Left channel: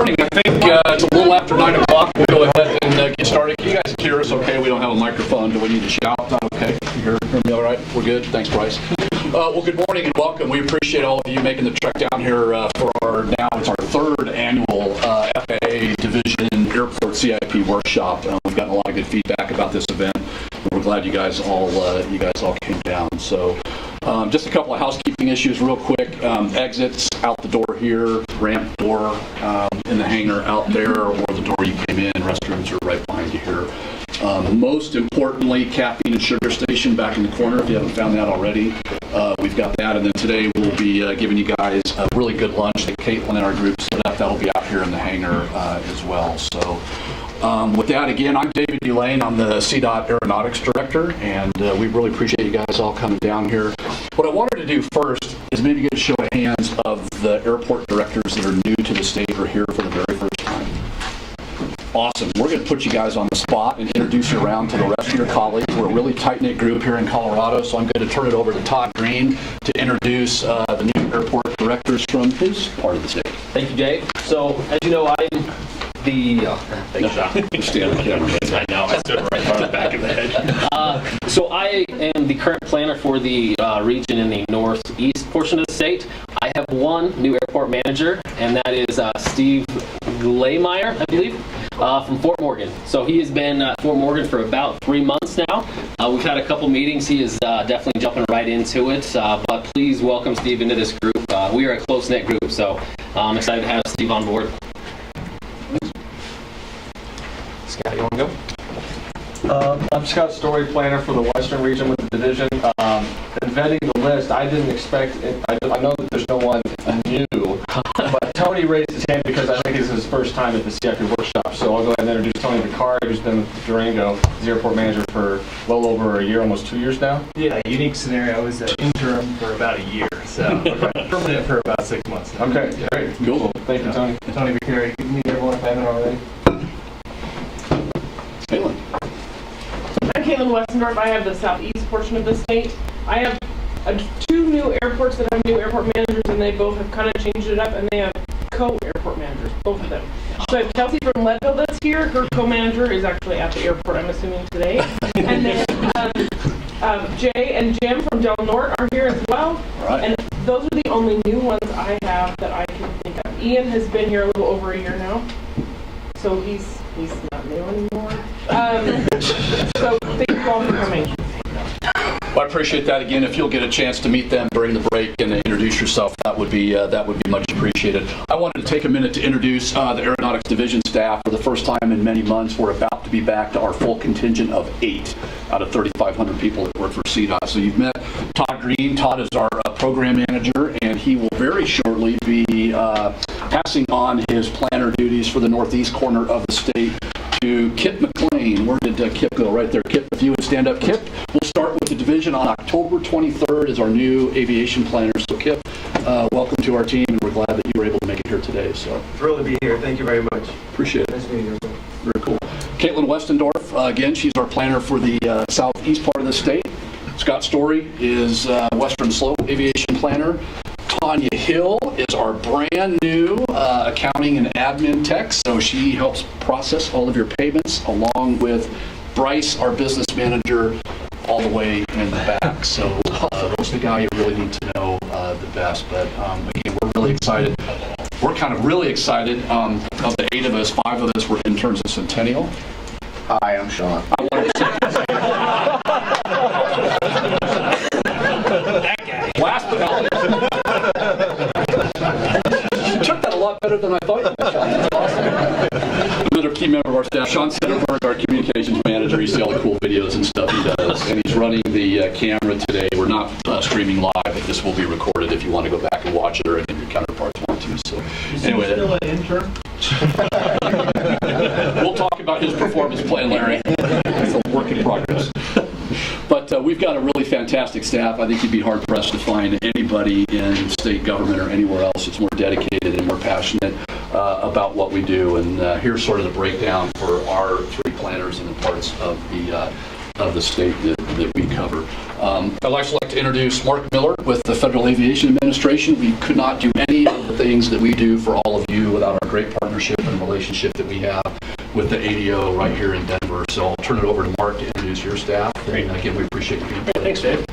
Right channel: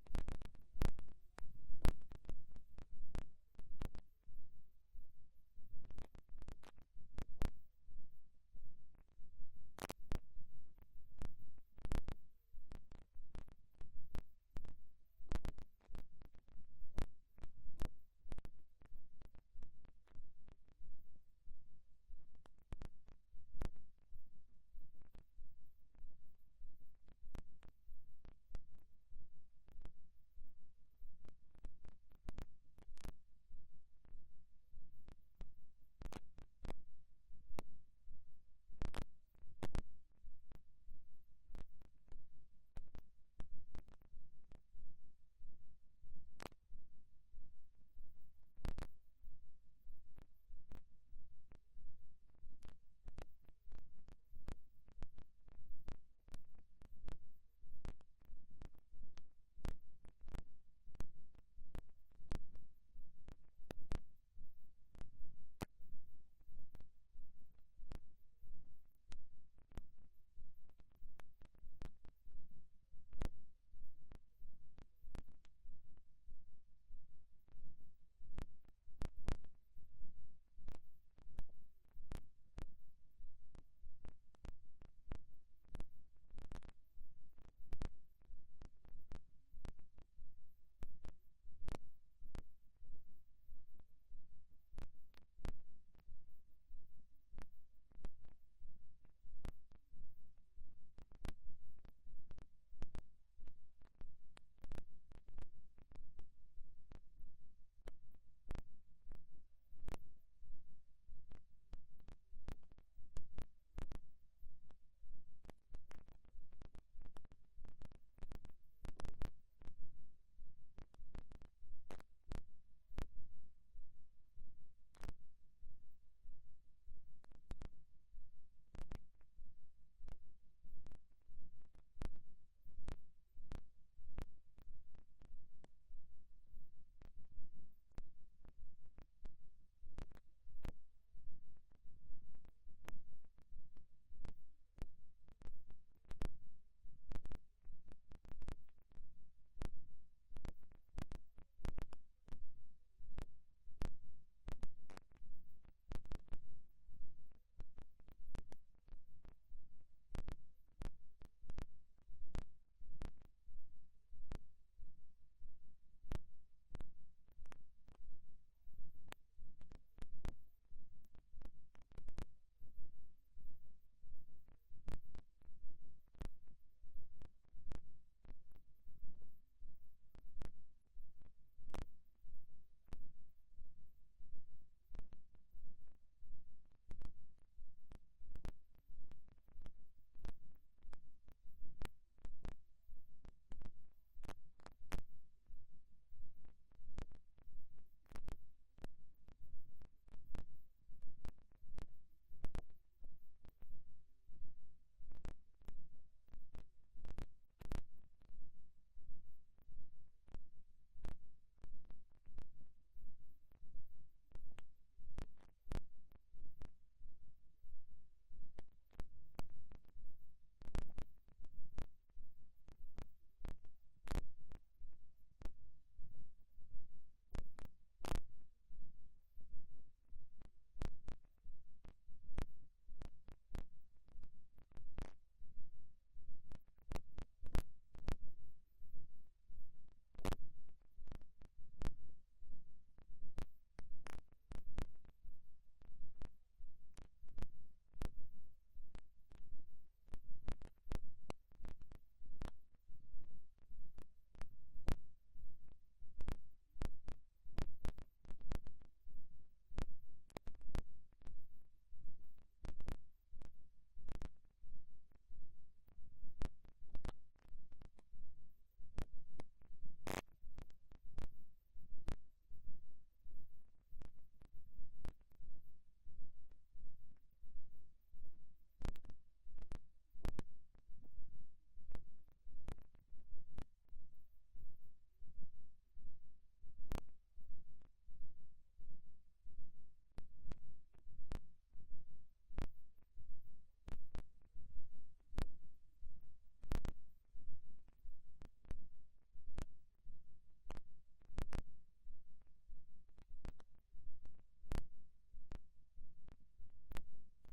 Morning. I think it's a little after 9 o'clock. We'll go ahead and get started. Can you guys hear us okay? We don't have a microphone. Do we need to shout? Is that okay? You hear me all right? We're good? Thanks, Bryce. Well, good morning and welcome. We appreciate all of you making the trek down here for it's our third annual FAA Division Airport CIP Workshop. We've gotten a lot of good feedback about this event. We're glad you guys all came down. So just a couple of housekeeping issues real quick. Exits out the door here, ramp door in the hangar out there, or the door you came in. Restrooms are right behind you here. Most importantly, caffeine and sugar station back in the corner if you haven't found that already. We've got that, and then today we'll be giving you guys a really good lunch that Caitlin and our group set up. That'll be out here in the hangar as well. So with that, again, I'm David Delane. I'm the CDOT Aeronautics Director, and we really appreciate you guys all coming down here. What I wanted to do first is maybe get a show of hands of the airport directors that are new to the state or here for the very first time. Awesome. We're going to put you guys on the spot and introduce you around to the rest of your colleagues. We're a really tight-knit group here in Colorado, so I'm going to turn it over to Todd Green to introduce the new airport directors from his part of the state. Thank you, Jay. So, as you know, I'm the... thanks, John. I know, I stood right on the back of the head. So I am the current planner for the region in the northeast portion of the state. I have one new airport manager, and that is Steve Laymeyer, I believe, from Fort Morgan. So he has been at Fort Morgan for about 3 months now. We've had a couple meetings. He is definitely jumping right into it, but please welcome Steve into this group. We are a close-knit group, so I'm excited to have Steve on board. Scott, you want to go? I'm Scott Story, planner for the Western region with the division. In vetting the list, I didn't expect it. I know that there's no one new, but Tony raised his hand because I think it's his first time at the CIP Workshop. So I'll go ahead and introduce Tony Picard, who's been with Durango, the airport manager for well over a year, almost 2 years now. Yeah, unique scenario. I was an interim for about a year, so permanent for about 6 months now. Okay, great. Cool. Thank you, Tony. Tony Picard, you meet everyone if I haven't already. Caitlin. I'm Caitlin Westendorf. I have the southeast portion of the state. I have 2 new airports that have new airport managers, and they both have kind of changed it up, and they have co-airport managers, both of them. So I have Kelsey from Leadville that's here. Her co-manager is actually at the airport, I'm assuming, today. And then Jay and Jim from Del Norte are here as well. Right. And those are the only new ones I have that I can think of. Ian has been here a little over a year now, so he's not new anymore. So thank you all for coming. Well, I appreciate that. Again, if you'll get a chance to meet them during the break and introduce yourself, that would be much appreciated. I wanted to take a minute to introduce the Aeronautics Division staff. For the first time in many months, we're about to be back to our full contingent of 8 out of 3,500 people that work for CDOT. So you've met Todd Green. Todd is our program manager, and he will very shortly be passing on his planner duties for the northeast corner of the state to Kip McLean. Where did Kip go? Right there. Kip, if you would stand up. Kip, we'll start with the division on October 23rd as our new aviation planner. So Kip, welcome to our team, and we're glad that you were able to make it here today. So Thrilled to be here. Thank you very much. Appreciate it. Nice meeting you. Very cool. Caitlin Westendorf, again, she's our planner for the southeast part of the state. Scott Story is Western Slope aviation planner. Tanya Hill is our brand new accounting and admin tech, so she helps process all of your payments, along with Bryce, our business manager, all the way in the back. So that's the guy you really need to know the best. But again, we're really excited. We're kind of really excited. Of the 8 of us, 5 of us were interns at Centennial. Hi, I'm Sean. I wanted to That guy. last but not least. You took that a lot better than I thought you would, Sean. That's awesome. Another key member of our staff, Sean Sitterberg, our communications manager. You see all the cool videos and stuff he does. And he's running the camera today. We're not streaming live, but this will be recorded if you want to go back and watch it, or any of your counterparts want to. So anyway. Still an intern? We'll talk about his performance plan, Larry. It's a work in progress. But we've got a really fantastic staff. I think you'd be hard-pressed to find anybody in state government or anywhere else that's more dedicated and more passionate about what we do. And here's sort of the breakdown for our 3 planners and the parts of the state that we cover. I'd also like to introduce Mark Miller with the Federal Aviation Administration. We could not do any of the things that we do for all of you without our great partnership and relationship that we have with the ADO right here in Denver. So I'll turn it over to Mark to introduce your staff. And again, we appreciate you being here. Thanks, Dave.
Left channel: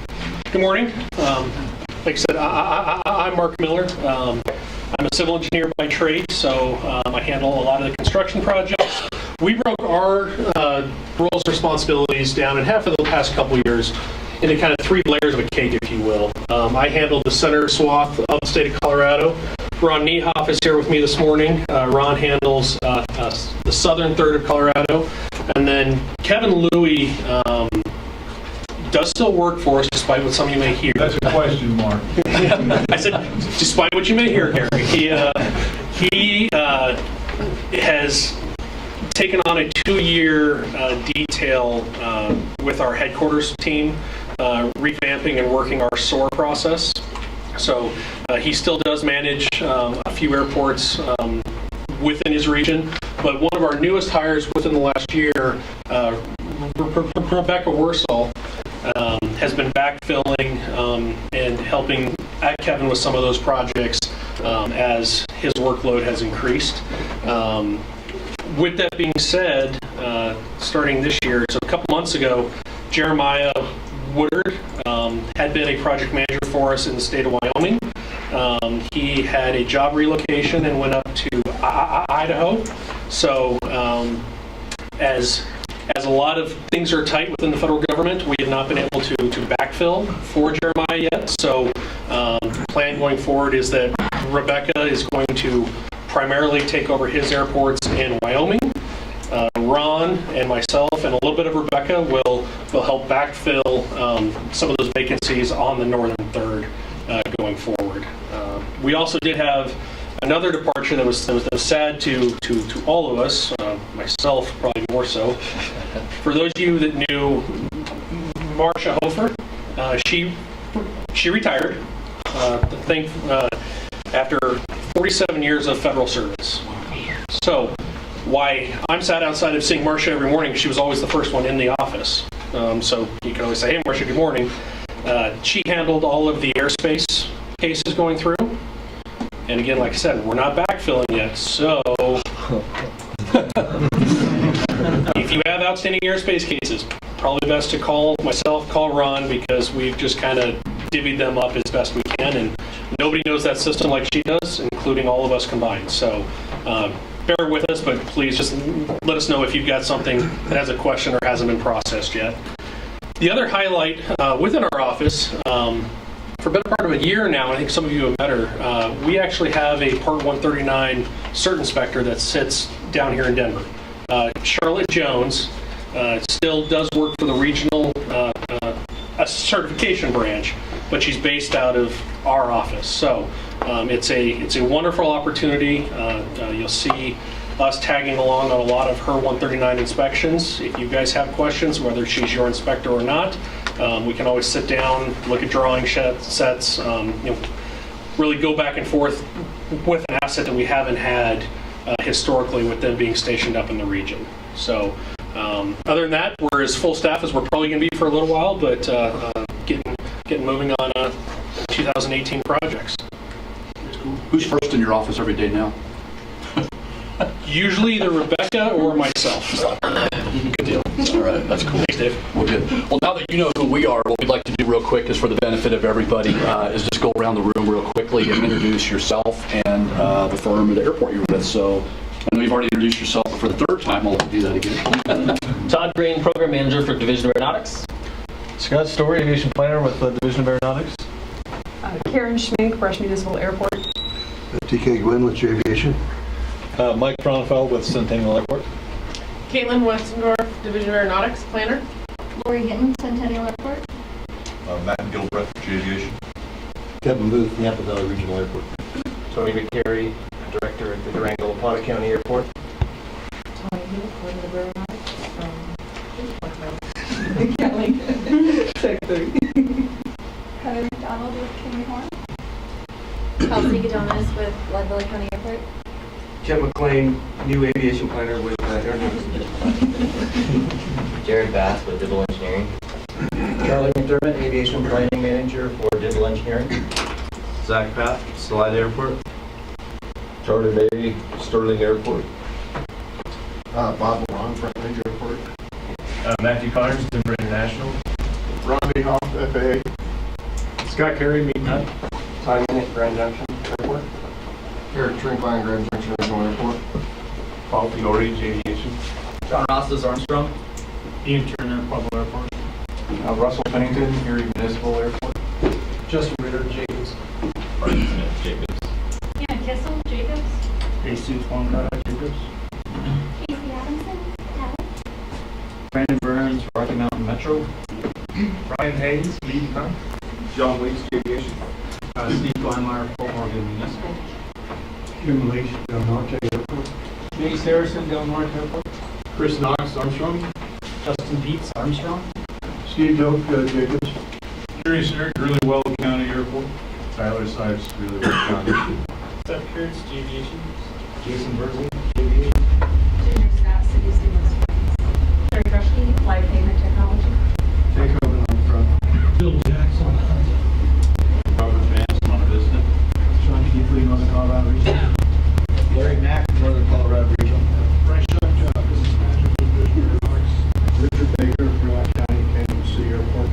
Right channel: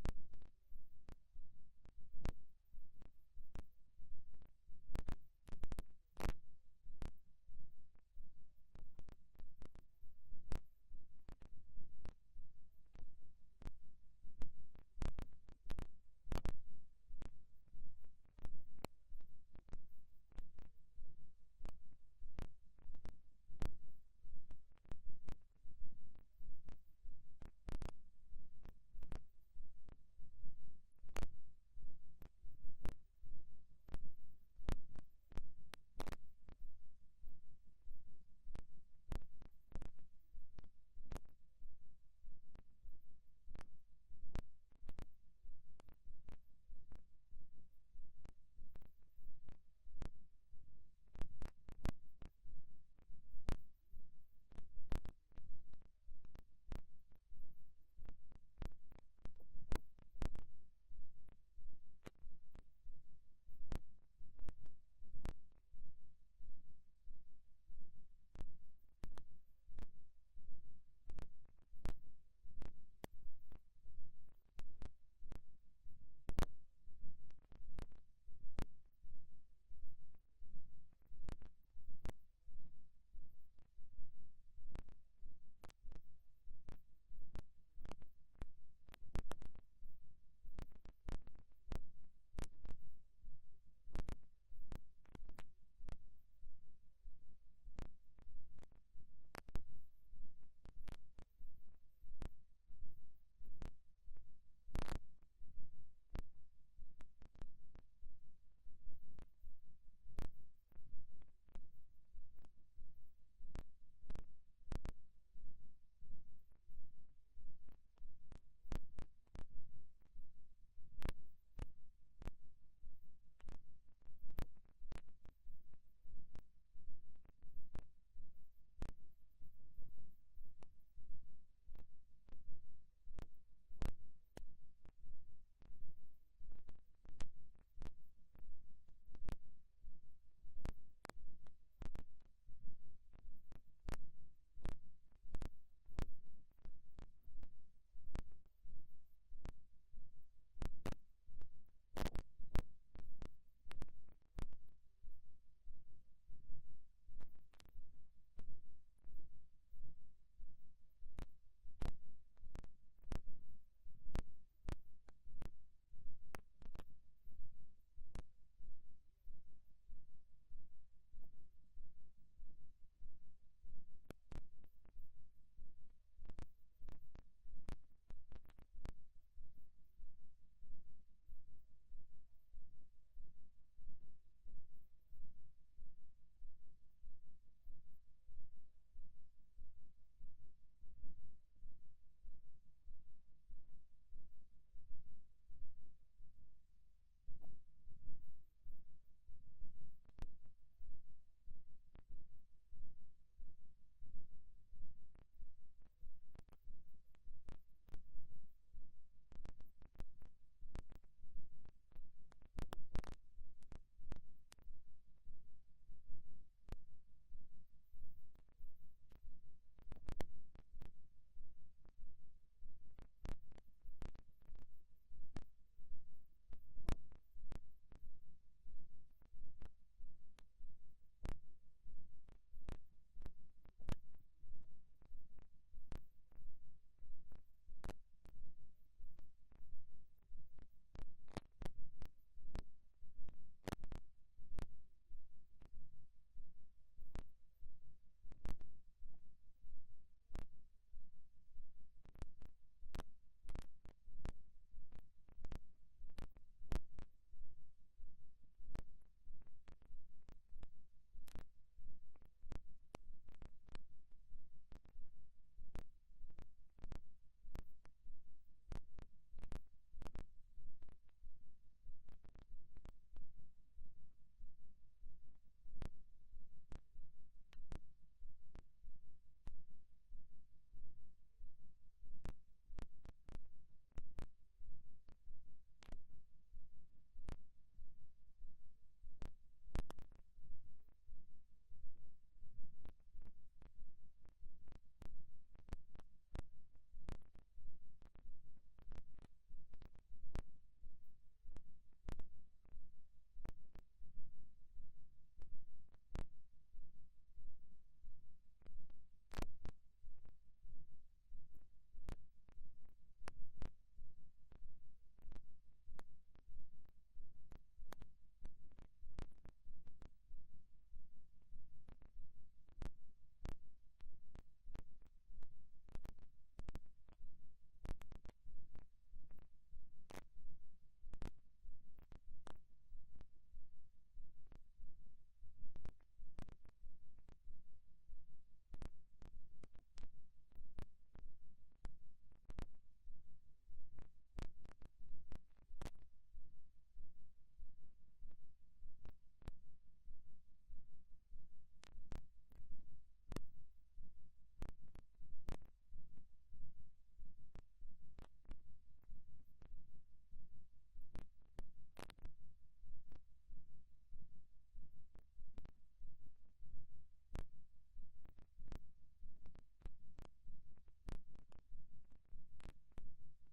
Good morning. Like I said, I'm Mark Miller. I'm a civil engineer by trade, so I handle a lot of the construction projects. We broke our roles and responsibilities down in half of the past couple of years into kind of 3 layers of a cake, if you will. I handled the center swath of the state of Colorado. Ron Niehoff is here with me this morning. Ron handles the southern third of Colorado. And then Kevin Louie does still work for us, despite what some of you may hear. That's a question mark. I said, despite what you may hear, Gary. He has taken on a 2-year detail with our headquarters team, revamping and working our SOAR process. So he still does manage a few airports within his region, but one of our newest hires within the last year, Rebecca Worsall, has been backfilling and helping Kevin with some of those projects as his workload has increased. With that being said, starting this year, so a couple months ago, Jeremiah Woodard had been a project manager for us in the state of Wyoming. He had a job relocation and went up to Idaho. So as a lot of things are tight within the federal government, we have not been able to backfill for Jeremiah yet. So the plan going forward is that Rebecca is going to primarily take over his airports in Wyoming. Ron and myself and a little bit of Rebecca will help backfill some of those vacancies on the northern third going forward. We also did have another departure that was sad to all of us, myself probably more so. For those of you that knew Marcia Hofer, she retired. After 47 years of federal service. So why I'm sat outside of seeing Marcia every morning, she was always the first one in the office. So you can always say, hey, Marcia, good morning. She handled all of the airspace cases going through. And again, like I said, we're not backfilling yet. So if you have outstanding airspace cases, probably best to call myself, call Ron, because we've just kind of divvied them up as best we can. And nobody knows that system like she does, including all of us combined. So bear with us, but please just let us know if you've got something that has a question or hasn't been processed yet. The other highlight within our office, for a better part of a year now, I think some of you have met her, we actually have a Part 139 cert inspector that sits down here in Denver. Charlotte Jones still does work for the regional certification branch, but she's based out of our office. So it's a wonderful opportunity. You'll see us tagging along on a lot of her 139 inspections. If you guys have questions, whether she's your inspector or not, we can always sit down, look at drawing sets, really go back and forth with an asset that we haven't had historically with them being stationed up in the region. So other than that, we're as full staff as we're probably going to be for a little while, but getting moving on 2018 projects. Who's first in your office every day now? Usually either Rebecca or myself. Good deal. All right, that's cool. Thanks, Dave. Well, good. Well, now that you know who we are, what we'd like to do real quick is for the benefit of everybody, is just go around the room real quickly and introduce yourself and the firm or the airport you're with. So I know you've already introduced yourself, but for the third time, I'll do that again. Todd Green, Program Manager for Division of Aeronautics. Scott Story, Aviation Planner with the Division of Aeronautics. Karen Schmink, Brush Municipal Airport. TK Gwynn with Aviation. Mike Cronenfeld with Centennial Airport. Caitlin Westendorf, Division of Aeronautics, Planner. Lori Hinton, Centennial Airport. Matt Gilbreth, Aviation. Kevin Booth, Napa Valley Regional Airport. Tony McCary, Director at the Durango-La County Airport. Tony Hewitt, Coordinator of Aeronautics. Kelly, Secretary. Heather McDonald with King Horn. Kelsey Gadonis with Leadville County Airport. Ken McLean, new aviation planner with Aeronautics. Jared Bass with Digital Engineering. Charlie McDermott, aviation planning manager for Digital Engineering. Zach Papp, Salida Airport. Charlie May, Sterling Airport. Bob Long, Front Range Airport. Matthew Connors, Denver International. Robbie Hoff, FAA. Scott Carey, Meat Nut. Ty Minnick, Grand Junction Airport. Eric Trinkline, Grand Junction Regional Airport. Paul Fiore, Aviation. John Rostas, Armstrong. Ian Turner, Pueblo Airport. Russell Pennington, Erie Municipal Airport. Justin Ritter, Jacobs. Brian Smith, Jacobs. Hannah Kissel, Jacobs. Jesus Wongara, Jacobs. Casey Adamson, Dallas. Brandon Burns, Rocky Mountain Metro. Ryan Hayes, Lead Con. John Weeks, Aviation. Steve Kleinmeyer, Fort Morgan Municipal. Kim Leach, Del Norte Airport. Chase Harrison, Del Norte Airport. Chris Knox, Armstrong. Justin Dietz, Armstrong. Steve Doak, Jacobs. Curious Eric, Greeley-Well County Airport. Tyler Sipes, Greeley-Well County. Steph Kurtz, Aviation. Jason Burzey, Aviation. Junior Scott, City Stevens. Terry Greshke, Live Pavement Technology. Jacob Armstrong. Bill Jackson. Robert Vance, Monte Vista. Sean Keithley, Northern Colorado Region. Larry Mack, Northern Colorado Region. Bryce Shuck, Business Manager for Division Aeronautics. Richard Baker, Fremont County, Kansas City Airport.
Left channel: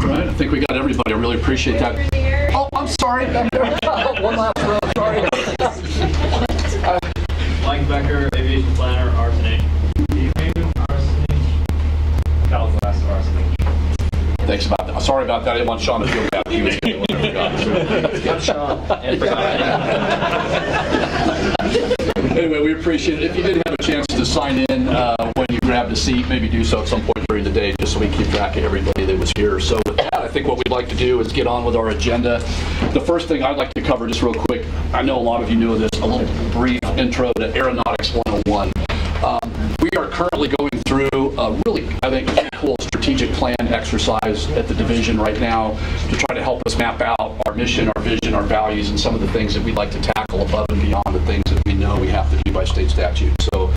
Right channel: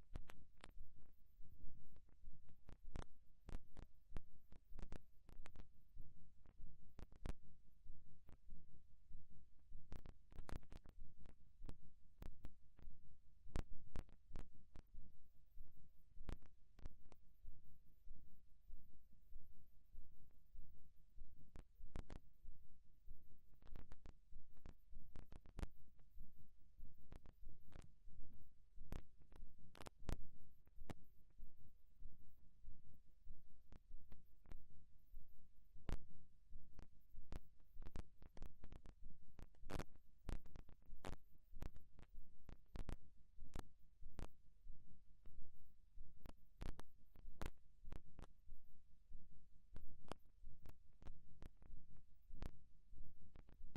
All right, I think we got everybody. I really appreciate that. Rainier. Oh, I'm sorry. One last row, sorry. Mike Becker, Aviation Planner, Arsenate. Steve Hayden, Arsenate. Cal Glass, Arsenate. Thanks about that. Sorry about that. I didn't want Sean to feel bad. He was the one I forgot. Anyway, we appreciate it. If you did have a chance to sign in when you grabbed a seat, maybe do so at some point during the day, just so we keep track of everybody that was here. So with that, I think what we'd like to do is get on with our agenda. The first thing I'd like to cover just real quick, I know a lot of you know this, a little brief intro to Aeronautics 101. We are currently going through a really, I think, cool strategic plan exercise at the division right now to try to help us map out our mission, our vision, our values, and some of the things that we'd like to tackle above and beyond the things that we know we have to do by state statute. So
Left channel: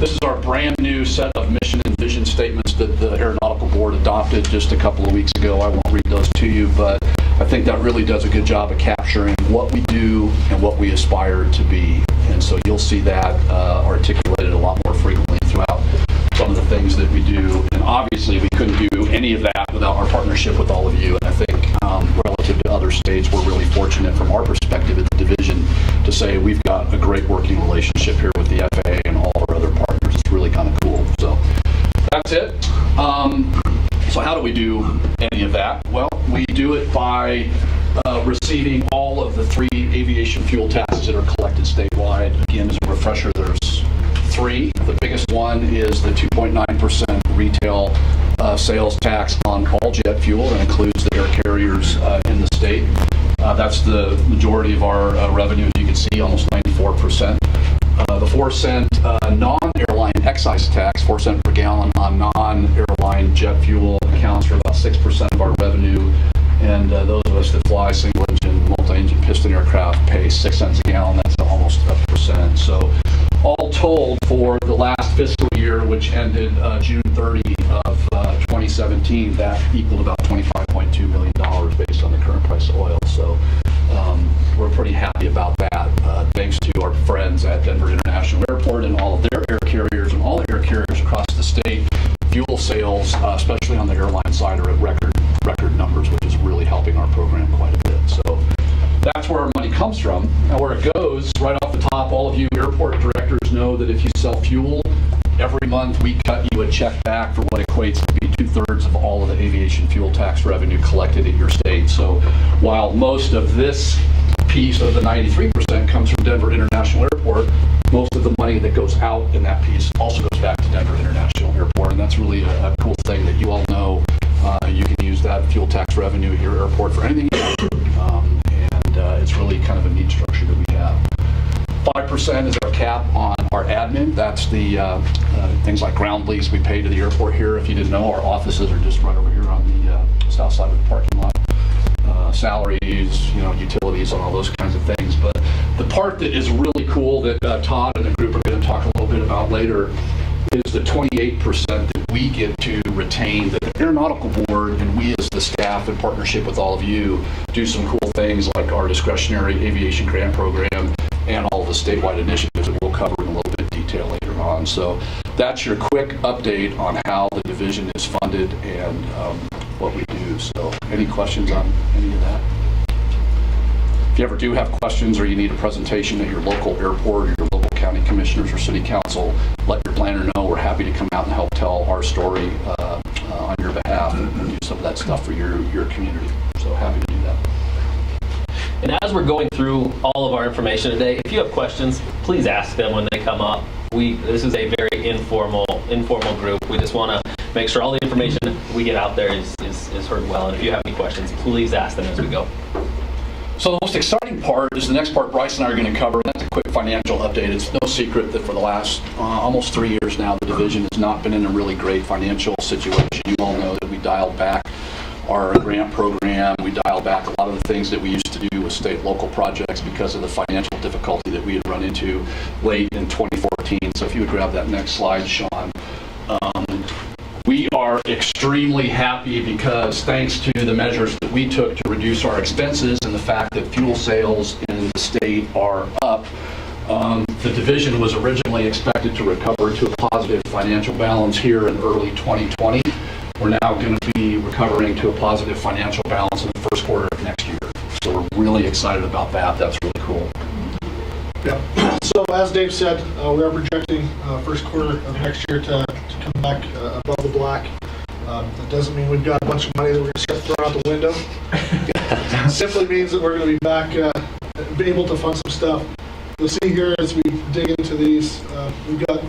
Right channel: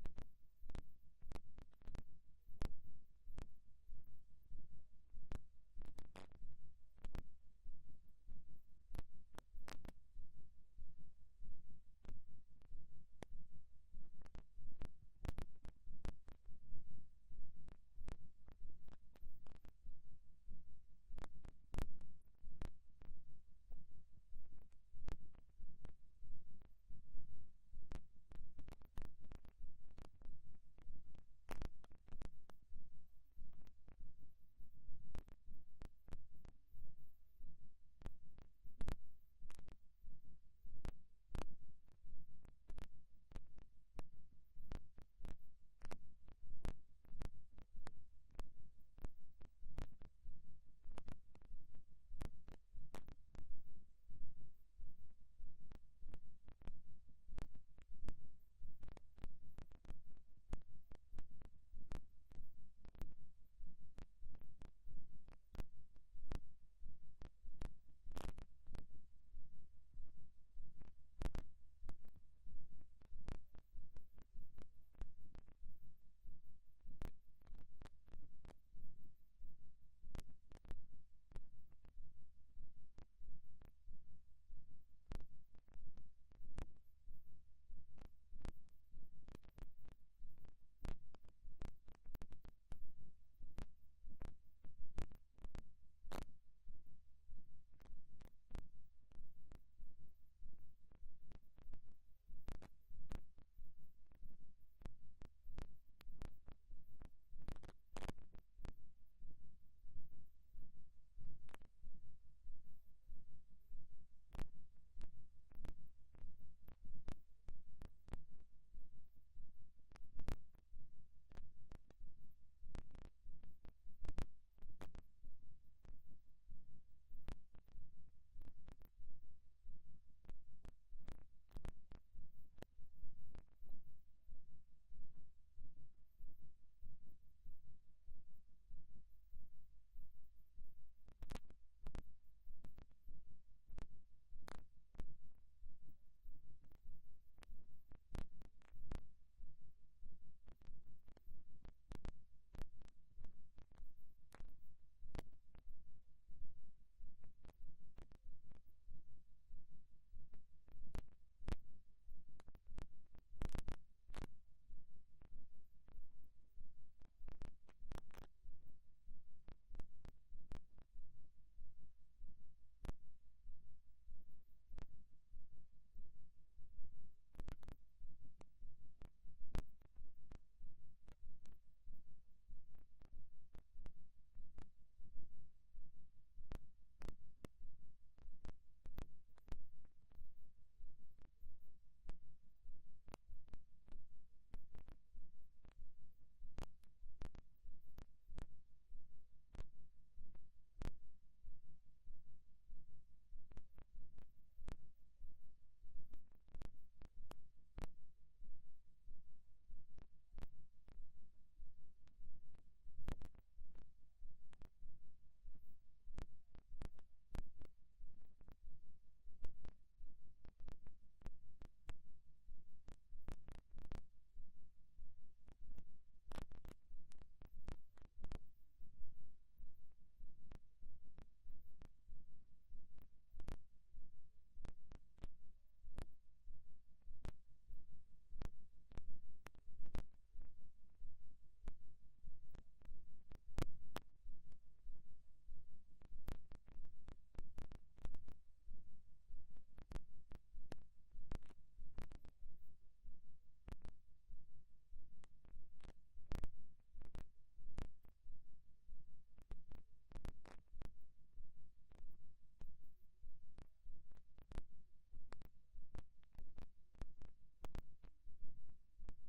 this is our brand new set of mission and vision statements that the Aeronautical Board adopted just a couple of weeks ago. I won't read those to you, but I think that really does a good job of capturing what we do and what we aspire to be. And so you'll see that articulated a lot more frequently throughout some of the things that we do. And obviously we couldn't do any of that without our partnership with all of you. And I think relative to other states, we're really fortunate from our perspective at the division to say we've got a great working relationship here with the FAA and all our other partners. It's really kind of cool. So that's it. So how do we do any of that? Well, we do it by receiving all of the 3 aviation fuel taxes that are collected statewide. Again, as a refresher, there's 3. The biggest one is the 2.9% retail sales tax on all jet fuel. That includes the air carriers in the state. That's the majority of our revenue, as you can see, almost 94%. The 4-cent non-airline excise tax, 4 cents per gallon on non-airline jet fuel, accounts for about 6% of our revenue. And those of us that fly single-engine, multi-engine piston aircraft pay 6 cents a gallon. That's almost a percent. So all told, for the last fiscal year, which ended June 30 of 2017, that equaled about $25.2 million based on the current price of oil. So we're pretty happy about that, thanks to our friends at Denver International Airport and all of their air carriers and all the air carriers across the state. Fuel sales, especially on the airline side, are at record numbers, which is really helping our program quite a bit. So that's where our money comes from. Now where it goes, right off the top, all of you airport directors know that if you sell fuel, every month we cut you a check back for what equates to be 2/3 of all of the aviation fuel tax revenue collected at your state. So while most of this piece of the 93% comes from Denver International Airport, most of the money that goes out in that piece also goes back to Denver International Airport. And that's really a cool thing that you all know. You can use that fuel tax revenue at your airport for anything you want. And it's really kind of a neat structure that we have. 5% is our cap on our admin. That's the things like ground lease we pay to the airport here. If you didn't know, our offices are just right over here on the south side of the parking lot. Salaries, utilities, and all those kinds of things. But the part that is really cool that Todd and the group are going to talk a little bit about later is the 28% that we get to retain, that the Aeronautical Board and we as the staff in partnership with all of you do some cool things like our discretionary aviation grant program and all the statewide initiatives that we'll cover in a little bit of detail later on. So that's your quick update on how the division is funded and what we do. So any questions on any of that? If you ever do have questions or you need a presentation at your local airport or your local county commissioners or city council, let your planner know. We're happy to come out and help tell our story on your behalf and do some of that stuff for your community. So happy to do that. And as we're going through all of our information today, if you have questions, please ask them when they come up. This is a very informal group. We just want to make sure all the information we get out there is heard well. And if you have any questions, please ask them as we go. So the most exciting part is the next part Bryce and I are going to cover, and that's a quick financial update. It's no secret that for the last almost 3 years now, the division has not been in a really great financial situation. You all know that we dialed back our grant program. We dialed back a lot of the things that we used to do with state and local projects because of the financial difficulty that we had run into late in 2014. So if you would grab that next slide, Sean. We are extremely happy because thanks to the measures that we took to reduce our expenses and the fact that fuel sales in the state are up, the division was originally expected to recover to a positive financial balance here in early 2020. We're now going to be recovering to a positive financial balance in the first quarter of next year. So we're really excited about that. That's really cool. Yeah. So as Dave said, we are projecting first quarter of next year to come back above the black. That doesn't mean we've got a bunch of money that we're going to start throwing out the window. It simply means that we're going to be back, be able to fund some stuff. You'll see here as we dig into these, we've got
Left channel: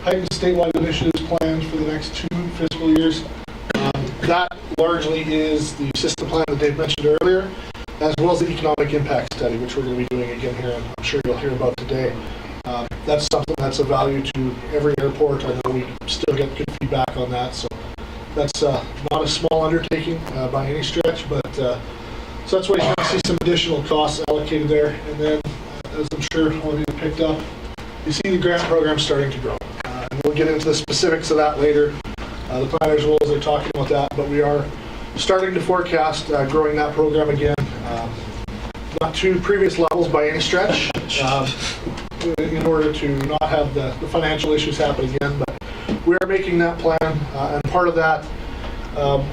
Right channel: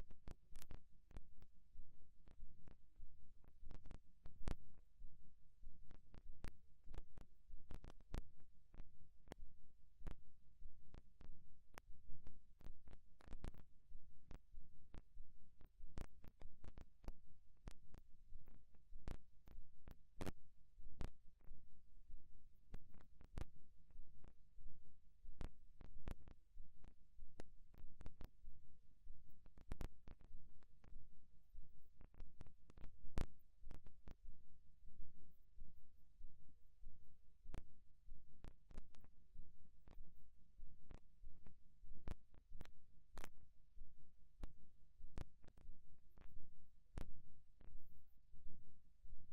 heightened statewide initiatives planned for the next 2 fiscal years. That largely is the system plan that Dave mentioned earlier, as well as the economic impact study, which we're going to be doing again here, and I'm sure you'll hear about today. That's something that's of value to every airport. I know we still get good feedback on that, so that's not a small undertaking by any stretch, but so that's why you're going to see some additional costs allocated there. And then, as I'm sure all of you have picked up, you see the grant program starting to grow. And we'll get into the specifics of that later. The planners will, as they're talking about that, but we are starting to forecast growing that program again. Not to previous levels by any stretch, in order to not have the financial issues happen again, but we are making that plan, and part of that,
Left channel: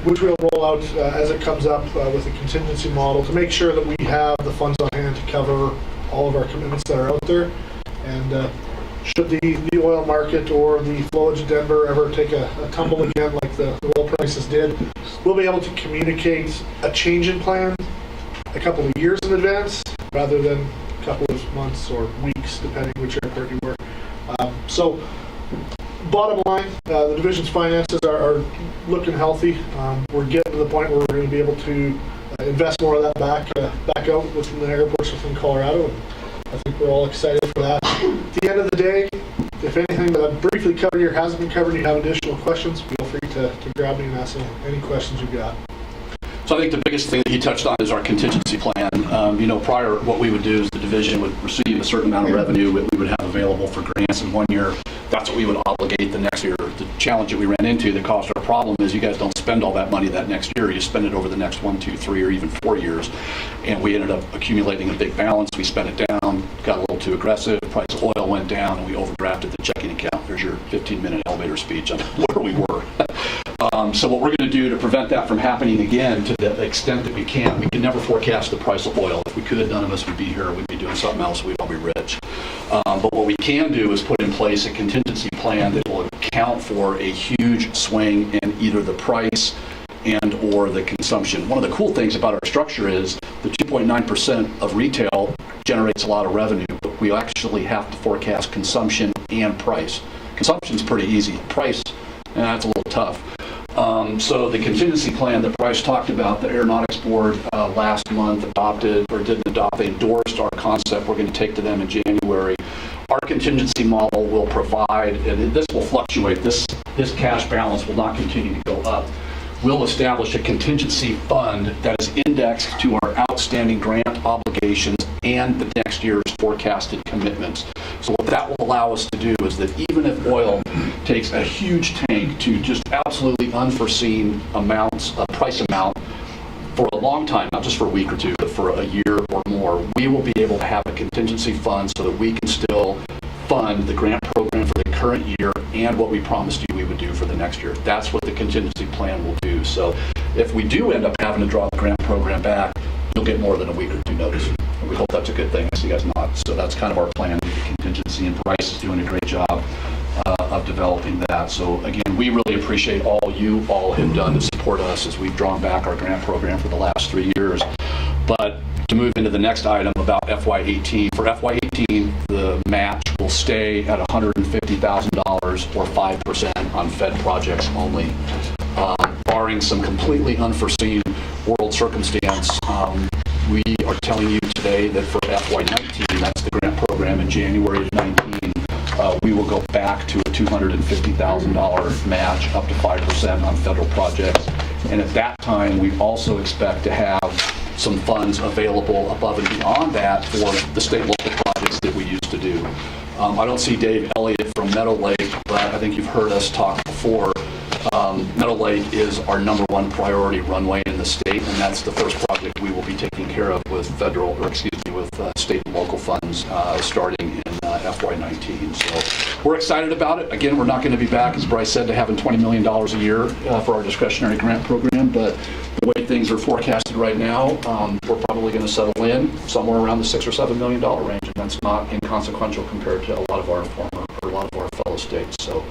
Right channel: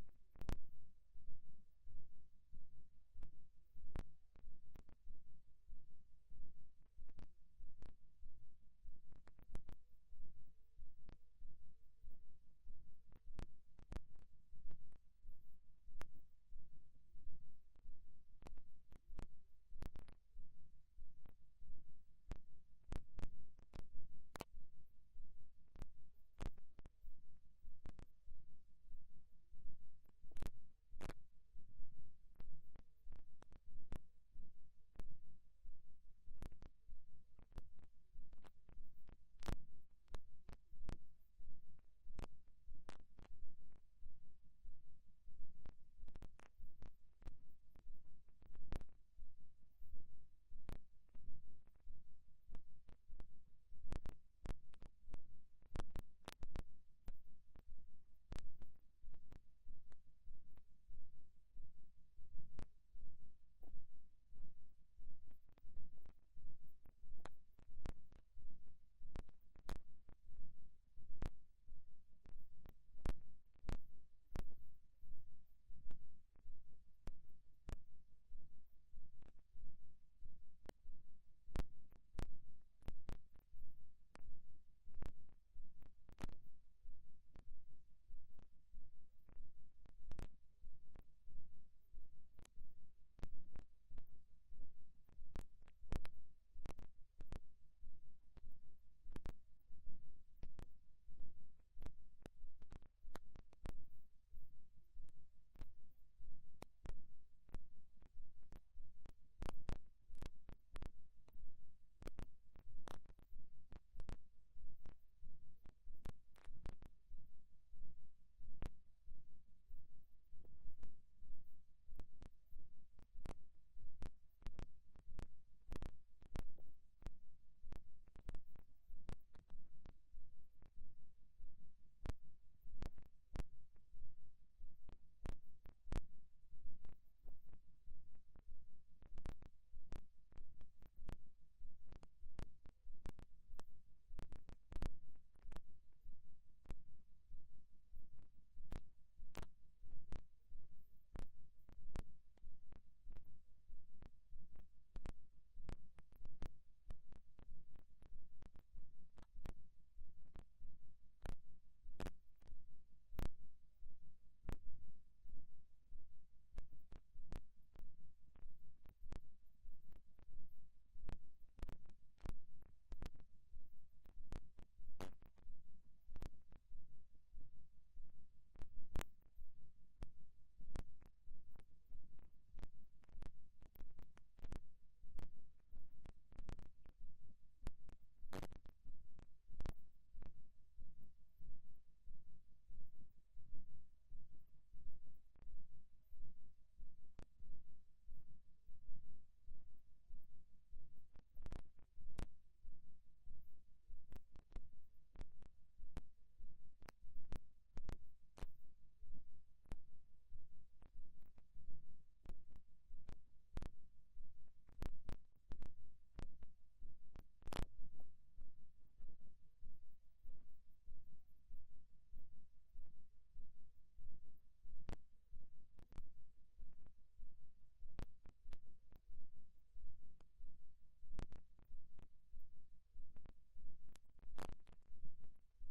which we'll roll out as it comes up with a contingency model to make sure that we have the funds on hand to cover all of our commitments that are out there. And should the oil market or the flowage of Denver ever take a tumble again like the oil prices did, we'll be able to communicate a change in plan a couple of years in advance rather than a couple of months or weeks, depending which airport you work. So bottom line, the division's finances are looking healthy. We're getting to the point where we're going to be able to invest more of that back out within the airports within Colorado. And I think we're all excited for that. At the end of the day, if anything that I've briefly covered here hasn't been covered and you have additional questions, feel free to grab me and ask any questions you've got. So I think the biggest thing that he touched on is our contingency plan. Prior, what we would do is the division would receive a certain amount of revenue that we would have available for grants in 1 year. That's what we would obligate the next year. The challenge that we ran into that caused our problem is you guys don't spend all that money that next year. You spend it over the next 1, 2, 3, or even 4 years. And we ended up accumulating a big balance. We spent it down, got a little too aggressive. The price of oil went down, and we overdrafted the checking account. There's your 15-minute elevator speech on where we were. So what we're going to do to prevent that from happening again to the extent that we can never forecast the price of oil. If we could, none of us would be here. We'd be doing something else. We'd all be rich. But what we can do is put in place a contingency plan that will account for a huge swing in either the price and or the consumption. One of the cool things about our structure is the 2.9% of retail generates a lot of revenue, but we actually have to forecast consumption and price. Consumption's pretty easy. Price, that's a little tough. So the contingency plan that Bryce talked about, the Aeronautics Board last month they endorsed our concept. We're going to take to them in January. Our contingency model will provide, and this will fluctuate, this cash balance will not continue to go up. We'll establish a contingency fund that is indexed to our outstanding grant obligations and the next year's forecasted commitments. So what that will allow us to do is that even if oil takes a huge tank to just absolutely unforeseen amounts, price amount, for a long time, not just for a week or two, but for a year or more, we will be able to have a contingency fund so that we can still fund the grant program for the current year and what we promised you we would do for the next year. That's what the contingency plan will do. So if we do end up having to draw the grant program back, you'll get more than a week or two notice. And we hope that's a good thing. I see you guys not. So that's kind of our plan with the contingency, and Bryce is doing a great job of developing that. So again, we really appreciate all you all have done to support us as we've drawn back our grant program for the last 3 years. But to move into the next item about FY18, for FY18, the match will stay at $150,000 or 5% on Fed projects only. Barring some completely unforeseen world circumstance, we are telling you today that for FY19, that's the grant program in January of 19, we will go back to a $250,000 match up to 5% on federal projects. And at that time, we also expect to have some funds available above and beyond that for the state and local projects that we used to do. I don't see Dave Elliott from Meadow Lake, but I think you've heard us talk before. Meadow Lake is our #1 priority runway in the state, and that's the first project we will be taking care of with state and local funds starting in FY19. So we're excited about it. Again, we're not going to be back, as Bryce said, to having $20 million a year for our discretionary grant program, but the way things are forecasted right now, we're probably going to settle in somewhere around the $6 or $7 million range, and that's not inconsequential compared to a lot of our fellow states. So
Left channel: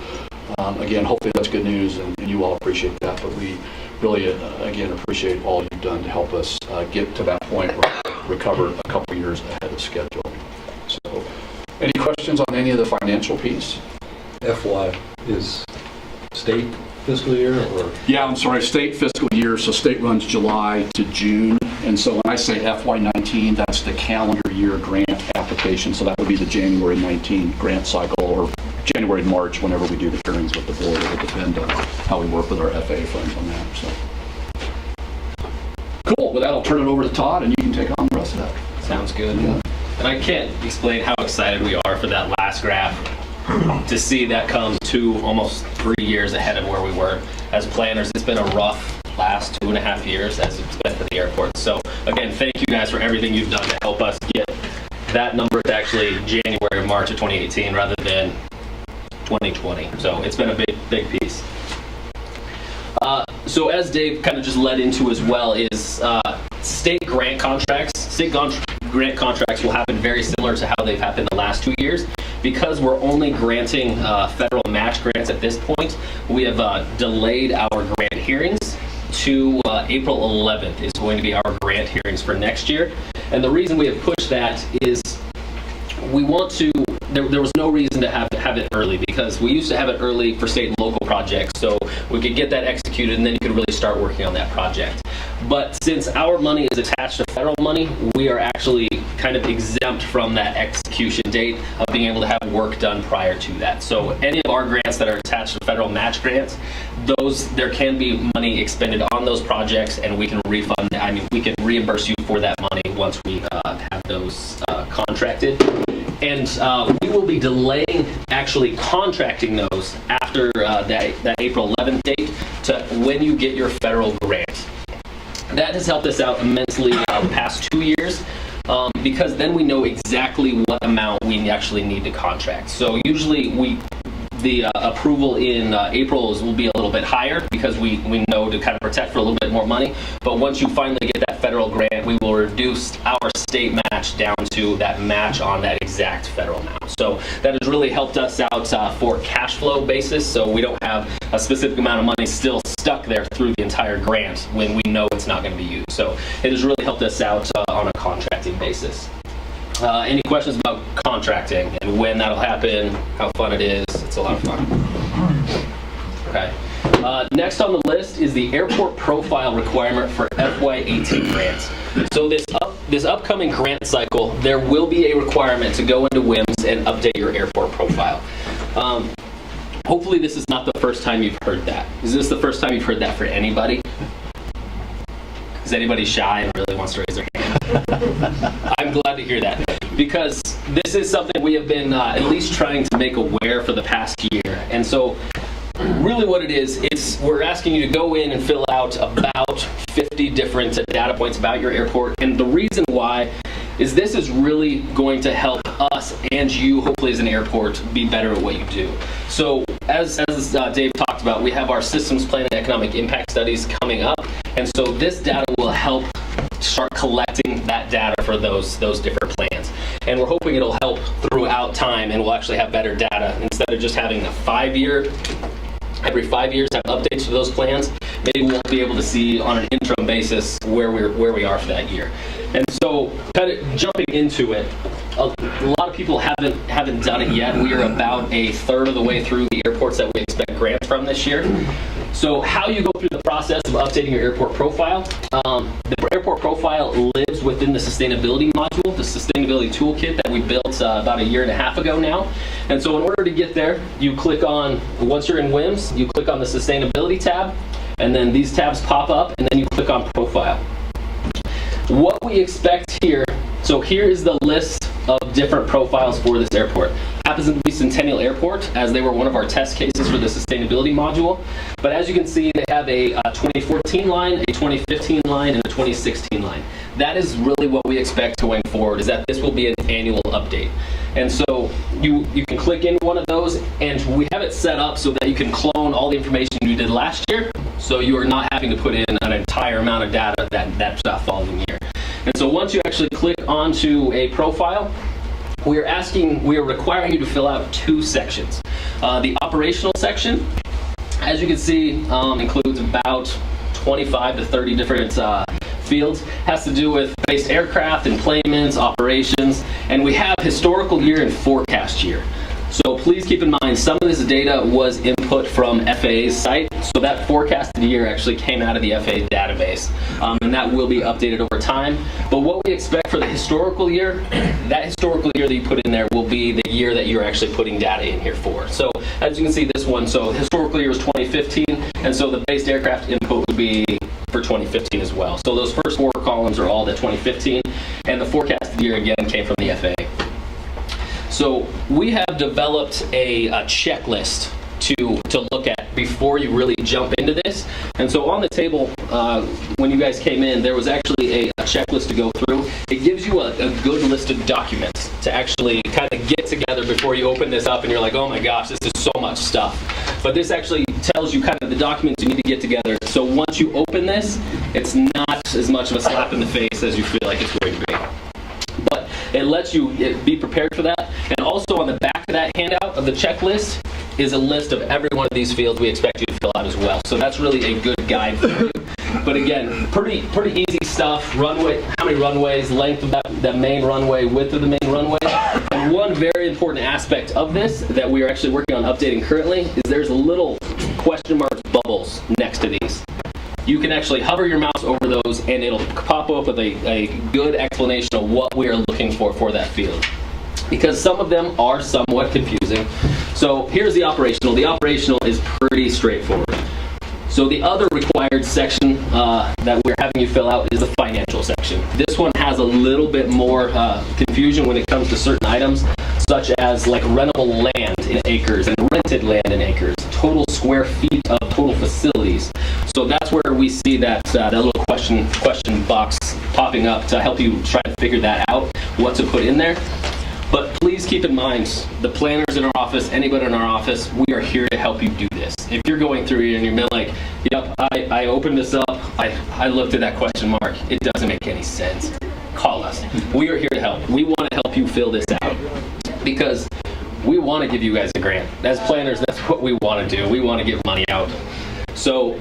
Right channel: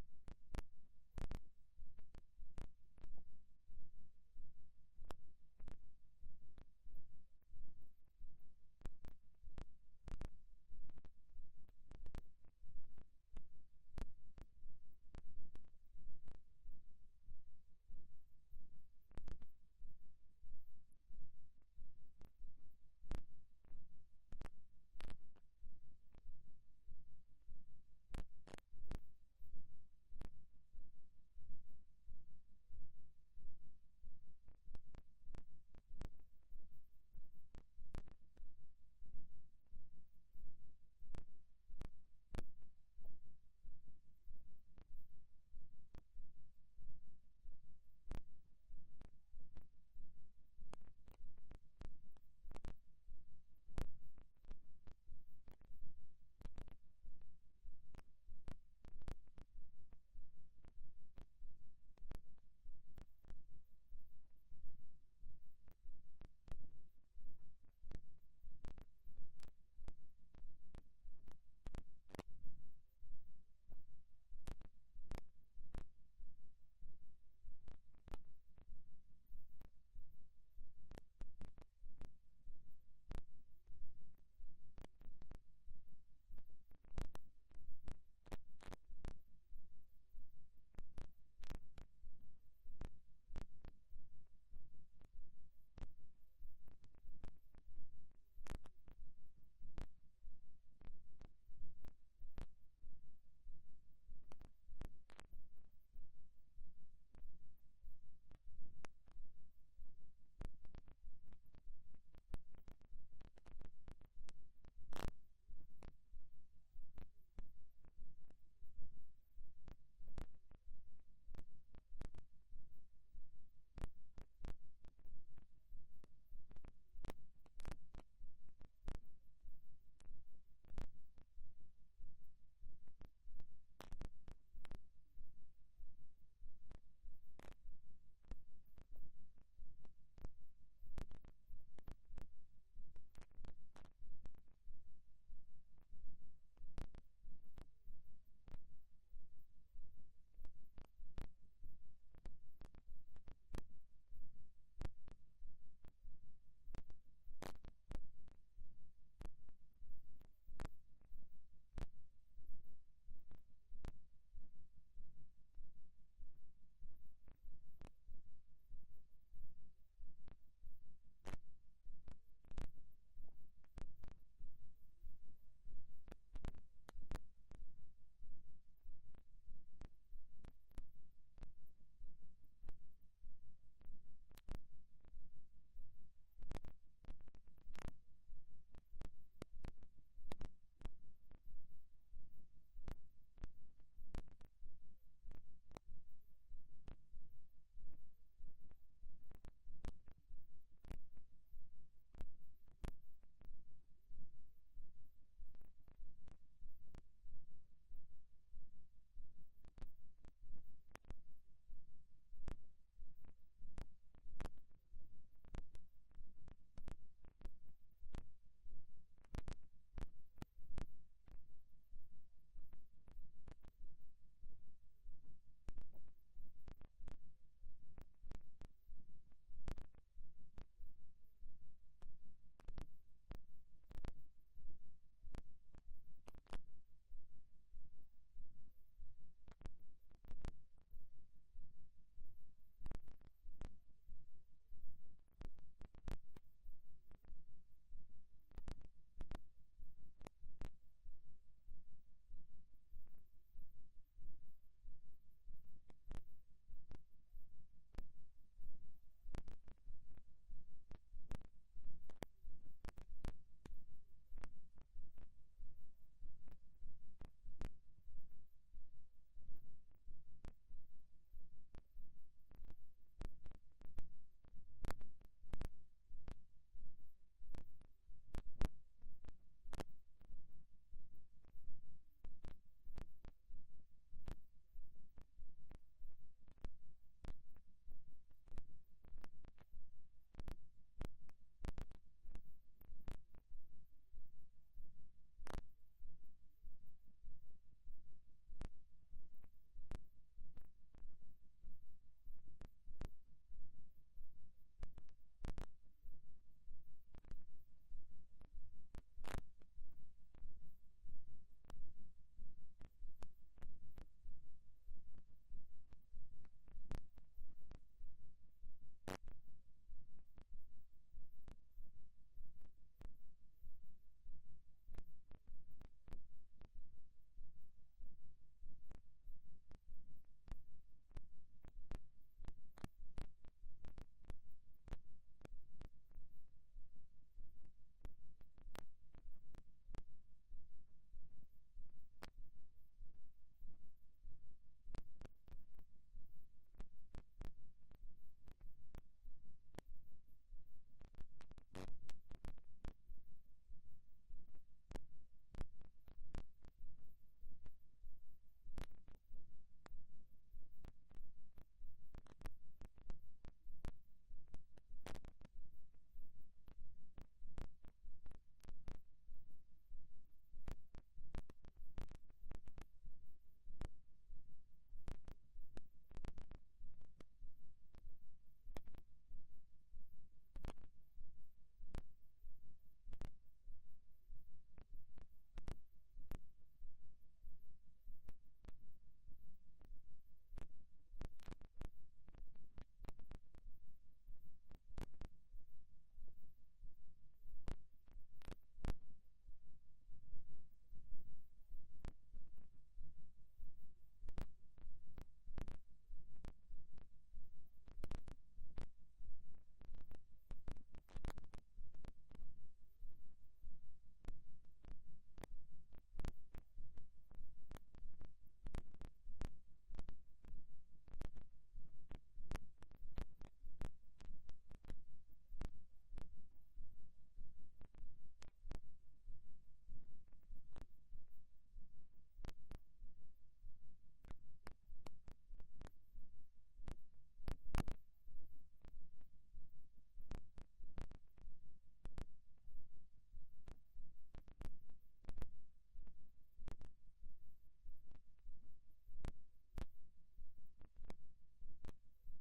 again, hopefully that's good news, and you all appreciate that, but we really, again, appreciate all you've done to help us get to that point where we recover a couple years ahead of schedule. So, any questions on any of the financial piece? FY is state fiscal year, or? Yeah, I'm sorry, state fiscal year, so state runs July to June, and so when I say FY19, that's the calendar year grant application, so that would be the January 19 grant cycle, or January, March, whenever we do the hearings with the board. It will depend on how we work with our FAA friends on that. So, cool. With that, I'll turn it over to Todd, and you can take on the rest of that. Sounds good. Yeah. And I can't explain how excited we are for that last graph. To see that come almost 3 years ahead of where we were as planners. It's been a rough last 2.5 years as it's been for the airport. So again, thank you guys for everything you've done to help us get that number to actually January or March of 2018 rather than 2020. So it's been a big piece. So as Dave kind of just led into as well is state grant contracts. State grant contracts will happen very similar to how they've happened the last 2 years. Because we're only granting federal match grants at this point, we have delayed our grant hearings to April 11th is going to be our grant hearings for next year. And the reason we have pushed that is we want to, there was no reason to have it early, because we used to have it early for state and local projects, so we could get that executed and then you could really start working on that project. But since our money is attached to federal money, we are actually kind of exempt from that execution date of being able to have work done prior to that. So any of our grants that are attached to federal match grants, there can be money expended on those projects, and we can refund, we can reimburse you for that money once we have those contracted. And we will be delaying actually contracting those after that April 11th date to when you get your federal grant. That has helped us out immensely the past 2 years because then we know exactly what amount we actually need to contract. So usually the approval in April will be a little bit higher because we know to kind of protect for a little bit more money. But once you finally get that federal grant, we will reduce our state match down to that match on that exact federal amount. So that has really helped us out for cash flow basis. So we don't have a specific amount of money still stuck there through the entire grant when we know it's not going to be used. So it has really helped us out on a contracting basis. Any questions about contracting and when that'll happen, how fun it is? It's a lot of fun. Okay. Next on the list is the airport profile requirement for FY18 grants. So this upcoming grant cycle, there will be a requirement to go into WIMS and update your airport profile. Hopefully this is not the first time you've heard that. Is this the first time you've heard that for anybody? Is anybody shy and really wants to raise their hand? I'm glad to hear that, because this is something we have been at least trying to make aware for the past year. And so really what it is, we're asking you to go in and fill out about 50 different data points about your airport. And the reason why is this is really going to help us and you, hopefully as an airport, be better at what you do. So as Dave talked about, we have our systems plan and economic impact studies coming up. And so this data will help start collecting that data for those different plans. And we're hoping it'll help throughout time, and we'll actually have better data instead of just having a 5-year, every 5 years have updates to those plans. Maybe we'll be able to see on an interim basis where we are for that year. And so kind of jumping into it, a lot of people haven't done it yet. We are about a third of the way through the airports that we expect grants from this year. So how you go through the process of updating your airport profile. The airport profile lives within the sustainability module, the sustainability toolkit that we built about 1.5 years ago now. And so in order to get there, you click on, once you're in WIMS, you click on the sustainability tab, and then these tabs pop up, and then you click on profile. What we expect here, so here is the list of different profiles for this airport. Happens to be Centennial Airport, as they were one of our test cases for the sustainability module. But as you can see, they have a 2014 line, a 2015 line, and a 2016 line. That is really what we expect going forward, is that this will be an annual update. And so you can click into one of those, and we have it set up so that you can clone all the information you did last year, so you are not having to put in an entire amount of data that following year. And so once you actually click onto a profile, we are requiring you to fill out 2 sections. The operational section, as you can see, includes about 25 to 30 different fields. Has to do with based aircraft, enplanements, operations, and we have historical year and forecast year. So please keep in mind, some of this data was input from FAA's site, so that forecasted year actually came out of the FAA database, and that will be updated over time. But what we expect for the historical year, that historical year that you put in there will be the year that you're actually putting data in here for. So as you can see, this one, so historical year was 2015, and so the based aircraft input would be for 2015 as well. So those first 4 columns are all the 2015, and the forecasted year again came from the FAA. So we have developed a checklist to look at before you really jump into this. And so on the table, when you guys came in, there was actually a checklist to go through. It gives you a good list of documents to actually kind of get together before you open this up and you're like, oh my gosh, this is so much stuff. But this actually tells you kind of the documents you need to get together. So once you open this, it's not as much of a slap in the face as you feel like it's going to be. But it lets you be prepared for that. And also on the back of that handout of the checklist is a list of every one of these fields we expect you to fill out as well. So that's really a good guide for you. But again, pretty easy stuff. Runway, how many runways, length of that main runway, width of the main runway. And one very important aspect of this that we are actually working on updating currently is there's little question mark bubbles next to these. You can actually hover your mouse over those and it'll pop up with a good explanation of what we are looking for that field. Because some of them are somewhat confusing. So here's the operational. The operational is pretty straightforward. So the other required section that we're having you fill out is the financial section. This one has a little bit more confusion when it comes to certain items, such as like rentable land in acres and rented land in acres, total square feet of total facilities. So that's where we see that little question box popping up to help you try to figure that out, what to put in there. But please keep in mind, the planners in our office, anybody in our office, we are here to help you do this. If you're going through here and you're like, yep, I opened this up, I looked at that question mark, it doesn't make any sense, call us. We are here to help. We want to help you fill this out because we want to give you guys a grant. As planners, that's what we want to do. We want to give money out. So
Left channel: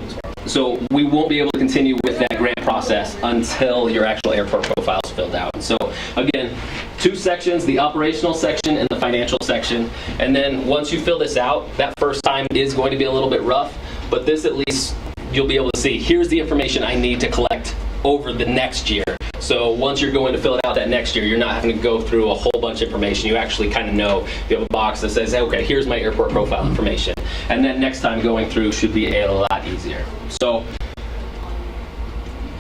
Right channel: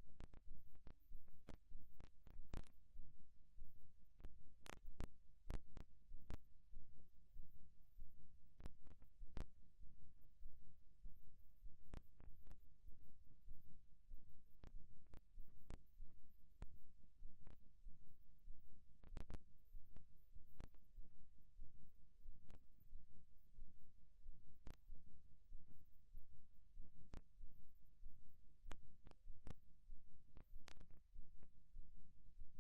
we won't be able to continue with that grant process until your actual airport profile is filled out. So again, 2 sections, the operational section and the financial section. And then once you fill this out, that first time is going to be a little bit rough, but this at least you'll be able to see, here's the information I need to collect over the next year. So once you're going to fill it out that next year, you're not having to go through a whole bunch of information. You actually kind of know. You have a box that says, okay, here's my airport profile information. And then next time going through should be a lot easier. So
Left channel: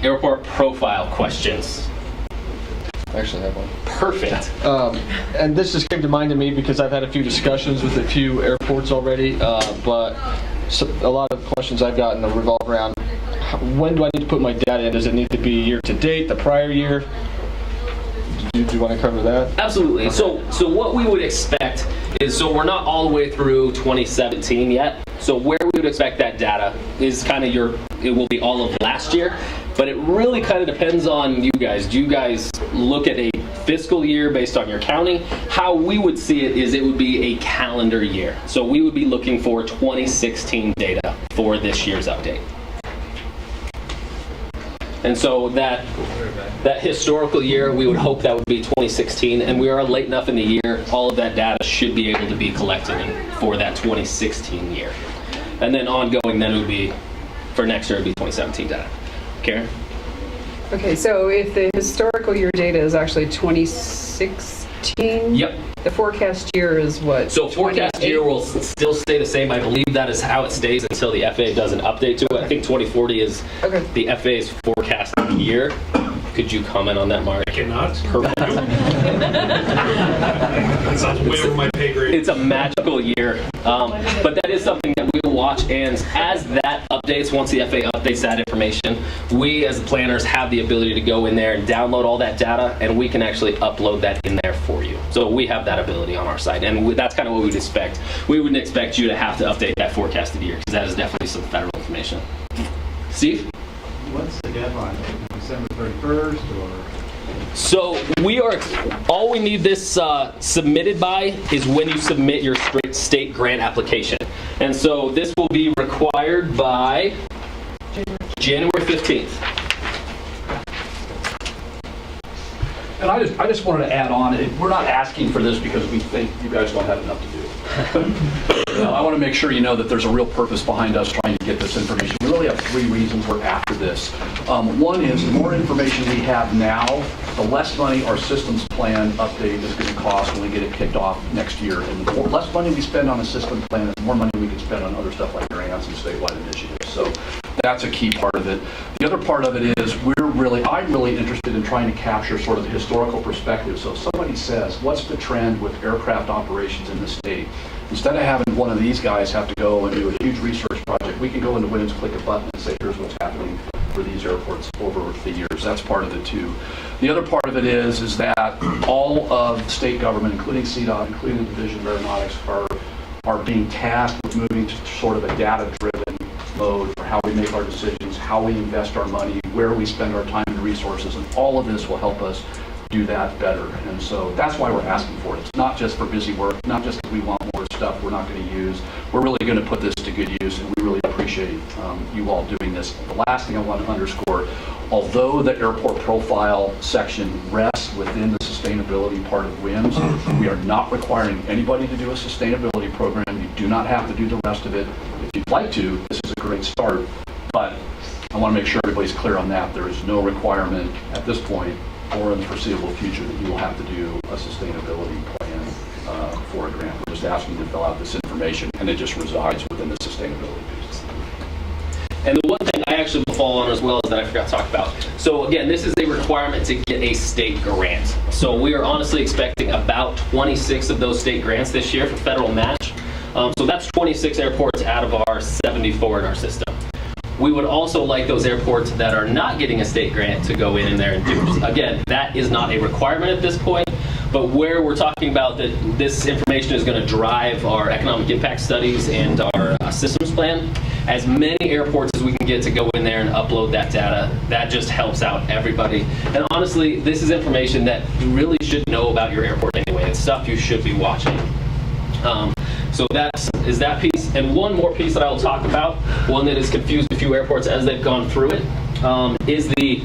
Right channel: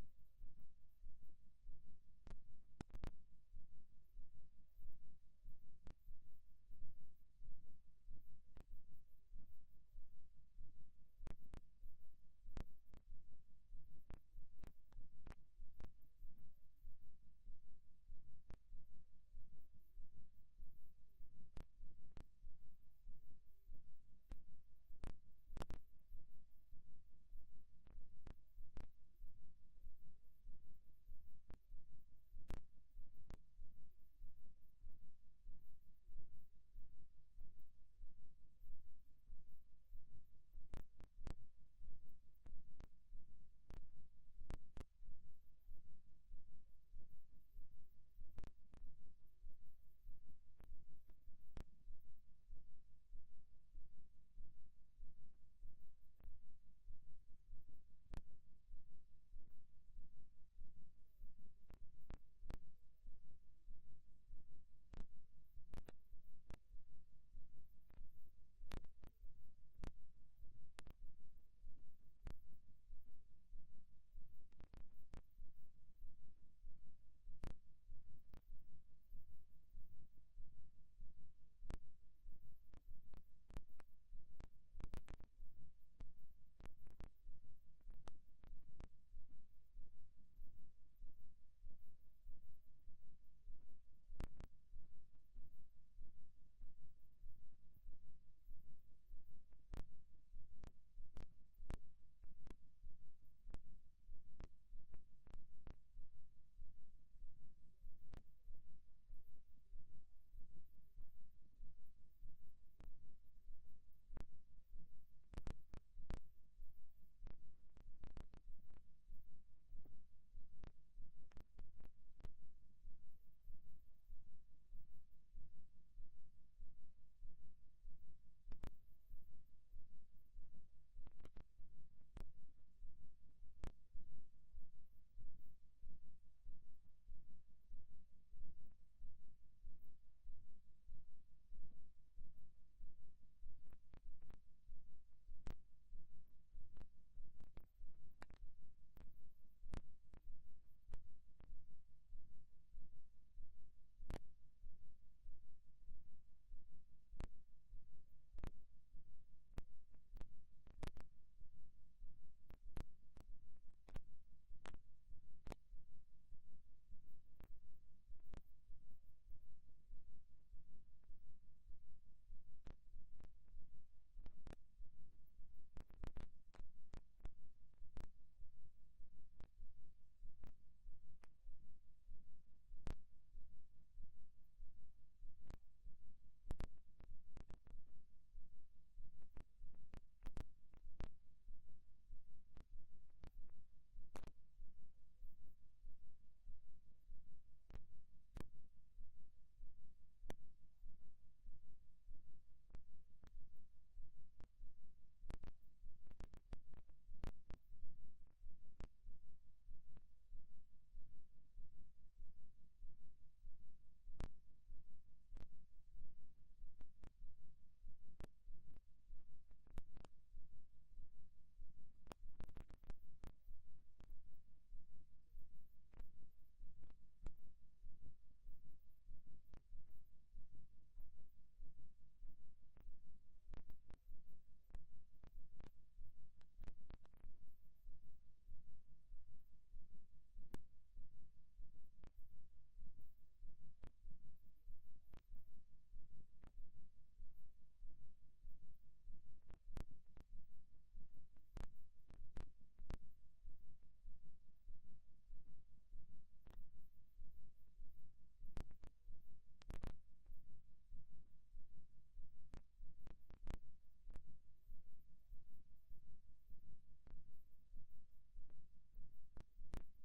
airport profile questions. I actually have one. Perfect. And this just came to mind to me because I've had a few discussions with a few airports already, but So a lot of questions I've gotten revolve around when do I need to put my data in? Does it need to be year to date, the prior year? Do you want to cover that? Absolutely. So what we would expect is, so we're not all the way through 2017 yet. So where we would expect that data is kind of it will be all of last year, but it really kind of depends on you guys. Do you guys look at a fiscal year based on your county? How we would see it is it would be a calendar year. So we would be looking for 2016 data for this year's update. And so that historical year, we would hope that would be 2016, and we are late enough in the year, all of that data should be able to be collected for that 2016 year. And then ongoing, then it would be, for next year, it would be 2017 data. Karen? Okay, so if the historical year data is actually 2016? Yep. The forecast year is what? So forecast year will still stay the same. I believe that is how it stays until the FAA does an update to it. I think 2040 is the FAA's forecast year. Could you comment on that, Mark? I cannot. Perfect. That sounds way over my pay grade. It's a magical year, but that is something that we will watch. And as that updates, once the FAA updates that information, we as the planners have the ability to go in there and download all that data, and we can actually upload that in there for you. So we have that ability on our side, and that's kind of what we'd expect. We wouldn't expect you to have to update that forecasted year, because that is definitely some federal information. Steve? What's the deadline? December 31st or? So all we need this submitted by is when you submit your state grant application. And so this will be required by January 15th. And I just wanted to add on, we're not asking for this because we think you guys don't have enough to do. I want to make sure you know that there's a real purpose behind us trying to get this information. We really have 3 reasons we're after this. One is the more information we have now, the less money our systems plan update is going to cost when we get it kicked off next year. And the less money we spend on a system plan, the more money we can spend on other stuff like grants and statewide initiatives. So that's a key part of it. The other part of it is I'm really interested in trying to capture sort of the historical perspective. So if somebody says, what's the trend with aircraft operations in the state? Instead of having one of these guys have to go and do a huge research project, we can go into WIMS, click a button, and say, here's what's happening for these airports over the years. That's part of it too. The other part of it is that all of the state government, including CDOT, including the Division of Aeronautics, are being tasked with moving to sort of a data-driven mode for how we make our decisions, how we invest our money, where we spend our time and resources, and all of this will help us do that better. And so that's why we're asking for it. It's not just for busy work, not just because we want more stuff we're not going to use. We're really going to put this to good use, and we really appreciate you all doing this. The last thing I want to underscore, although the airport profile section rests within the sustainability part of WIMS, we are not requiring anybody to do a sustainability program. You do not have to do the rest of it. If you'd like to, this is a great start, but I want to make sure everybody's clear on that. There is no requirement at this point or in the foreseeable future that you will have to do a sustainability plan for a grant. We're just asking you to fill out this information, and it just resides within the sustainability piece. And the one thing I actually will follow on as well is that I forgot to talk about. So again, this is a requirement to get a state grant. So we are honestly expecting about 26 of those state grants this year for federal match. So that's 26 airports out of our 74 in our system. We would also like those airports that are not getting a state grant to go in there and do. Again, that is not a requirement at this point, but where we're talking about that this information is going to drive our economic impact studies and our systems plan, as many airports as we can get to go in there and upload that data, that just helps out everybody. And honestly, this is information that you really should know about your airport anyway. It's stuff you should be watching. So that is that piece. And one more piece that I will talk about, one that has confused a few airports as they've gone through it, is the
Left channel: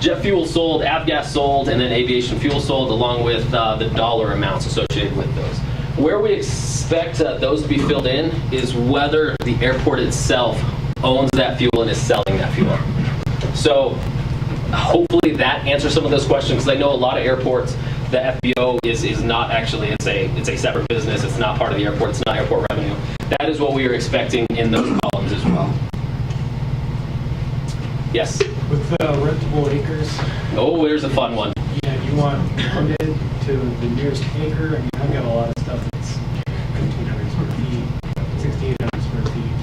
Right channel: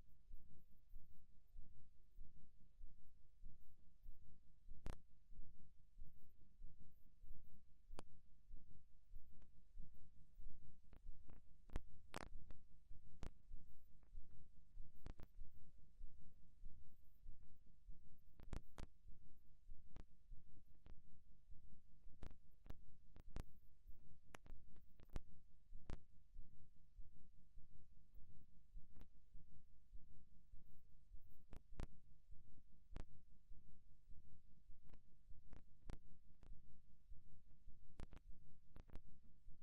jet fuel sold, avgas sold, and then aviation fuel sold, along with the dollar amounts associated with those. Where we expect those to be filled in is whether the airport itself owns that fuel and is selling that fuel. So hopefully that answers some of those questions, because I know a lot of airports, the FBO is not actually, it's a separate business. It's not part of the airport. It's not airport revenue. That is what we are expecting in those columns as well. Yes? With rentable acres. Oh, there's a fun one. Yeah, you want limited to the nearest acre. I mean, I've got a lot of stuff that's 1,500 square feet, 1,600 square feet.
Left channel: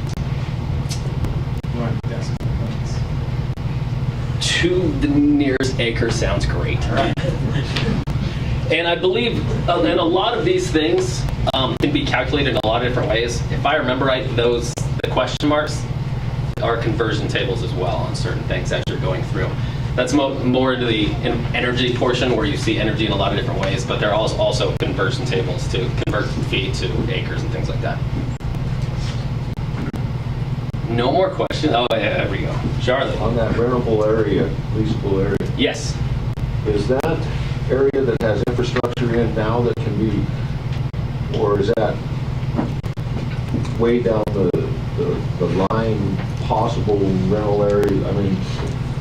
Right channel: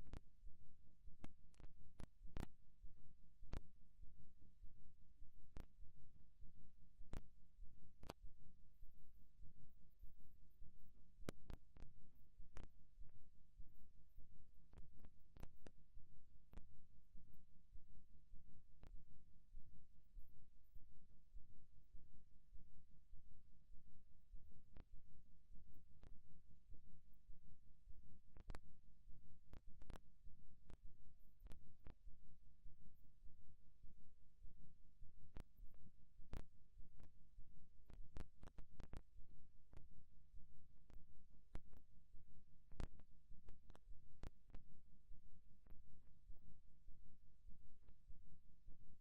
to the nearest acre sounds great. And I believe, and a lot of these things can be calculated in a lot of different ways. If I remember right, the question marks are conversion tables as well on certain things as you're going through. That's more into the energy portion where you see energy in a lot of different ways, but there are also conversion tables to convert feet to acres and things like that. No more questions? Oh, yeah, there we go. Charlotte. On that rentable area, leasable area. Yes. Is that area that has infrastructure in now that can be, or is that way down the line, possible rental area? I mean,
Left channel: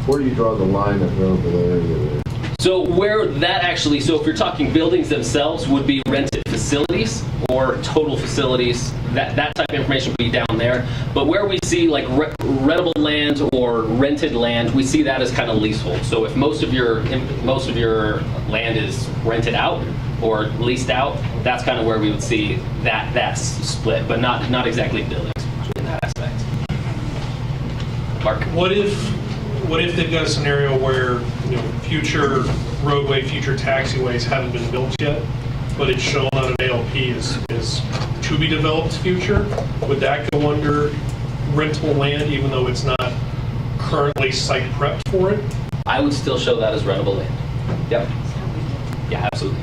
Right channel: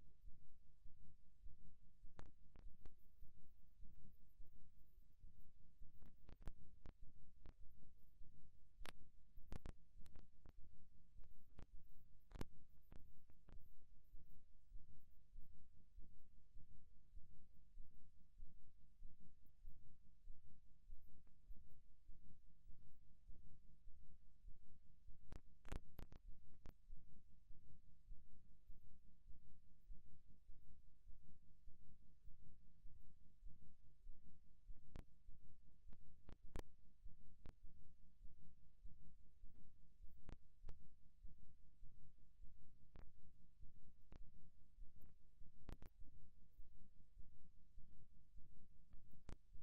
where do you draw the line of rentable area there? So where that actually, so if you're talking buildings themselves, would be rented facilities or total facilities, that type of information would be down there. But where we see like rentable land or rented land, we see that as kind of leasehold. So if most of your land is rented out or leased out, that's kind of where we would see that's split, but not exactly buildings in that aspect. Mark? What if they've got a scenario where, future roadway, future taxiways haven't been built yet, but it's shown on an ALP is to be developed future? Would that go under rentable land even though it's not currently site prepped for it? I would still show that as rentable land. Yep. Yeah, absolutely.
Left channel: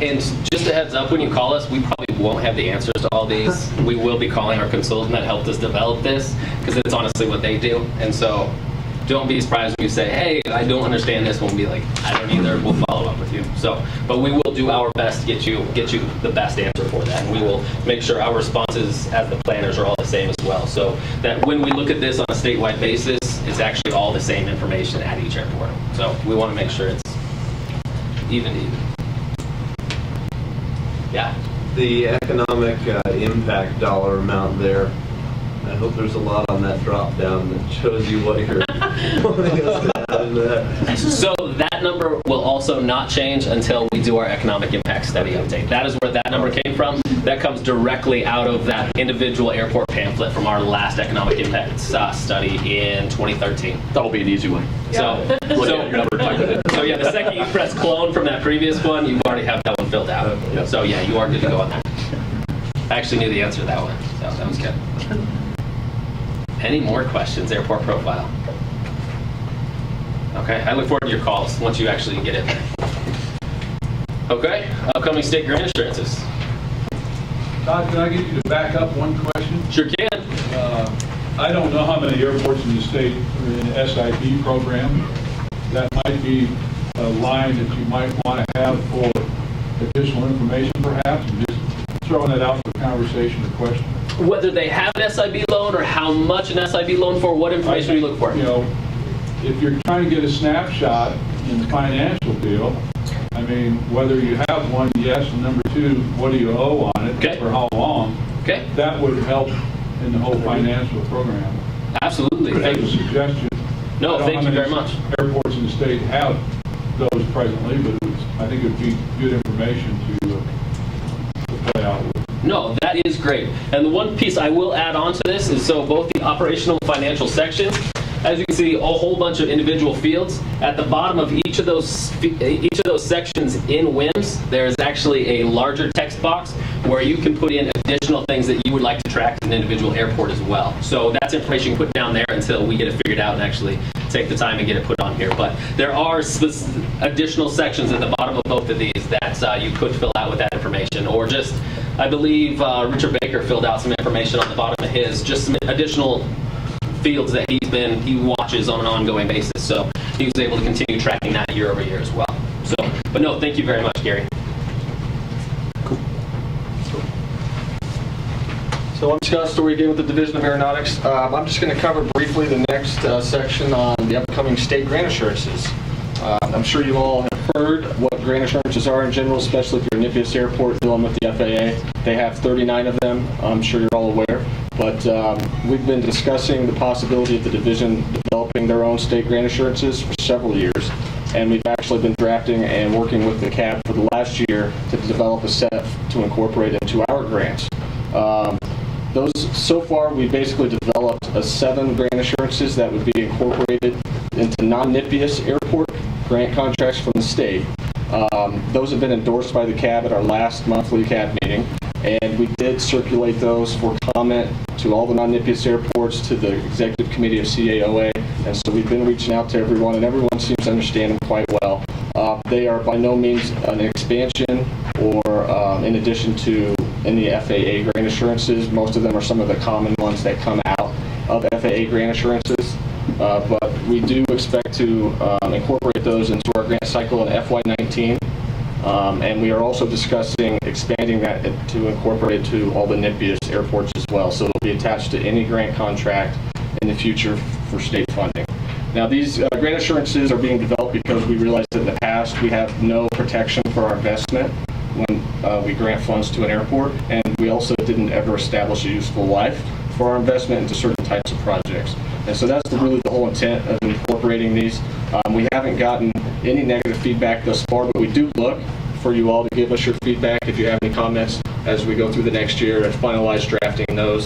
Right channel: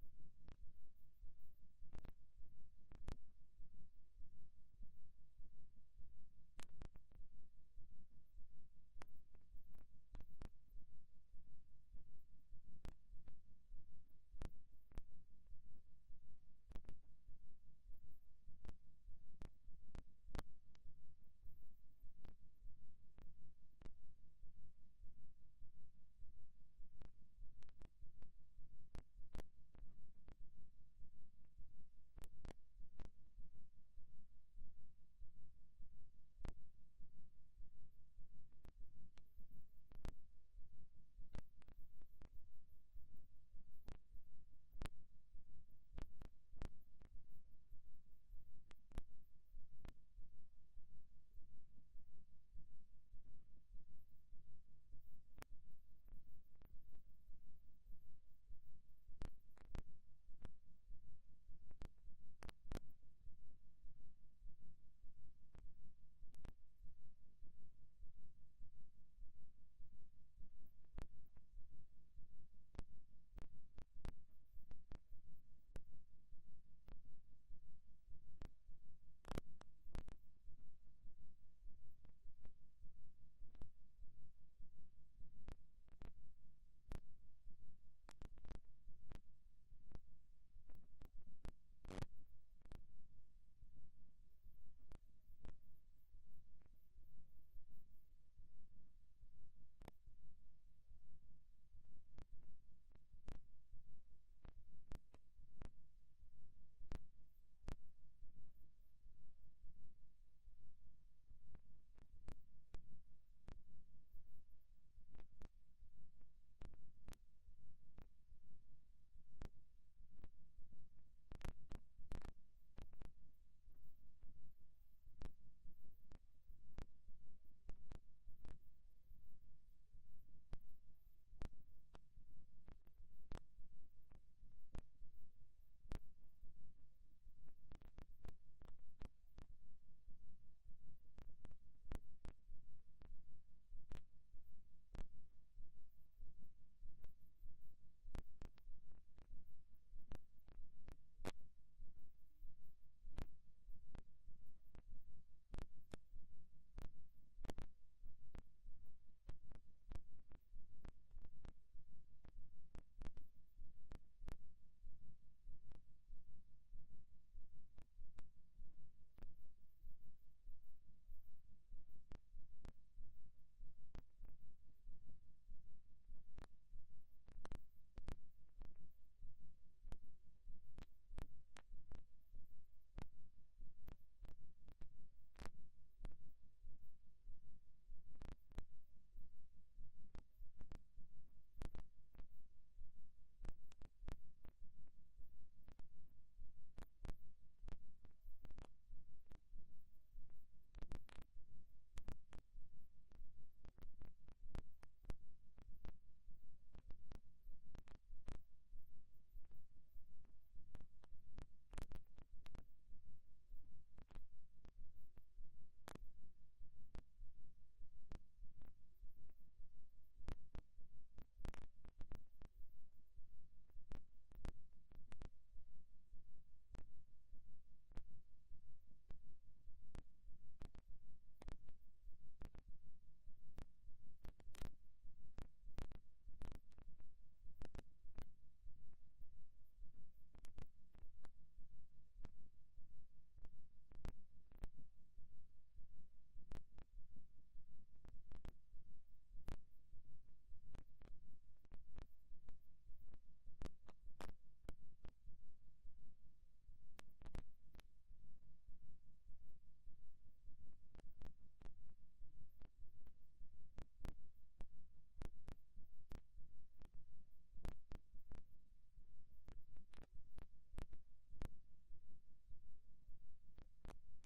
And just a heads up, when you call us, we probably won't have the answers to all these. We will be calling our consultant that helped us develop this, because it's honestly what they do. And so don't be surprised when you say, hey, I don't understand this. We'll be like, I don't either. We'll follow up with you. So, but we will do our best to get you the best answer for that. And we will make sure our responses as the planners are all the same as well. So that when we look at this on a statewide basis, it's actually all the same information at each airport. So we want to make sure it's even. Yeah. The economic impact dollar amount there, I hope there's a lot on that drop down that shows you what you're wanting us to add in that. So that number will also not change until we do our economic impact study update. That is where that number came from. That comes directly out of that individual airport pamphlet from our last economic impact study in 2013. That'll be an easy one. So yeah, the second you press clone from that previous one, you already have that one filled out. So yeah, you are good to go on that. I actually knew the answer to that one, so that was good. Any more questions, airport profile? Okay, I look forward to your calls once you actually get in there. Okay, upcoming state grant assurances. Todd, can I get you to back up one question? Sure can. I don't know how many airports in the state are in the SIB program. That might be a line that you might want to have for additional information perhaps, and just throwing it out for conversation or question. Whether they have an SIB loan or how much an SIB loan for, what information are you looking for? If you're trying to get a snapshot in the financial deal, I mean, whether you have one, yes, and number two, what do you owe on it, for how long? Okay. That would help in the whole financial program. Absolutely. As a suggestion. No, thank you very much. Airports in the state have those presently, but I think it would be good information to play out with. No, that is great. And the one piece I will add on to this is so both the operational and financial sections, as you can see, a whole bunch of individual fields. At the bottom of each of those sections in WIMS, there is actually a larger text box where you can put in additional things that you would like to track in an individual airport as well. So that's information you put down there until we get it figured out and actually take the time and get it put on here. But there are additional sections at the bottom of both of these that you could fill out with that information, or just, I believe Richard Baker filled out some information on the bottom of his, just some additional fields that he watches on an ongoing basis. So he was able to continue tracking that year over year as well. So, but no, thank you very much, Gary. Cool. So I'm Scott Story again with the Division of Aeronautics. I'm just going to cover briefly the next section on the upcoming state grant assurances. I'm sure you all have heard what grant assurances are in general, especially if you're a Nipias Airport dealing with the FAA. They have 39 of them. I'm sure you're all aware. But we've been discussing the possibility of the division developing their own state grant assurances for several years. And we've actually been drafting and working with the CAB for the last year to develop a set to incorporate into our grants. Those, so far, we basically developed 7 grant assurances that would be incorporated into non-NIPIAS airport grant contracts from the state. Those have been endorsed by the CAB at our last monthly CAB meeting, and we did circulate those for comment to all the non-NIPIAS airports, to the executive committee of CAOA, and so we've been reaching out to everyone, and everyone seems to understand them quite well. They are by no means an expansion or in addition to any FAA grant assurances. Most of them are some of the common ones that come out of FAA grant assurances. But we do expect to incorporate those into our grant cycle in FY19. And we are also discussing expanding that to incorporate it to all the NIPIAS airports as well. So it'll be attached to any grant contract in the future for state funding. Now, these grant assurances are being developed because we realized that in the past we have no protection for our investment when we grant funds to an airport, and we also didn't ever establish a useful life for our investment into certain types of projects. And so that's really the whole intent of incorporating these. We haven't gotten any negative feedback thus far, but we do look for you all to give us your feedback if you have any comments as we go through the next year and finalize drafting those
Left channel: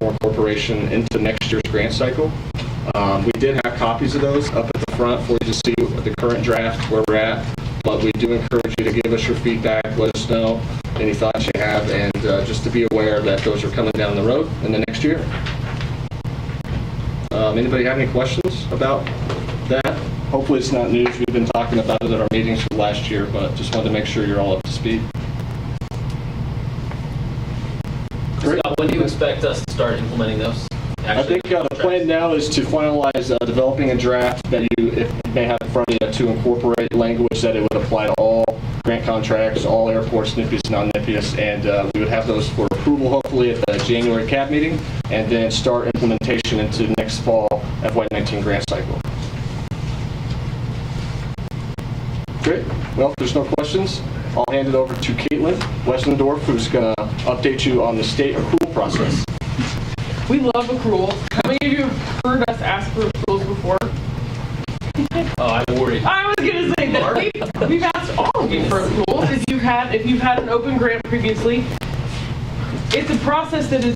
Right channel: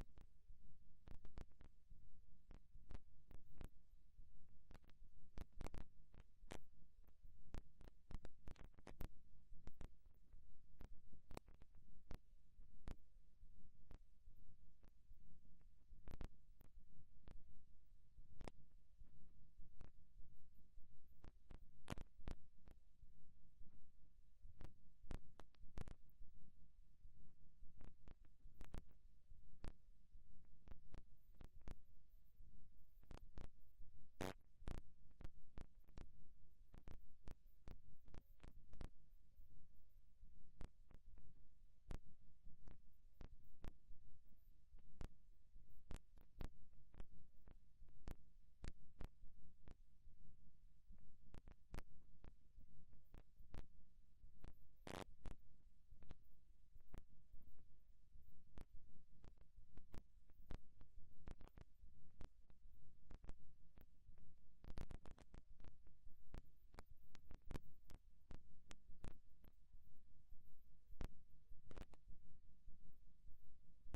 for incorporation into next year's grant cycle. We did have copies of those up at the front for you to see the current draft, where we're at, but we do encourage you to give us your feedback, let us know any thoughts you have, and just to be aware that those are coming down the road in the next year. Anybody have any questions about that? Hopefully it's not news. We've been talking about it at our meetings for last year, but just wanted to make sure you're all up to speed. Great. Scott, when do you expect us to start implementing those? I think the plan now is to finalize developing a draft that you may have in front of you to incorporate language that it would apply to all grant contracts, all airports, NIPIAS, non-NIPIAS, and we would have those for approval hopefully at the January CAB meeting, and then start implementation into next fall FY19 grant cycle. Great. Well, if there's no questions, I'll hand it over to Caitlin Westendorf, who's going to update you on the state accrual process. We love accruals. How many of you have heard us ask for accruals before? Oh, I'm worried. I was going to say that we've asked all of you for accruals. If you've had an open grant previously, it's a process that is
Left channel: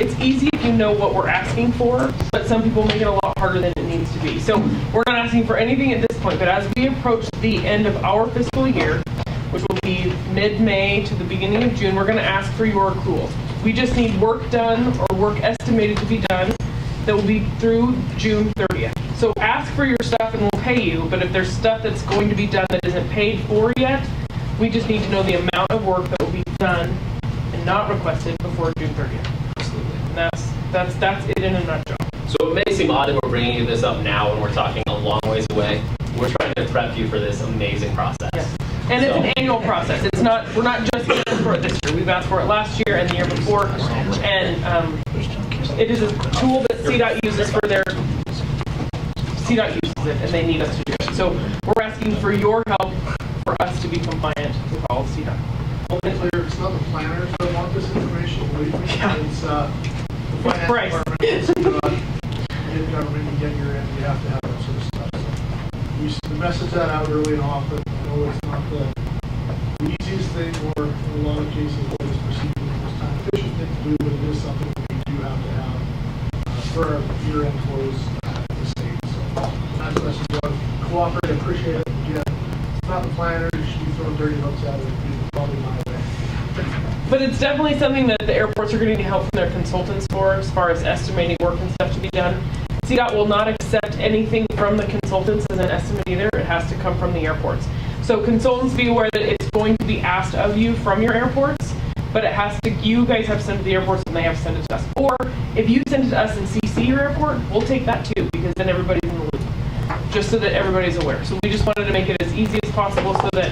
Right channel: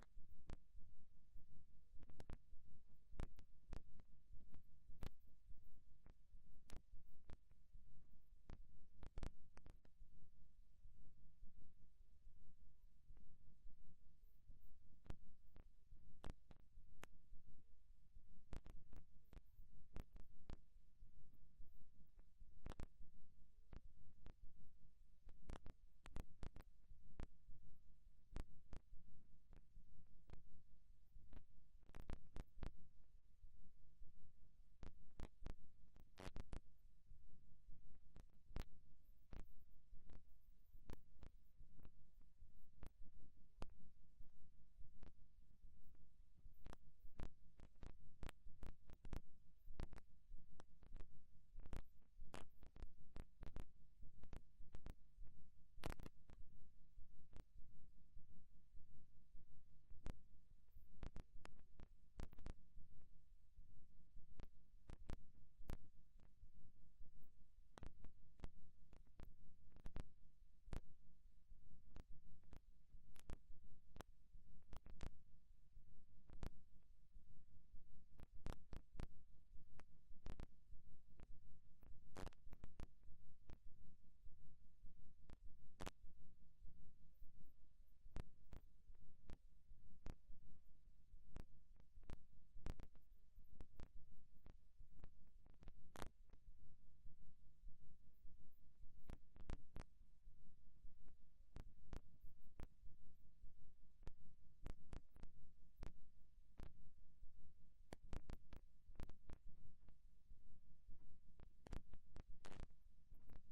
it's easy if you know what we're asking for, but some people make it a lot harder than it needs to be. So we're not asking for anything at this point, but as we approach the end of our fiscal year, which will be mid-May to the beginning of June, we're going to ask for your accruals. We just need work done or work estimated to be done that will be through June 30th. So ask for your stuff and we'll pay you, but if there's stuff that's going to be done that isn't paid for yet, we just need to know the amount of work that will be done and not requested before June 30th. Absolutely. And that's it in a nutshell. So it may seem odd that we're bringing you this up now when we're talking a long ways away. We're trying to prep you for this amazing process. Yes. And it's an annual process. It's not, we're not just asking for it this year. We've asked for it last year and the year before. And it is a tool that CDOT uses for their, CDOT uses it and they need us to do it. So we're asking for your help for us to be compliant with all of CDOT. It's not the planners that want this information, believe me. Yeah. It's the finance Bryce. department. Get government and get your end, you have to have that sort of stuff. So we message that out early and often. I know it's not the easiest thing, or in a lot of cases, what is perceived as the most time efficient thing to do, but it is something that we do have to have for our year-end close at the state. So nice message out. Cooperate, appreciate it. Again, it's not the planners, you should be throwing dirty looks at it. It's probably my way. But it's definitely something that the airports are going to need help from their consultants for, as far as estimating work and stuff to be done. CDOT will not accept anything from the consultants as an estimate either. It has to come from the airports. So consultants, be aware that it's going to be asked of you from your airports, but it has to, you guys have to send it to the airports and they have to send it to us. Or if you send it to us and CC your airport, we'll take that too, because then everybody's in the loop, just so that everybody's aware. So we just wanted to make it as easy as possible so that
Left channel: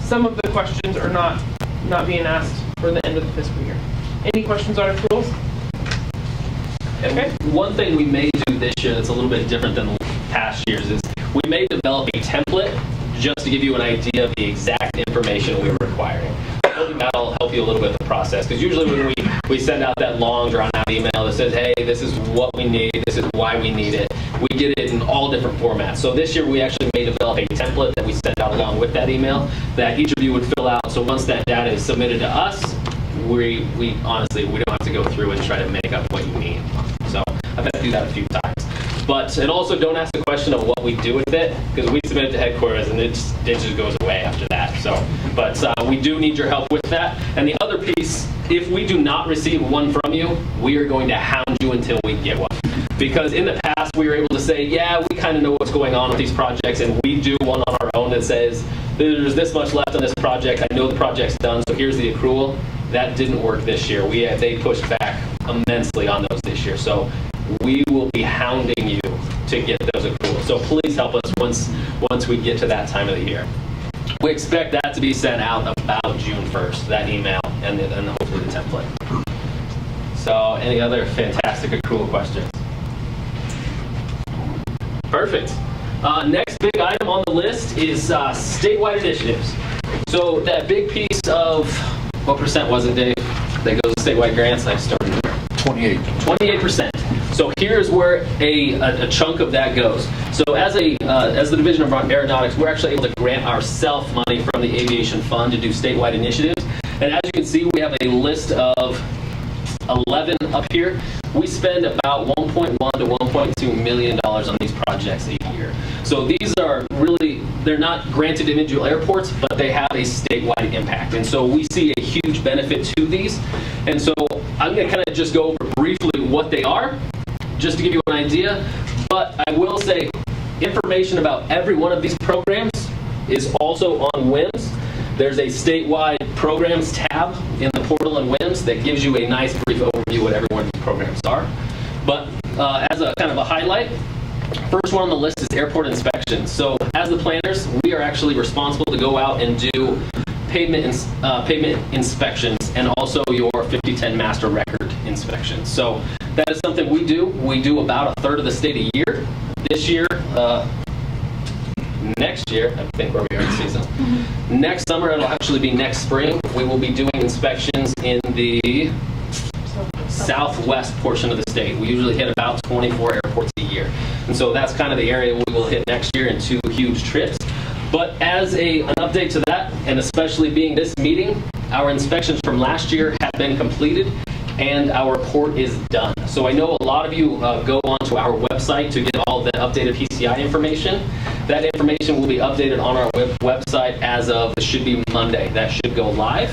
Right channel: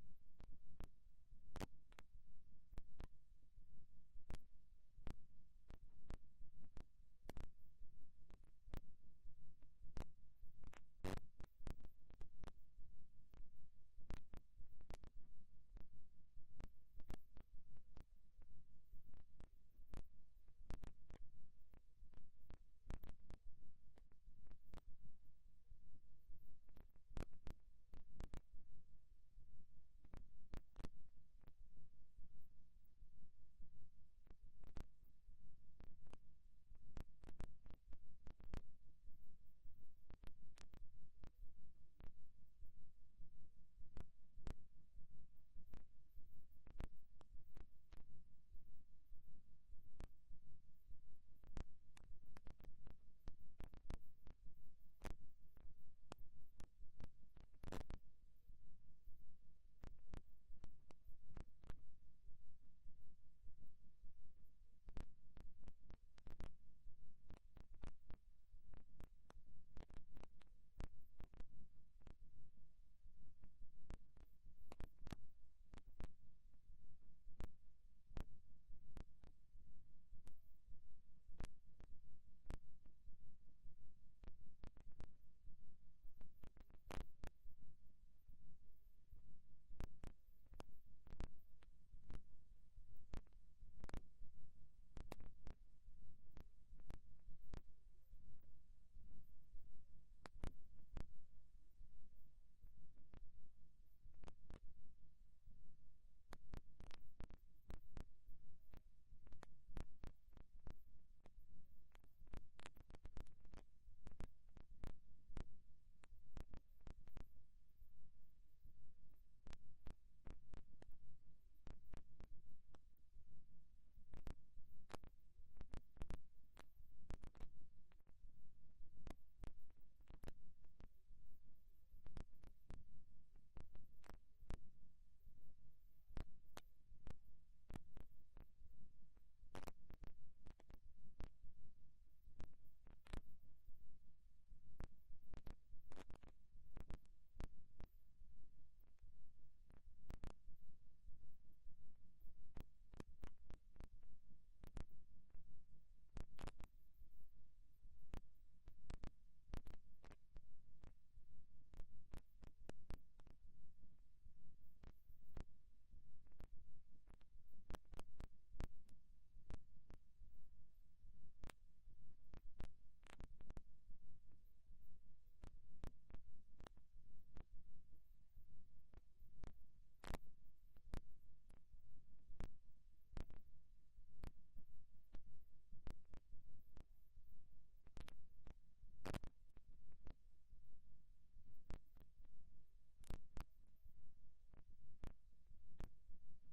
some of the questions are not being asked for the end of the fiscal year. Any questions on accruals? Okay. One thing we may do this year that's a little bit different than past years is we may develop a template just to give you an idea of the exact information we're requiring. Hoping that'll help you a little bit with the process, because usually when we send out that long drawn out email that says, hey, this is what we need, this is why we need it, we get it in all different formats. So this year we actually may develop a template that we send out along with that email that each of you would fill out. So once that data is submitted to us, we honestly, we don't have to go through and try to make up what you mean. So I've had to do that a few times. But, and also don't ask the question of what we do with it, because we submit it to headquarters and it just goes away after that. So, but we do need your help with that. And the other piece, if we do not receive one from you, we are going to hound you until we get one. Because in the past, we were able to say, yeah, we kind of know what's going on with these projects, and we do one on our own that says, there's this much left on this project, I know the project's done, so here's the accrual. That didn't work this year. They pushed back immensely on those this year. So we will be hounding you to get those accruals. So please help us once we get to that time of the year. We expect that to be sent out about June 1st, that email, and hopefully the template. So any other fantastic accrual questions? Perfect. Next big item on the list is statewide initiatives. So that big piece of, what percent was it, Dave, that goes to statewide grants? I started there. 28%. So here's where a chunk of that goes. So as the Division of Aeronautics, we're actually able to grant ourselves money from the Aviation Fund to do statewide initiatives. And as you can see, we have a list of 11 up here. We spend about $1.1 to $1.2 million on these projects a year. So these are really, they're not granted individual airports, but they have a statewide impact. And so we see a huge benefit to these. And so I'm going to kind of just go over briefly what they are, just to give you an idea. But I will say information about every one of these programs is also on WIMS. There's a statewide programs tab in the portal in WIMS that gives you a nice brief overview of what every one of these programs are. But as a kind of a highlight, first one on the list is airport inspections. So as the planners, we are actually responsible to go out and do pavement inspections and also your 5010 master record inspections. So that is something we do. We do about a third of the state a year. This year, next year, I think where we are in season. Next summer, it'll actually be next spring. We will be doing inspections in the southwest portion of the state. We usually hit about 24 airports a year. And so that's kind of the area we will hit next year in 2 huge trips. But as an update to that, and especially being this meeting, our inspections from last year have been completed and our report is done. So I know a lot of you go onto our website to get all the updated PCI information. That information will be updated on our website as of, it should be Monday. That should go live.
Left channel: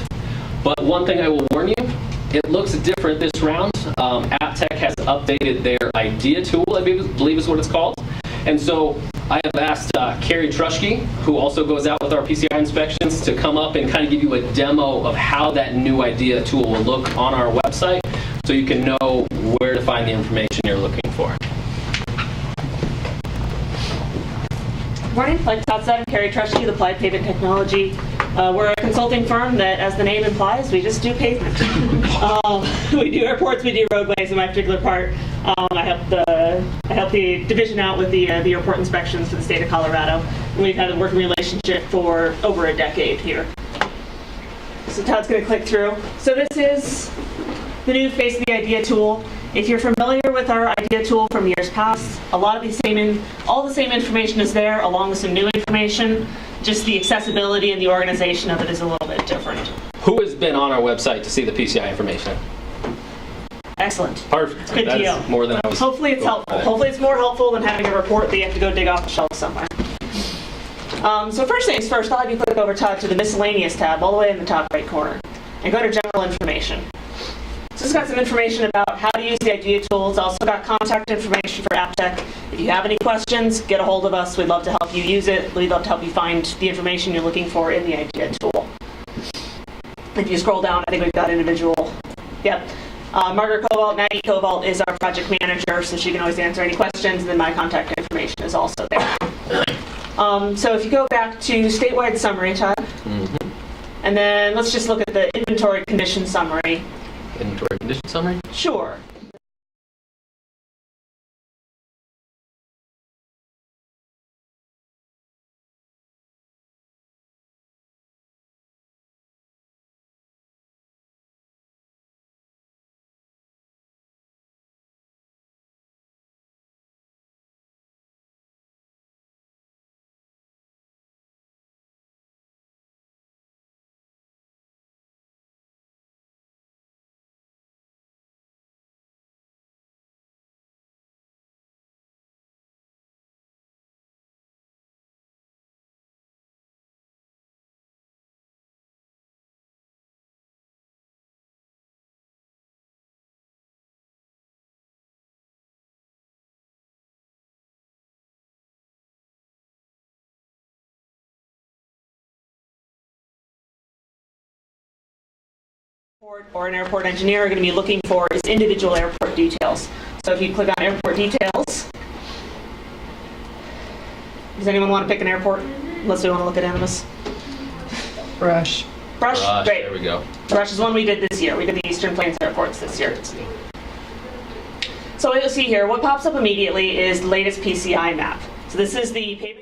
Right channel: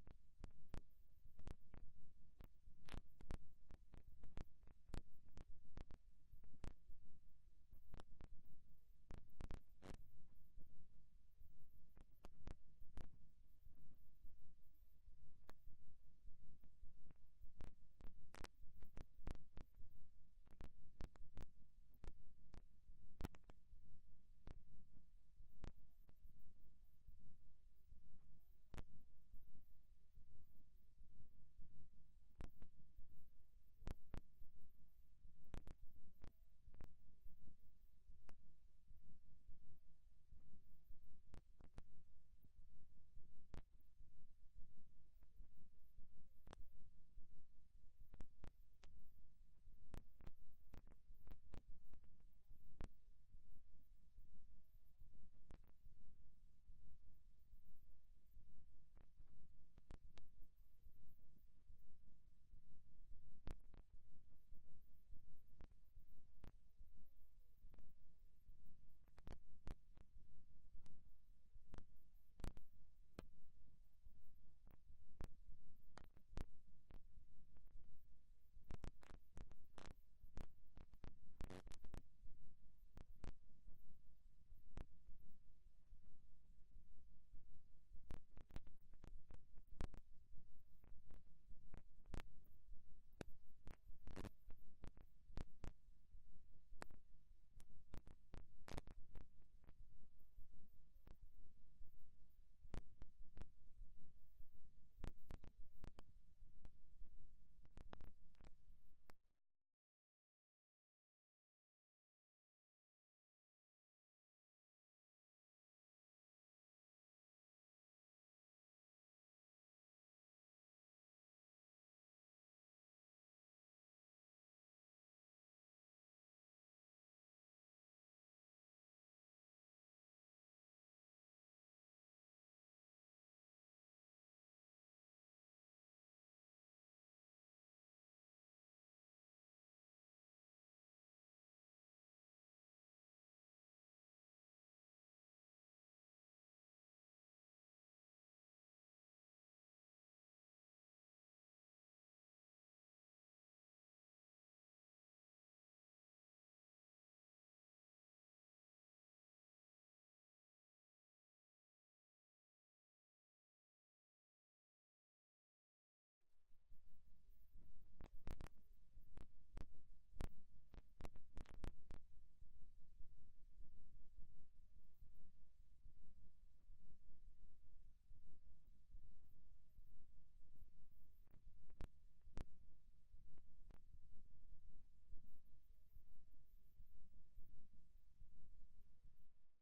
But one thing I will warn you, it looks different this round. AppTech has updated their IDEA tool, I believe is what it's called. And so I have asked Carrie Trushke, who also goes out with our PCI inspections, to come up and kind of give you a demo of how that new IDEA tool will look on our website so you can know where to find the information you're looking for. Good morning, like Todd said, I'm Carrie Trushke, the Applied Pavement Technology. We're a consulting firm that, as the name implies, we just do pavement. We do airports, we do roadways. In my particular part, I help the division out with the airport inspections for the state of Colorado. And we've had a working relationship for over a decade here. So Todd's going to click through. So this is the new face of the IDEA tool. If you're familiar with our IDEA tool from years past, a lot of all the same information is there, along with some new information. Just the accessibility and the organization of it is a little bit different. Who has been on our website to see the PCI information? Excellent. Perfect. Good deal. More than I was. Hopefully it's helpful. Hopefully it's more helpful than having a report that you have to go dig off the shelf somewhere. So first things first, I'll have you click over to the miscellaneous tab all the way in the top right corner and go to general information. So it's got some information about how to use the IDEA tool. It's also got contact information for AppTech. If you have any questions, get a hold of us. We'd love to help you use it. We'd love to help you find the information you're looking for in the IDEA tool. If you scroll down, I think we've got individual. Yep. Margaret Cobalt, Maggie Cobalt is our project manager, so she can always answer any questions, and then my contact information is also there. So if you go back to statewide summary, Todd, and then let's just look at the inventory condition summary. Inventory condition summary? Sure. or an airport engineer are going to be looking for is individual airport details. So if you click on airport details, does anyone want to pick an airport? Unless we want to look at Animus. Brush. Brush? Great. There we go. Brush is one we did this year. We did the Eastern Plains airports this year. So what you'll see here, what pops up immediately is the latest PCI map. So this is the pavement.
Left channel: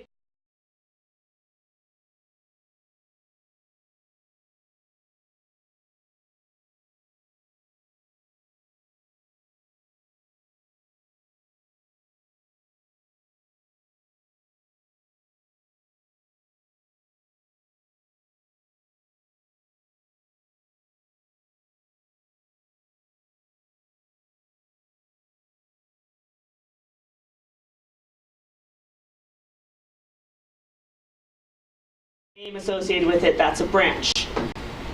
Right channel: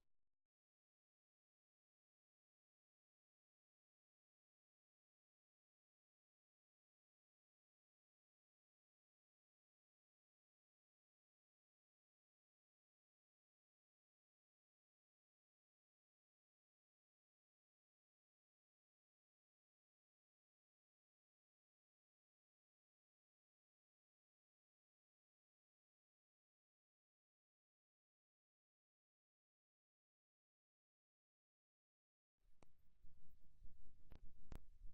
Name associated with it, that's a branch.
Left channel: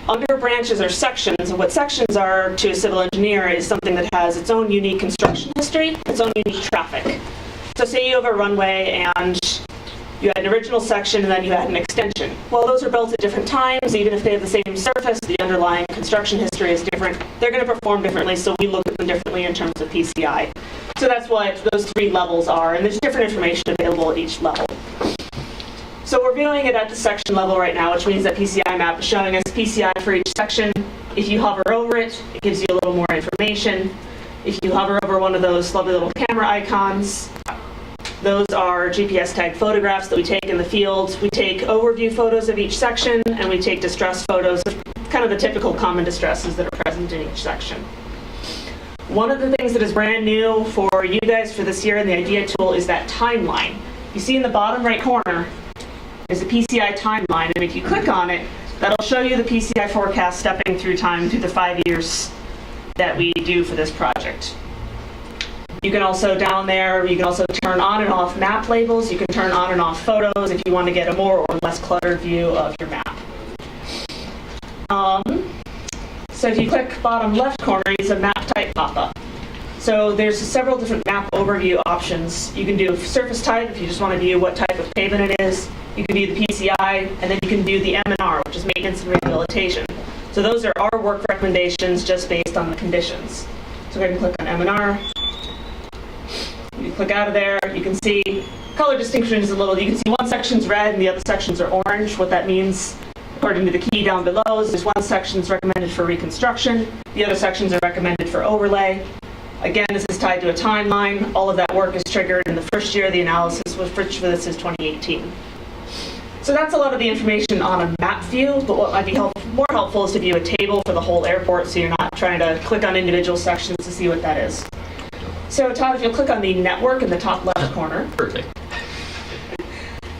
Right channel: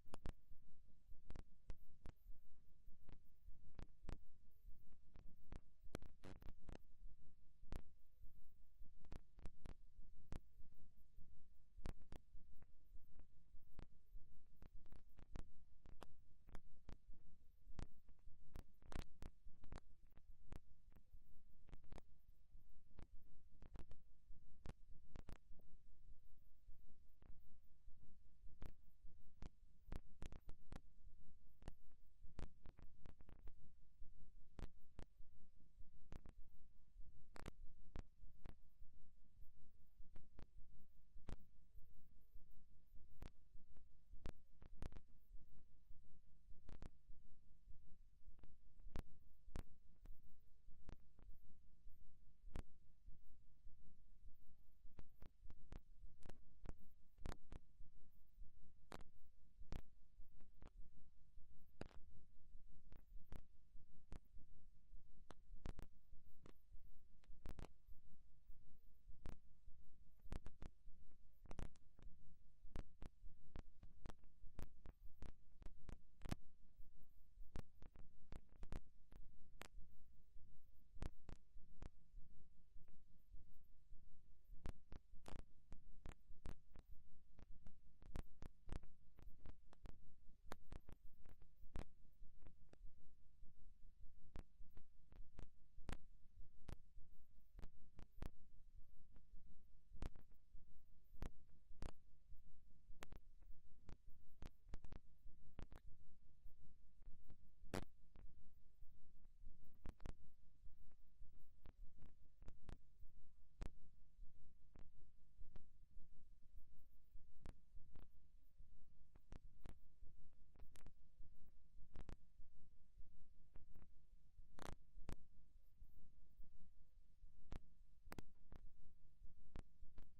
Under branches are sections, and what sections are to a civil engineer is something that has its own unique construction history, its own unique traffic. So say you have a runway and you had an original section and then you had an extension. Well, those are built at different times, even if they have the same surface, the underlying construction history is different. They're going to perform differently, so we look at them differently in terms of PCI. So that's what those three levels are, and there's different information available at each level. So we're viewing it at the section level right now, which means that PCI map is showing us PCI for each section. If you hover over it, it gives you a little more information. If you hover over one of those lovely little camera icons, those are GPS tagged photographs that we take in the field. We take overview photos of each section, and we take distress photos of kind of the typical common distresses that are present in each section. One of the things that is brand new for you guys for this year in the IDEA tool is that timeline. You see in the bottom right corner, is a PCI timeline, and if you click on it, that'll show you the PCI forecast stepping through time through the 5 years that we do for this project. You can also down there, you can also turn on and off map labels, you can turn on and off photos if you want to get a more or less cluttered view of your map. So if you click bottom left corner, it's a map type pop-up. So there's several different map overview options. You can do surface type if you just want to view what type of pavement it is. You can view the PCI, and then you can view the M&R, which is maintenance and rehabilitation. So those are our work recommendations just based on the conditions. So go ahead and click on M&R. You click out of there, you can see color distinction is a little, you can see one section's red and the other sections are orange. What that means, according to the key down below, is one section's recommended for reconstruction, the other sections are recommended for overlay. Again, this is tied to a timeline. All of that work is triggered in the first year of the analysis, which for this is 2018. So that's a lot of the information on a map view, but what might be more helpful is to view a table for the whole airport so you're not trying to click on individual sections to see what that is. So Todd, if you'll click on the network in the top left corner. Perfect.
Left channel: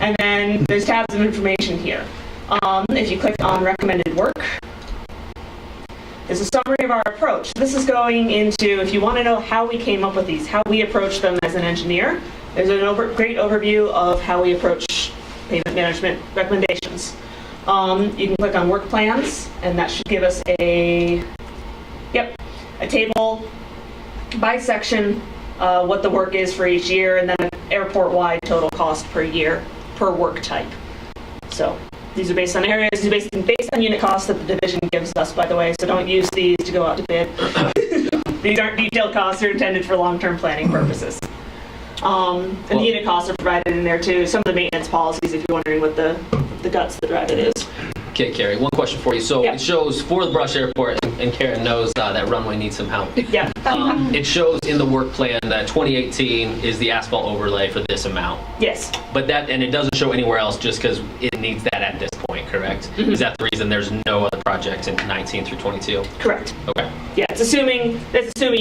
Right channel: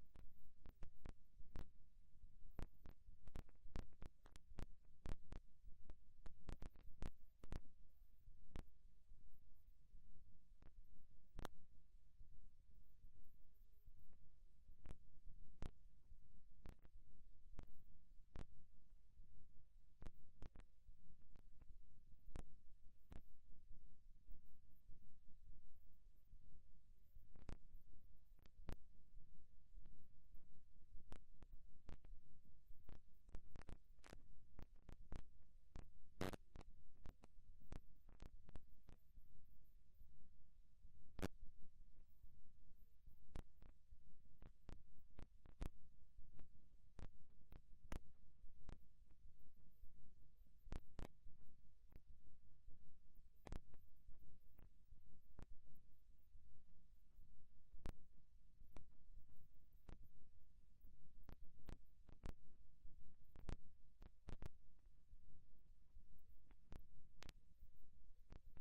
And then there's tabs of information here. If you click on recommended work, there's a summary of our approach. This is going into, if you want to know how we came up with these, how we approach them as an engineer, there's a great overview of how we approach pavement management recommendations. You can click on work plans, and that should give us a table by section, what the work is for each year, and then an airport-wide total cost per year per work type. So these are based on areas, these are based on unit costs that the division gives us, by the way, so don't use these to go out to bid. These aren't detailed costs, they're intended for long-term planning purposes. And the unit costs are provided in there too. Some of the maintenance policies, if you're wondering what the guts that drive it is. Okay, Carrie, one question for you. So it shows for the Brush Airport, and Karen knows that runway needs some help. Yeah. It shows in the work plan that 2018 is the asphalt overlay for this amount. Yes. But and it doesn't show anywhere else just because it needs that at this point, correct? Mm-hmm. Is that the reason there's no other projects in 19 through 22? Correct. Okay. Yeah, it's assuming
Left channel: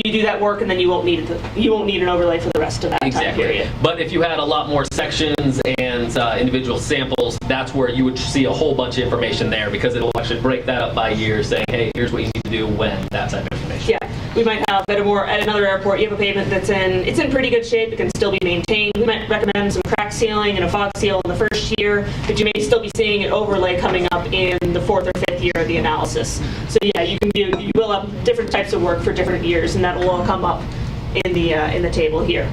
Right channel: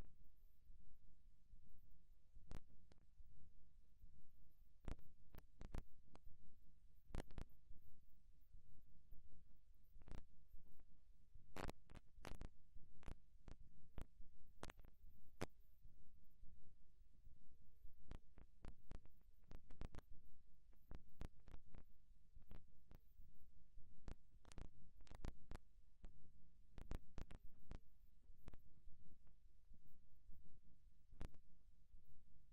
you do that work and then you won't need an overlay for the rest of that time period. But if you had a lot more sections and individual samples, that's where you would see a whole bunch of information there because it'll actually break that up by year, saying, hey, here's what you need to do when, that type of information. Yeah, we might have at another airport, you have a pavement that's in pretty good shape, it can still be maintained. We might recommend some crack sealing and a fog seal in the first year, but you may still be seeing an overlay coming up in the 4th or 5th year of the analysis. So yeah, you will have different types of work for different years, and that will all come up in the table here.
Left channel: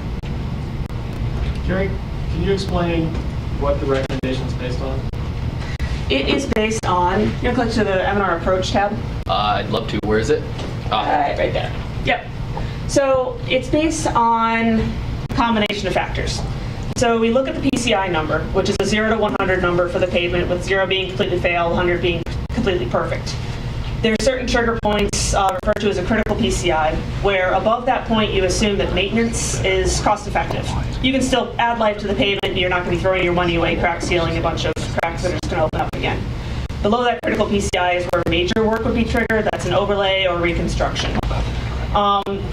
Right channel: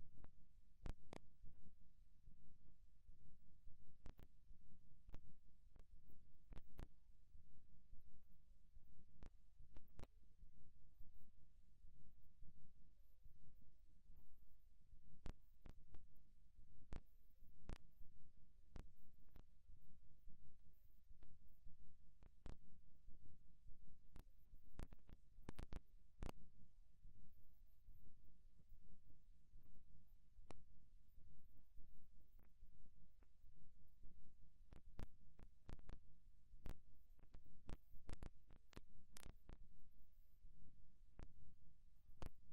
Carrie, can you explain what the recommendation is based on? It is based on, you're gonna click to the M&R Approach tab. I'd love to. Where is it? Right there. Yep. So it's based on a combination of factors. So we look at the PCI number, which is a 0 to 100 number for the pavement, with 0 being completely fail, 100 being completely perfect. There are certain trigger points referred to as a critical PCI, where above that point you assume that maintenance is cost effective. You can still add life to the pavement, you're not going to be throwing your money away crack sealing a bunch of cracks that are just going to open up again. Below that critical PCI is where major work would be triggered, that's an overlay or reconstruction.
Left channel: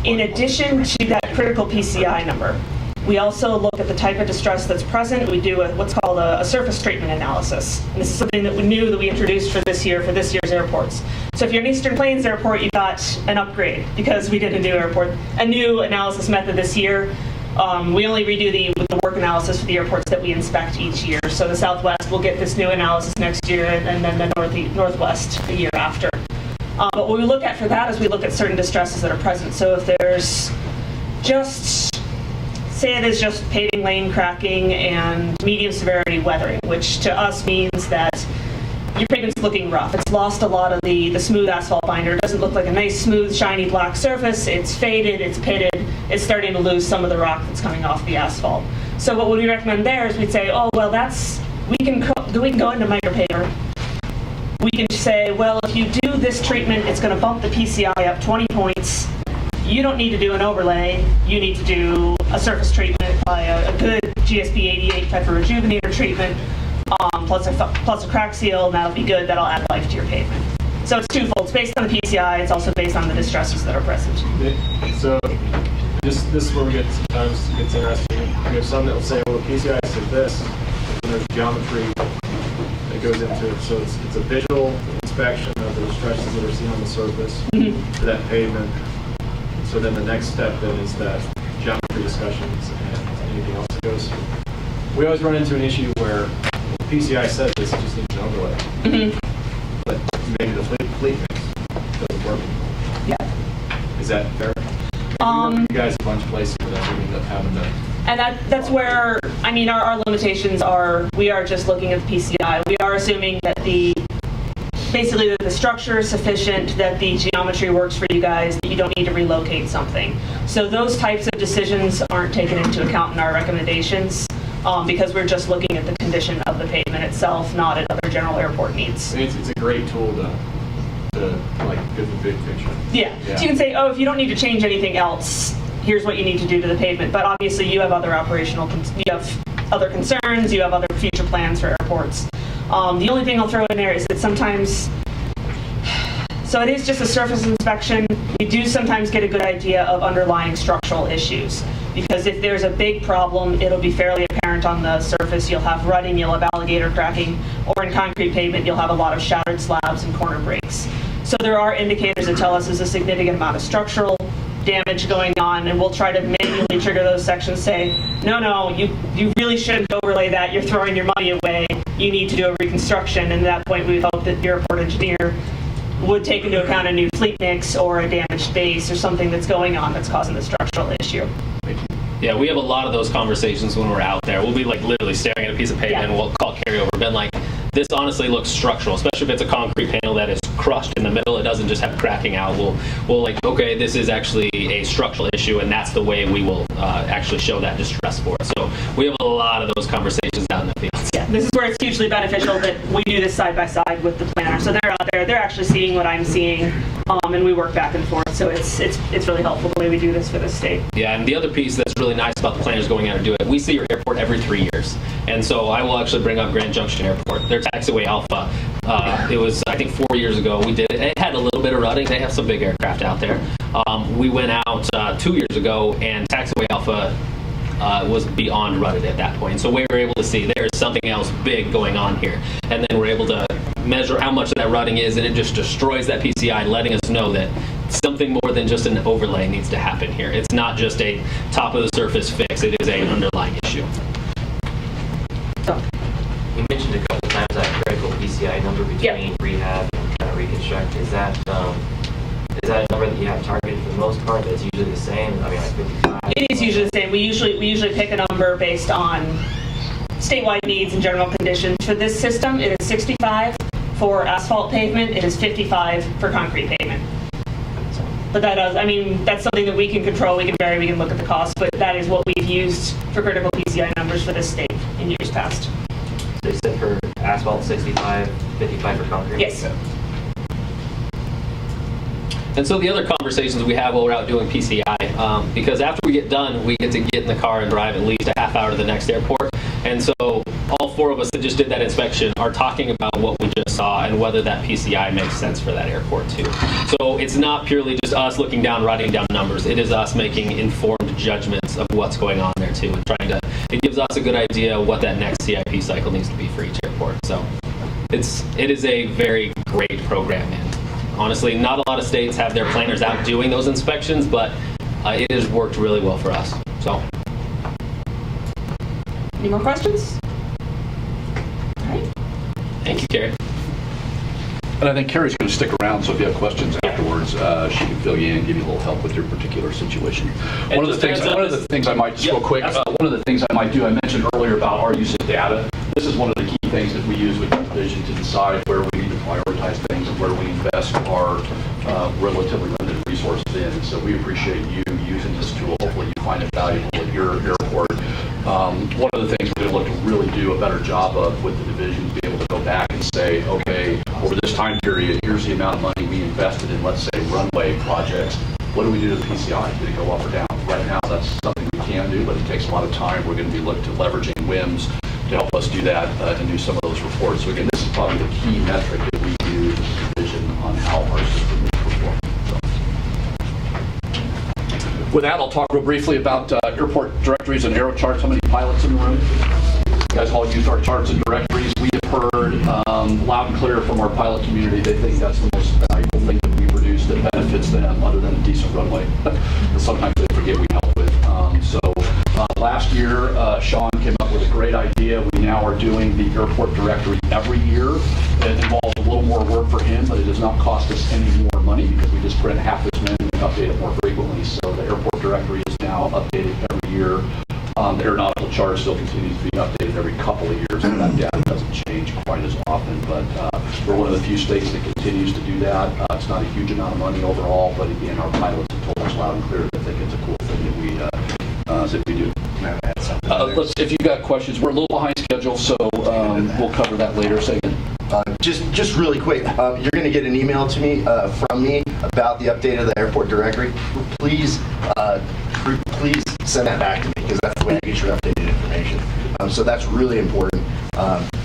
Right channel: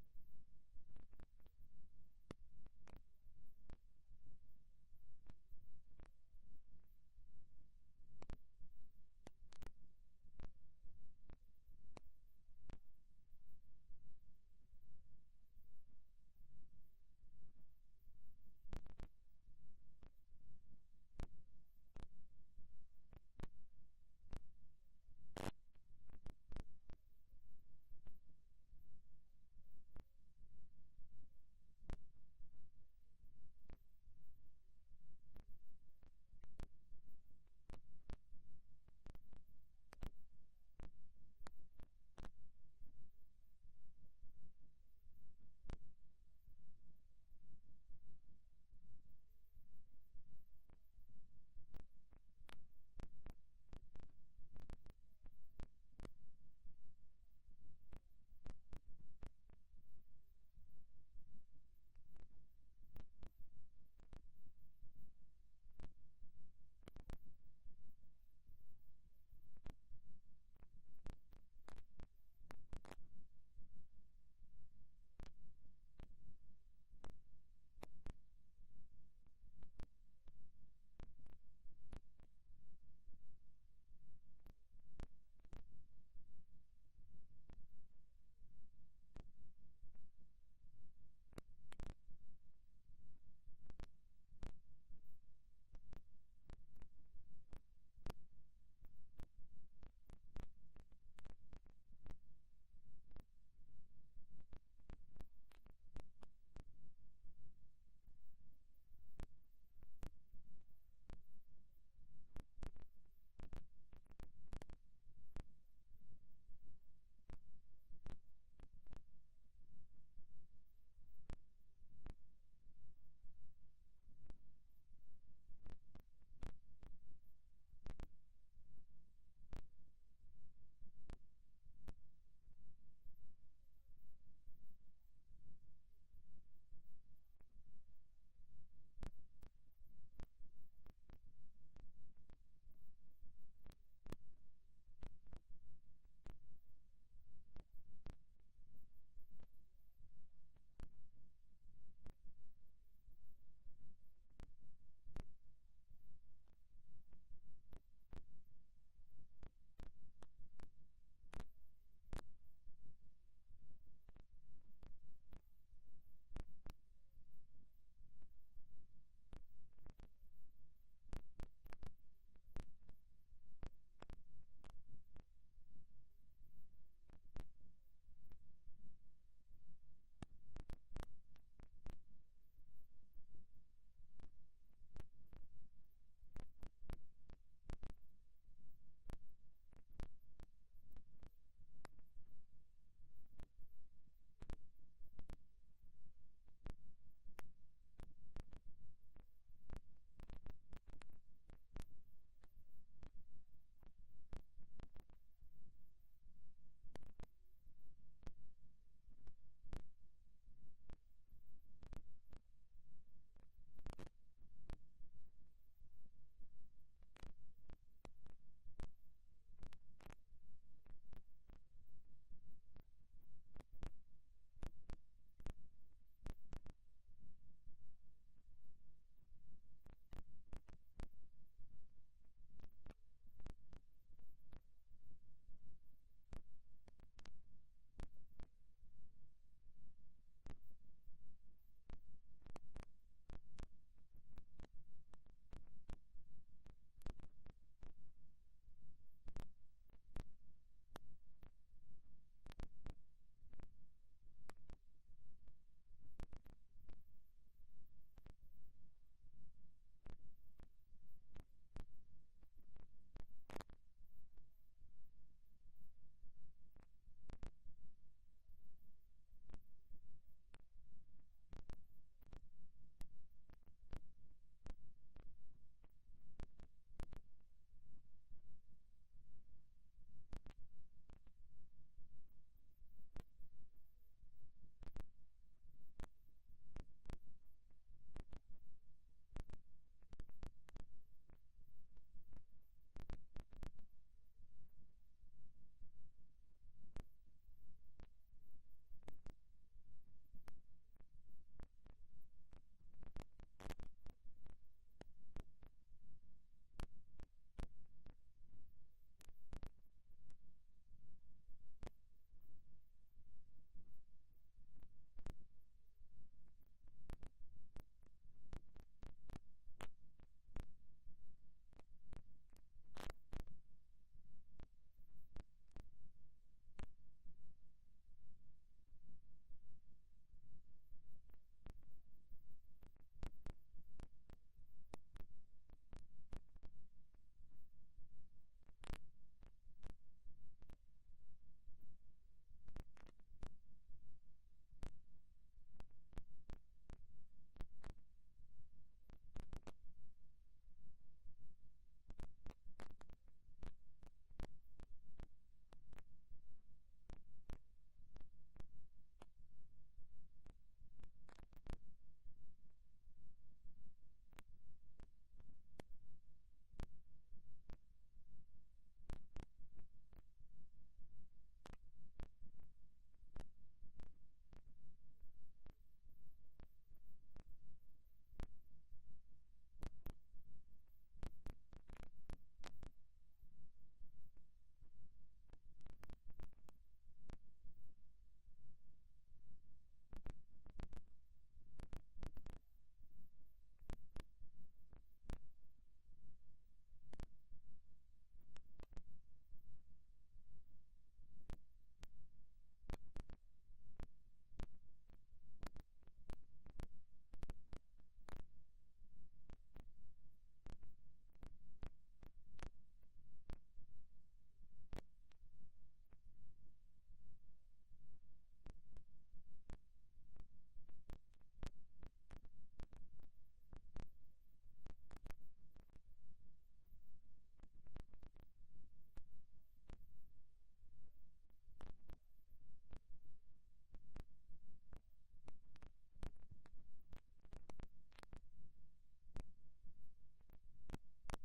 In addition to that critical PCI number, we also look at the type of distress that's present. We do what's called a surface treatment analysis. And this is something that we knew that we introduced for this year's airports. So if you're an Eastern Plains airport, you got an upgrade because we did a new analysis method this year. We only redo the work analysis for the airports that we inspect each year. So the Southwest will get this new analysis next year, and then the Northwest the year after. But what we look at for that is we look at certain distresses that are present. So if there's say it is just paving lane cracking and medium severity weathering, which to us means that your pavement's looking rough. It's lost a lot of the smooth asphalt binder. It doesn't look like a nice, smooth, shiny black surface. It's faded, it's pitted, it's starting to lose some of the rock that's coming off the asphalt. So what we recommend there is we'd say, oh, well, we can go into micropaver. We can say, well, if you do this treatment, it's going to bump the PCI up 20 points. You don't need to do an overlay. You need to do a surface treatment by a good GSB 88 type of rejuvenator treatment, plus a crack seal, and that'll be good. That'll add life to your pavement. So it's twofold. It's based on the PCI. It's also based on the distresses that are present. So this is where sometimes it gets interesting. We have some that will say, well, the PCI said this, and there's geometry that goes into it. So it's a visual inspection of the distresses that are seen on the surface for that pavement. So then the next step then is that geometry discussions and anything else that goes. We always run into an issue where the PCI says this, it just needs an overlay. But maybe the fleet mix doesn't work. Yeah. Is that fair? You guys a bunch of places where that's what we end up having to. And that's where, I mean, our limitations are, we are just looking at the PCI. We are assuming that basically that the structure is sufficient, that the geometry works for you guys, that you don't need to relocate something. So those types of decisions aren't taken into account in our recommendations because we're just looking at the condition of the pavement itself, not at other general airport needs. It's a great tool to like get the big picture. Yeah. So you can say, oh, if you don't need to change anything else, here's what you need to do to the pavement. But obviously you have other other concerns, you have other future plans for airports. The only thing I'll throw in there is that sometimes, so it is just a surface inspection. We do sometimes get a good idea of underlying structural issues because if there's a big problem, it'll be fairly apparent on the surface. You'll have rutting, you'll have alligator cracking, or in concrete pavement, you'll have a lot of shattered slabs and corner breaks. So there are indicators that tell us there's a significant amount of structural damage going on, and we'll try to manually trigger those sections, say, no, you really shouldn't overlay that, you're throwing your money away, you need to do a reconstruction, and at that point we hope that the airport engineer would take into account a new fleet mix or a damaged base or something that's going on that's causing the structural issue. Yeah, we have a lot of those conversations when we're out there. We'll be like literally staring at a piece of pavement and we'll call carryover, been like, this honestly looks structural, especially if it's a concrete panel that is crushed in the middle. It doesn't just have cracking out. We'll like, okay, this is actually a structural issue, and that's the way we will actually show that distress for it. So we have a lot of those conversations out in the field. Yeah, this is where it's hugely beneficial that we do this side by side with the planner. So they're out there, they're actually seeing what I'm seeing, and we work back and forth. So it's really helpful the way we do this for the state. Yeah, and the other piece that's really nice about the planners going out and do it, we see your airport every 3 years. And so I will actually bring up Grand Junction Airport. Their taxiway Alpha, it was, I think, 4 years ago we did it. It had a little bit of rutting. They have some big aircraft out there. We went out 2 years ago, and taxiway Alpha was beyond rutted at that point. So we were able to see there's something else big going on here. And then we're able to measure how much of that rutting is, and it just destroys that PCI, letting us know that something more than just an overlay needs to happen here. It's not just a top of the surface fix, it is an underlying issue. You mentioned a couple times that critical PCI number between rehab and kind of reconstruct. Is that a number that you have targeted for the most part that's usually the same? I mean, like 55? It is usually the same. We usually pick a number based on statewide needs and general conditions. For this system, it is 65 for asphalt pavement, it is 55 for concrete pavement. But that does, I mean, that's something that we can control, we can vary, we can look at the cost, but that is what we've used for critical PCI numbers for this state in years past. So you said for asphalt 65, 55 for concrete? Yes. And so the other conversations we have while we're out doing PCI, because after we get done, we get to get in the car and drive at least a half hour to the next airport. And so all four of us that just did that inspection are talking about what we just saw and whether that PCI makes sense for that airport too. So it's not purely just us looking down, writing down numbers. It is us making informed judgments of what's going on there too, and trying to, it gives us a good idea of what that next CIP cycle needs to be for each airport. So it is a very great program, and honestly, not a lot of states have their planners out doing those inspections, but it has worked really well for us. So. Any more questions? All right. Thank you, Carrie. And I think Carrie's going to stick around, so if you have questions afterwards, she can fill you in, give you a little help with your particular situation. One of the things I might, just real quick, one of the things I might do, I mentioned earlier about our use of data. This is one of the key things that we use with the division to decide where we need to prioritize things and where we invest our relatively limited resources in. And so we appreciate you using this tool. Hopefully you find it valuable at your airport. One of the things we're going to look to really do a better job of with the division is be able to go back and say, okay, over this time period, here's the amount of money we invested in, let's say, runway projects. What do we do to the PCI? Did it go up or down? Right now, that's something we can do, but it takes a lot of time. We're going to be looking to leveraging WIMS to help us do that and do some of those reports. So again, this is probably the key metric that we use as a division on how our system is performing. With that, I'll talk real briefly about airport directories and aero charts. How many pilots in the room? You guys all use our charts and directories. We have heard loud and clear from our pilot community. They think that's the most valuable thing that we produce that benefits them other than a decent runway. Sometimes they forget we help with. Last year, Sean came up with a great idea. We now are doing the airport directory every year. It involves a little more work for him, but it does not cost us any more money because we just print half as many and update it more frequently. So the airport directory is now updated every year. The aeronautical chart still continues to be updated every couple of years, and that data doesn't change quite as often. But we're one of the few states that continues to do that. It's not a huge amount of money overall, but again, our pilots have told us loud and clear that they think it's a cool thing that we do. If you got questions, we're a little behind schedule, so we'll cover that later. Say again. Just really quick, you're going to get an email to me from me about the update of the airport directory. Please send that back to me because that's the way I get your updated information. So that's really important.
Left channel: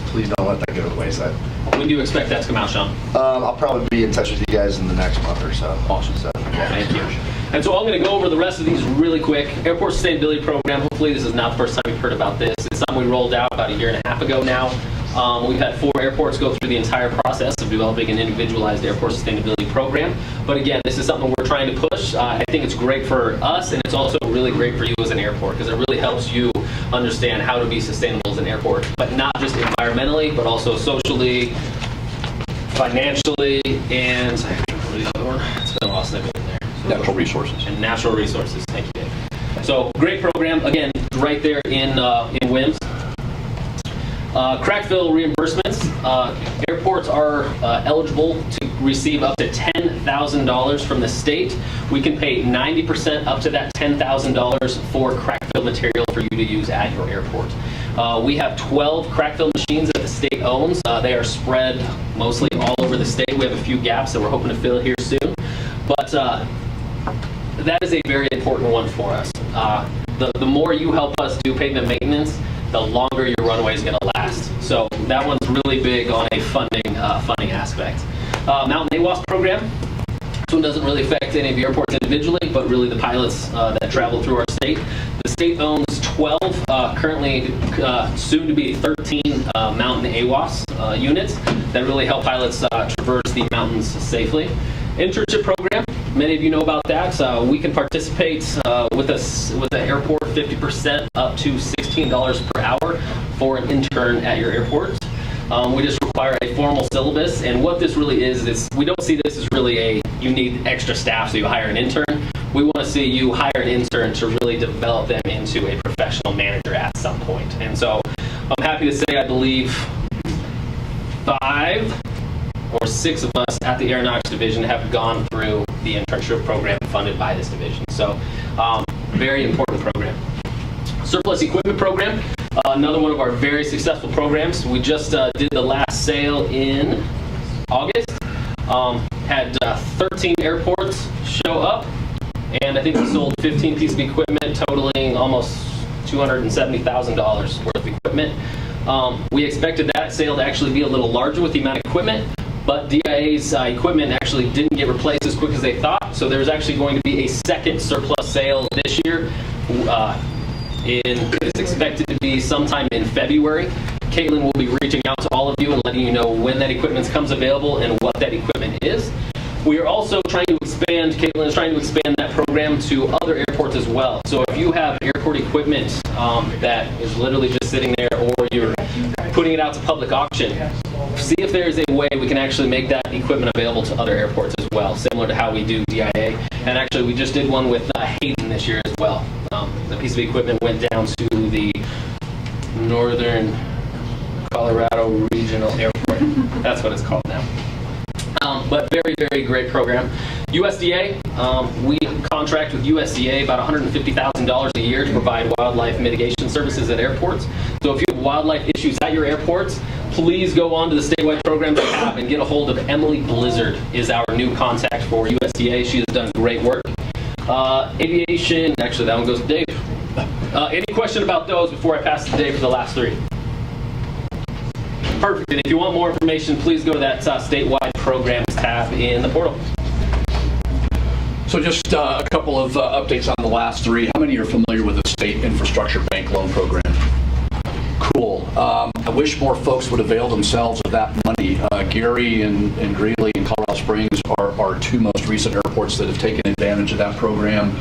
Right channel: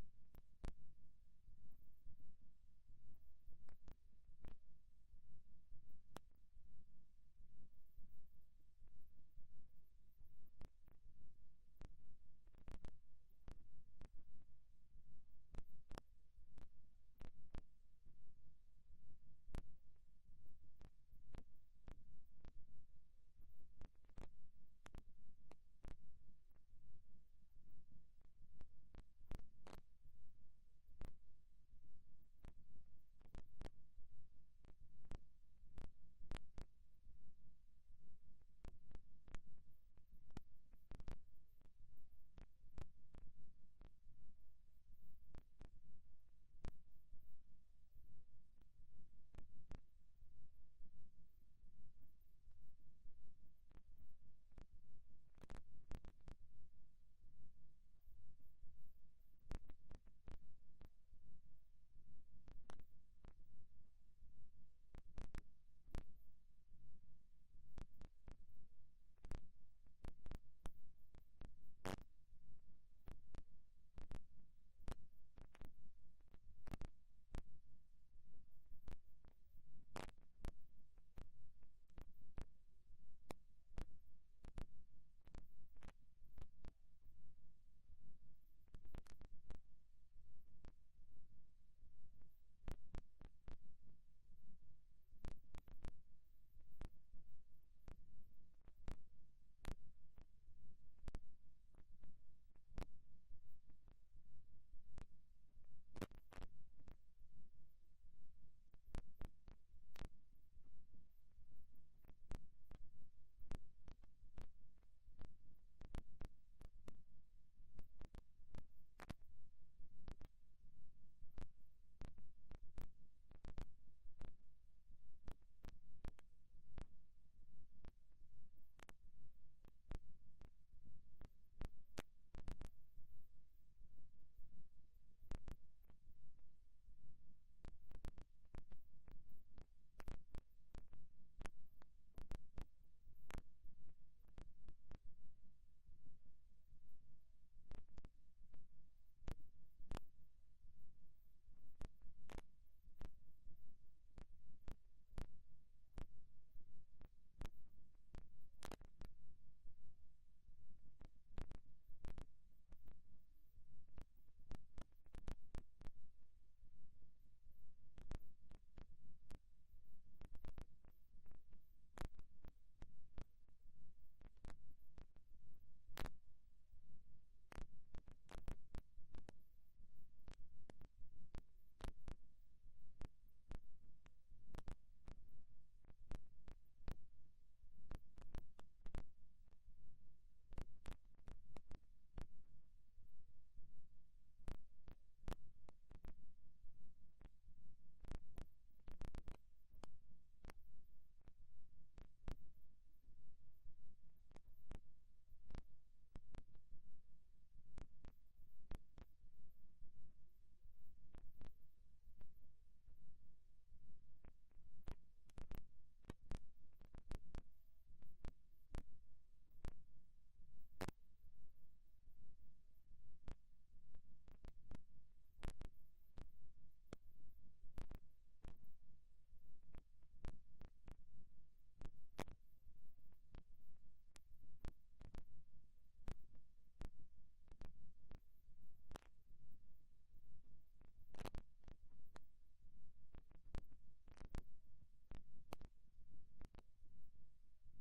Please don't let that go to the wayside. When do you expect that to come out, Sean? I'll probably be in touch with you guys in the next month or so. Awesome. So, yeah. Thank you. And so I'm going to go over the rest of these really quick. Airport Sustainability Program, hopefully this is not the first time you've heard about this. It's something we rolled out about a year and a half ago now. We've had 4 airports go through the entire process of developing an individualized airport sustainability program. But again, this is something we're trying to push. I think it's great for us, and it's also really great for you as an airport because it really helps you understand how to be sustainable as an airport, but not just environmentally, but also socially, financially, and the other one. It's been a lost in there. Natural resources. And natural resources. Thank you, Dave. So great program. Again, right there in WIMS. Crackfill reimbursements. Airports are eligible to receive up to $10,000 from the state. We can pay 90% up to that $10,000 for crackfill material for you to use at your airport. We have 12 crackfill machines that the state owns. They are spread mostly all over the state. We have a few gaps that we're hoping to fill here soon. But that is a very important one for us. The more you help us do pavement maintenance, the longer your runway is going to last. So that one's really big on a funding aspect. Mountain AWOS program. This one doesn't really affect any of your airports individually, but really the pilots that travel through our state. The state owns 12, currently soon to be 13 mountain AWOS units that really help pilots traverse the mountains safely. Internship program, many of you know about that. We can participate with the airport 50% up to $16 per hour for an intern at your airport. We just require a formal syllabus, and what this really is we don't see this as really you need extra staff so you hire an intern. We want to see you hire an intern to really develop them into a professional manager at some point. And so I'm happy to say I believe 5 or 6 of us at the Aeronautics Division have gone through the Internship Program funded by this division. So very important program. Surplus Equipment Program, another one of our very successful programs. We just did the last sale in August. Had 13 airports show up, and I think we sold 15 pieces of equipment totaling almost $270,000 worth of equipment. We expected that sale to actually be a little larger with the amount of equipment, but DIA's equipment actually didn't get replaced as quick as they thought, so there's actually going to be a second surplus sale this year. It's expected to be sometime in February. Caitlin will be reaching out to all of you and letting you know when that equipment comes available and what that equipment is. We are also trying to expand, Caitlin is trying to expand that program to other airports as well. So if you have airport equipment that is literally just sitting there, or you're putting it out to public auction, see if there's a way we can actually make that equipment available to other airports as well, similar to how we do DIA. And actually, we just did one with Hayden this year as well. The piece of equipment went down to the Northern Colorado Regional Airport. That's what it's called now. But very, very great program. USDA, we contract with USDA about $150,000 a year to provide wildlife mitigation services at airports. So if you have wildlife issues at your airports, please go on to the statewide program tab and get a hold of Emily Blizzard, is our new contact for USDA. She has done great work. Aviation, actually that one goes to Dave. Any question about those before I pass it to Dave for the last 3? Perfect. And if you want more information, please go to that statewide programs tab in the portal. So just a couple of updates on the last 3. How many are familiar with the State Infrastructure Bank Loan Program? Cool. I wish more folks would avail themselves of that money. Gary and Greeley and Colorado Springs are our 2 most recent airports that have taken advantage of that program.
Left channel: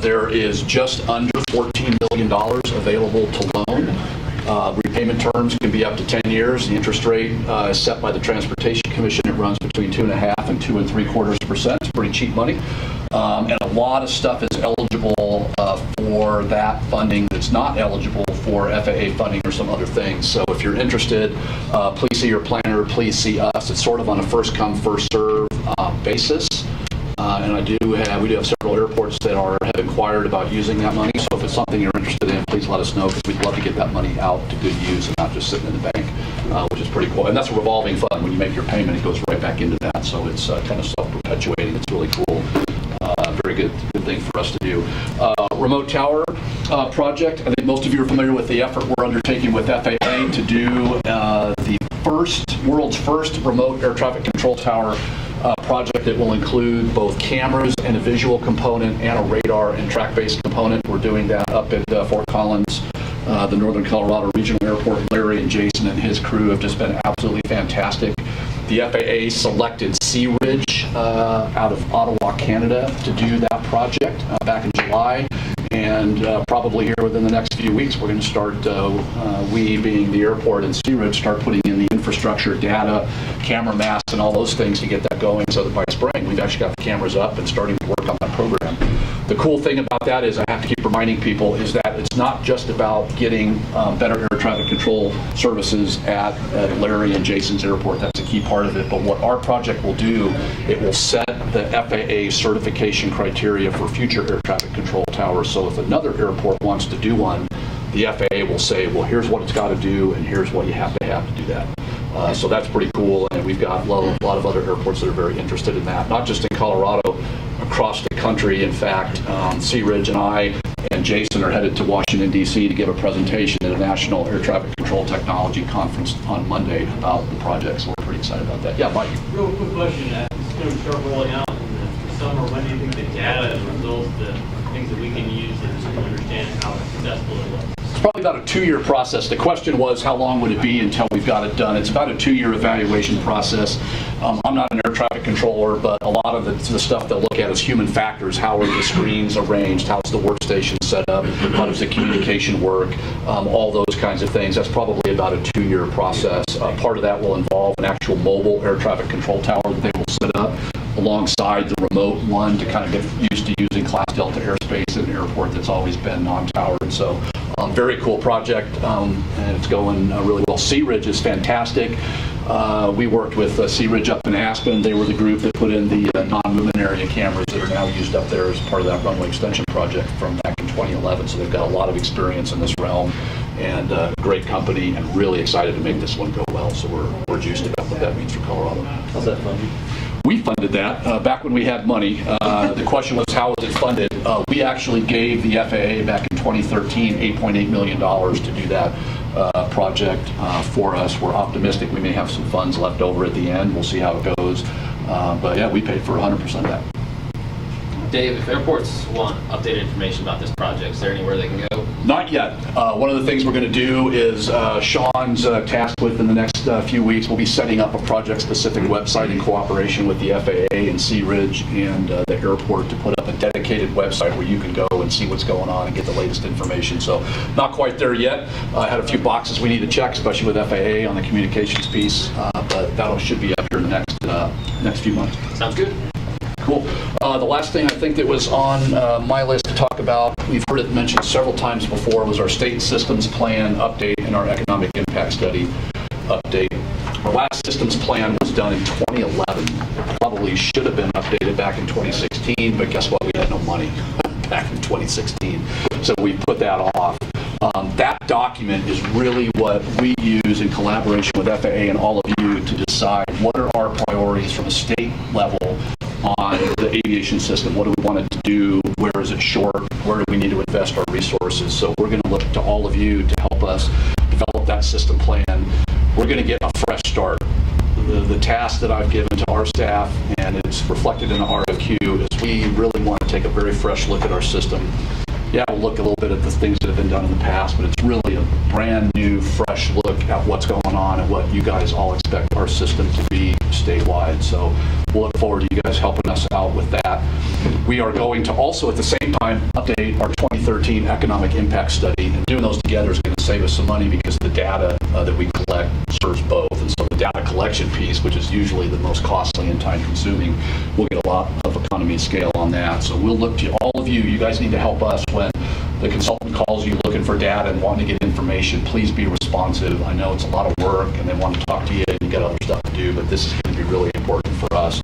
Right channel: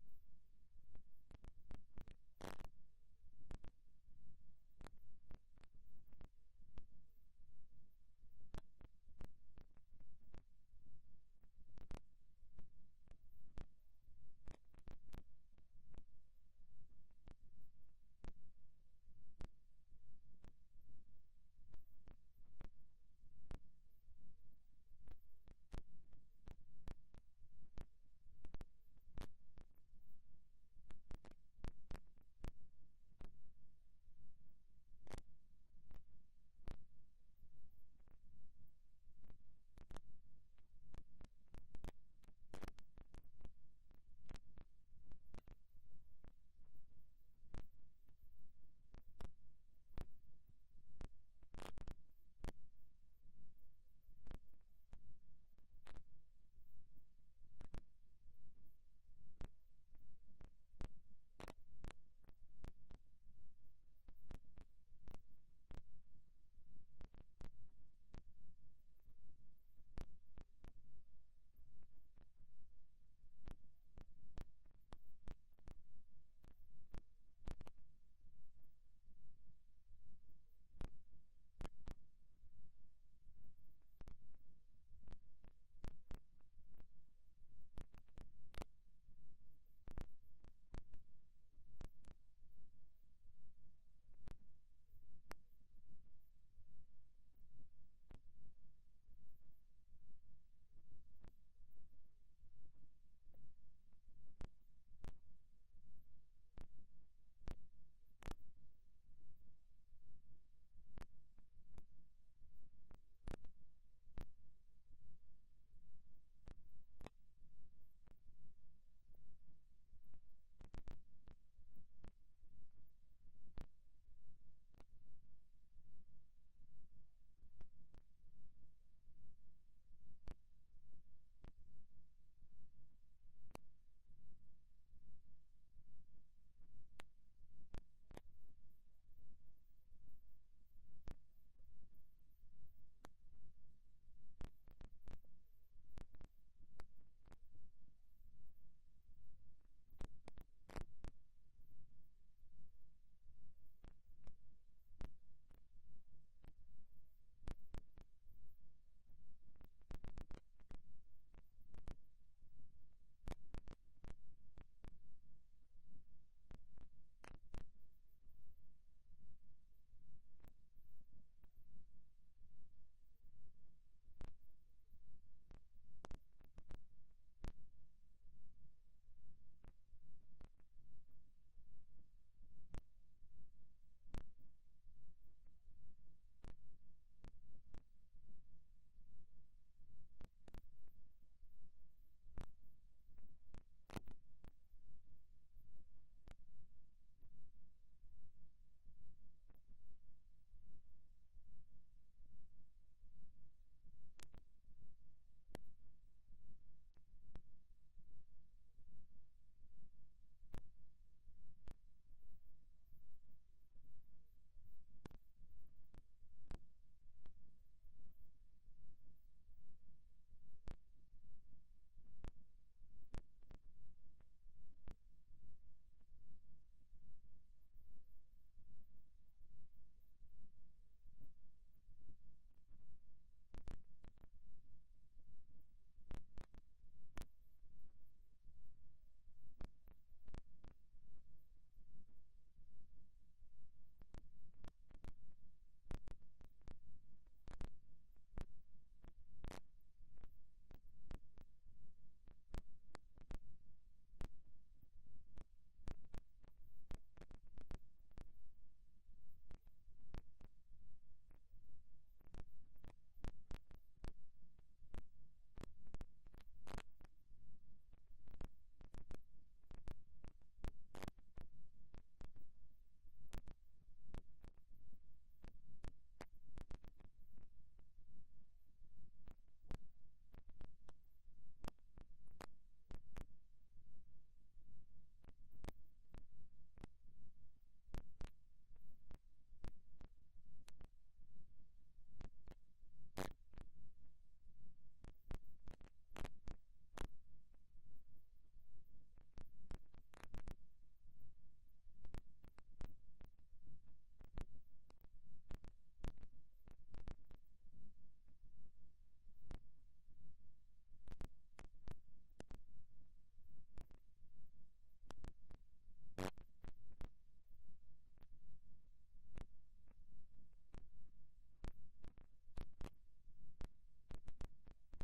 There is just under $14 million available to loan. Repayment terms can be up to 10 years. The interest rate is set by the Transportation Commission. It runs between 2.5% and 2.75%. It's pretty cheap money. And a lot of stuff is eligible for that funding that's not eligible for FAA funding or some other things. So if you're interested, please see your planner, please see us. It's sort of on a first come, first serve basis. And we do have several airports that have inquired about using that money. So if it's something you're interested in, please let us know, because we'd love to get that money out to good use and not just sitting in the bank, which is pretty cool. And that's a revolving fund. When you make your payment, it goes right back into that. So it's kind of self-perpetuating. It's really cool. Very good thing for us to do. Remote tower project. I think most of you are familiar with the effort we're undertaking with FAA to do the world's first remote air traffic control tower project that will include both cameras and a visual component and a radar and track-based component. We're doing that up at Fort Collins, the Northern Colorado Regional Airport. Larry and Jason and his crew have just been absolutely fantastic. The FAA selected Sea Ridge out of Ottawa, Canada, to do that project back in July. And probably here within the next few weeks, we're going to start, we being the airport and Sea Ridge, start putting in the infrastructure, data, camera masts, and all those things to get that going, so that by spring, we've actually got the cameras up and starting to work on that program. The cool thing about that is, I have to keep reminding people, is that it's not just about getting better air traffic control services at Larry and Jason's airport. That's a key part of it. But what our project will do, it will set the FAA certification criteria for future air traffic control towers. So if another airport wants to do one, the FAA will say, well, here's what it's got to do, and here's what you have to do that. So that's pretty cool, and we've got a lot of other airports that are very interested in that, not just in Colorado, across the country. In fact, Sea Ridge and I and Jason are headed to Washington, D.C. to give a presentation at a National Air Traffic Control Technology Conference on Monday about the project, so we're pretty excited about that. Yeah, Mike? Real quick question. It's going to start rolling out in the summer. When do you think the data and results, the things that we can use to understand how successful it was? It's probably about a 2-year process. The question was, how long would it be until we've got it done? It's about a 2-year evaluation process. I'm not an air traffic controller, but a lot of the stuff they'll look at is human factors. How are the screens arranged? How's the workstation set up? How does the communication work? All those kinds of things. That's probably about a 2-year process. Part of that will involve an actual mobile air traffic control tower that they will set up alongside the remote one to kind of get used to using Class Delta airspace at an airport that's always been non-towered. So Very cool project, and it's going really well. Sea Ridge is fantastic. We worked with Sea Ridge up in Aspen. They were the group that put in the non-movement area cameras that are now used up there as part of that runway extension project from back in 2011. So they've got a lot of experience in this realm, and great company, and really excited to make this one go well. So we're juiced about what that means for Colorado. How's that funded? We funded that back when we had money. The question was, how was it funded? We actually gave the FAA back in 2013 $8.8 million to do that project for us. We're optimistic we may have some funds left over at the end. We'll see how it goes. But yeah, we paid for 100% of that. Dave, if airports want updated information about this project, is there anywhere they can go? Not yet. One of the things we're going to do is Sean's tasked with in the next few weeks, we'll be setting up a project-specific website in cooperation with the FAA and Sea Ridge and the airport to put up a dedicated website where you can go and see what's going on and get the latest information. So not quite there yet. I had a few boxes we need to check, especially with FAA on the communications piece, but that should be up here in the next few months. Sounds good. Cool. The last thing I think that was on my list to talk about, we've heard it mentioned several times before, was our state systems plan update and our economic impact study update. Our last systems plan was done in 2011. Probably should have been updated back in 2016, but guess what? We had no money back in 2016. So we put that off. That document is really what we use in collaboration with FAA and all of you to decide what are our priorities from a state level on the aviation system. What do we want it to do? Where is it short? Where do we need to invest our resources? So we're going to look to all of you to help us develop that system plan. We're going to get a fresh start. The task that I've given to our staff, and it's reflected in the RFQ, is we really want to take a very fresh look at our system. Yeah, we'll look a little bit at the things that have been done in the past, but it's really a brand new, fresh look at what's going on and what you guys all expect our system to be statewide. So we'll look forward to you guys helping us out with that. We are going to also, at the same time, update our 2013 economic impact study, and doing those together is going to save us some money because the data that we collect serves both. And so the data collection piece, which is usually the most costly and time consuming, we'll get a lot of economy of scale on that. So we'll look to all of you. You guys need to help us when the consultant calls you looking for data and wanting to get information. Please be responsive. I know it's a lot of work and they want to talk to you and you got other stuff to do, but this is going to be really important for us.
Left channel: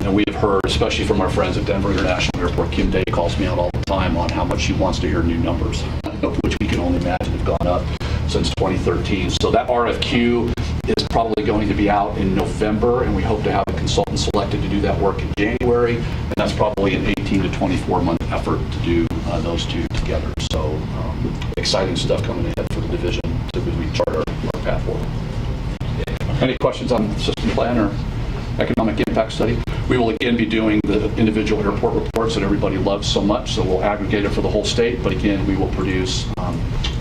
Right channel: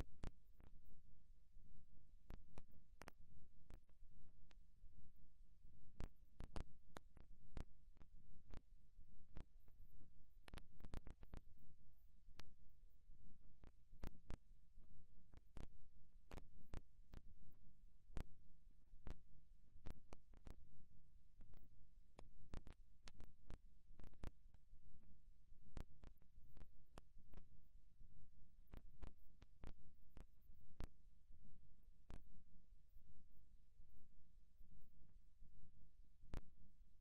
And we have heard, especially from our friends at Denver International Airport, Kim Day calls me out all the time on how much she wants to hear new numbers, which we can only imagine have gone up since 2013. So that RFQ is probably going to be out in November, and we hope to have a consultant selected to do that work in January, and that's probably an 18 to 24-month effort to do those two together. So exciting stuff coming ahead for the division as we chart our path forward. Any questions on the system plan or economic impact study? We will again be doing the individual airport reports that everybody loves so much, so we'll aggregate it for the whole state, but again, we will produce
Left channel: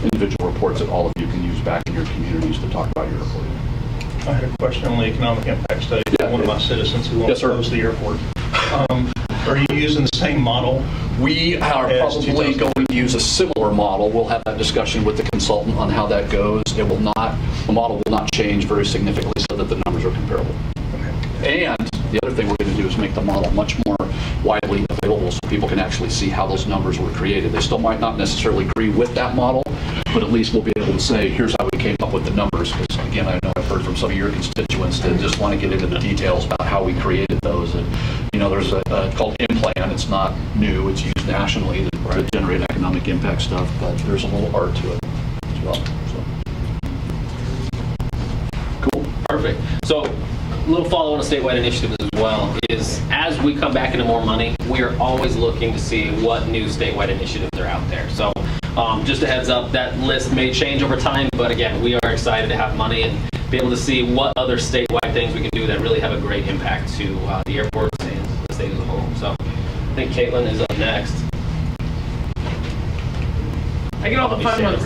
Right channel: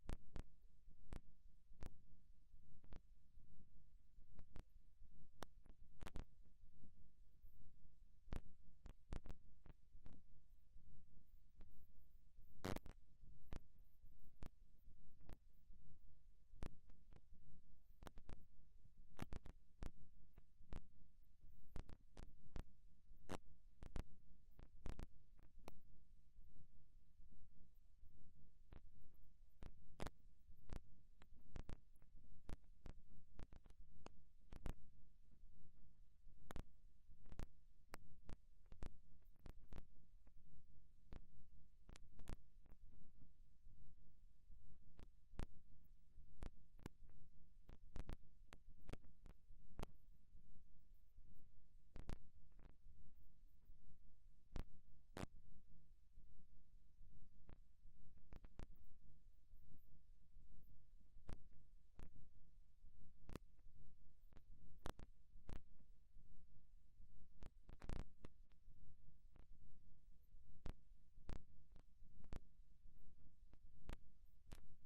individual reports that all of you can use back in your communities to talk about your airport. I had a question on the economic impact study. Yeah. One of my citizens who wants to close the airport. Are you using the same model? We are probably going to use a similar model. We'll have that discussion with the consultant on how that goes. The model will not change very significantly so that the numbers are comparable. And the other thing we're going to do is make the model much more widely available so people can actually see how those numbers were created. They still might not necessarily agree with that model, but at least we'll be able to say, here's how we came up with the numbers. Because again, I know I've heard from some of your constituents that just want to get into the details about how we created those. And there's a called IMPLAN. It's not new. It's used nationally to generate economic impact stuff, but there's a little art to it as well. Cool. Perfect. So a little follow-on to statewide initiatives as well is as we come back into more money, we are always looking to see what new statewide initiatives are out there. So just a heads up, that list may change over time, but again, we are excited to have money and be able to see what other statewide things we can do that really have a great impact to the airports and the state as a whole. So I think Caitlin is up next. I get all the fun ones.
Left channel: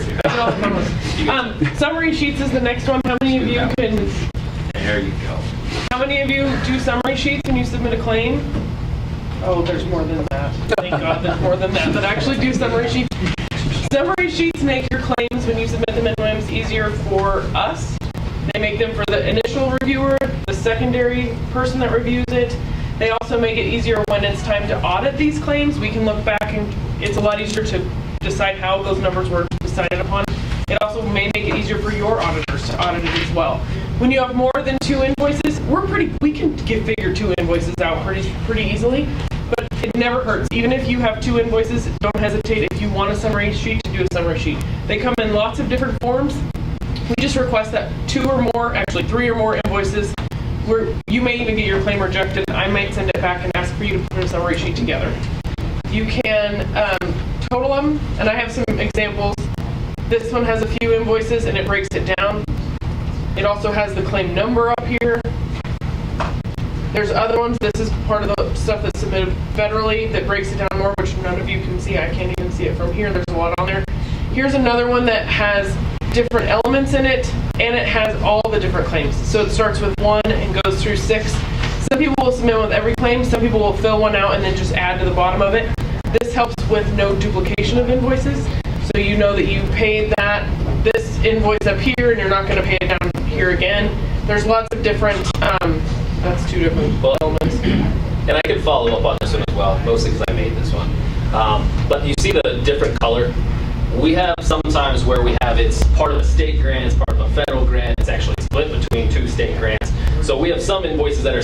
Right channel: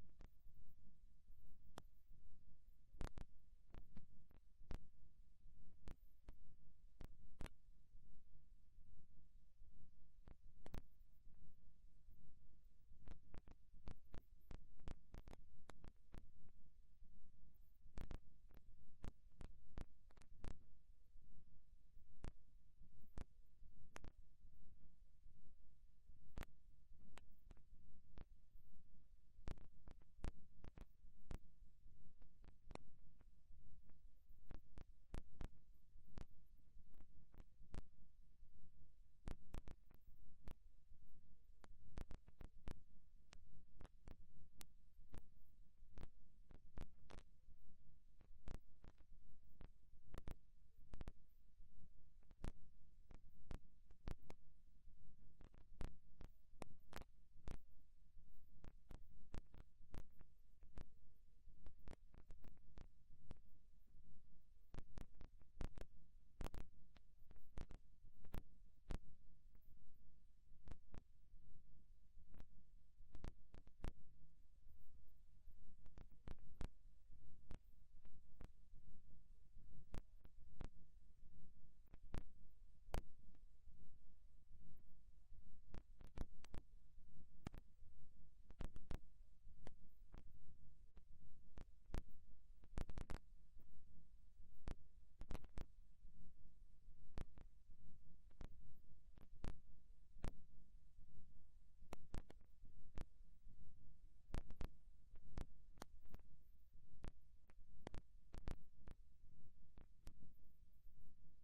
Summary sheets is the next one. How many of you can... There you go. How many of you do summary sheets when you submit a claim? Oh, there's more than that. Thank God there's more than that actually do summary sheets. Summary sheets make your claims when you submit them in WIMS easier for us. They make them for the initial reviewer, the secondary person that reviews it. They also make it easier when it's time to audit these claims. We can look back and it's a lot easier to decide how those numbers were decided upon. It also may make it easier for your auditors to audit it as well. When you have more than 2 invoices, we can figure 2 invoices out pretty easily, but it never hurts. Even if you have 2 invoices, don't hesitate if you want a summary sheet to do a summary sheet. They come in lots of different forms. We just request that 2 or more, actually 3 or more invoices, where you may even get your claim rejected. I might send it back and ask for you to put a summary sheet together. You can total them, and I have some examples. This one has a few invoices and it breaks it down. It also has the claim number up here. There's other ones. This is part of the stuff that's submitted federally that breaks it down more, which none of you can see. I can't even see it from here. There's a lot on there. Here's another one that has different elements in it, and it has all the different claims. So it starts with 1 and goes through 6. Some people will submit with every claim. Some people will fill one out and then just add to the bottom of it. This helps with no duplication of invoices. So you know that you paid this invoice up here and you're not going to pay it down here again. There's lots of different, that's 2 different elements. And I can follow up on this one as well, mostly because I made this one. But you see the different color? We have sometimes where we have it's part of a state grant, it's part of a federal grant, it's actually split between 2 state grants. So we have some invoices that are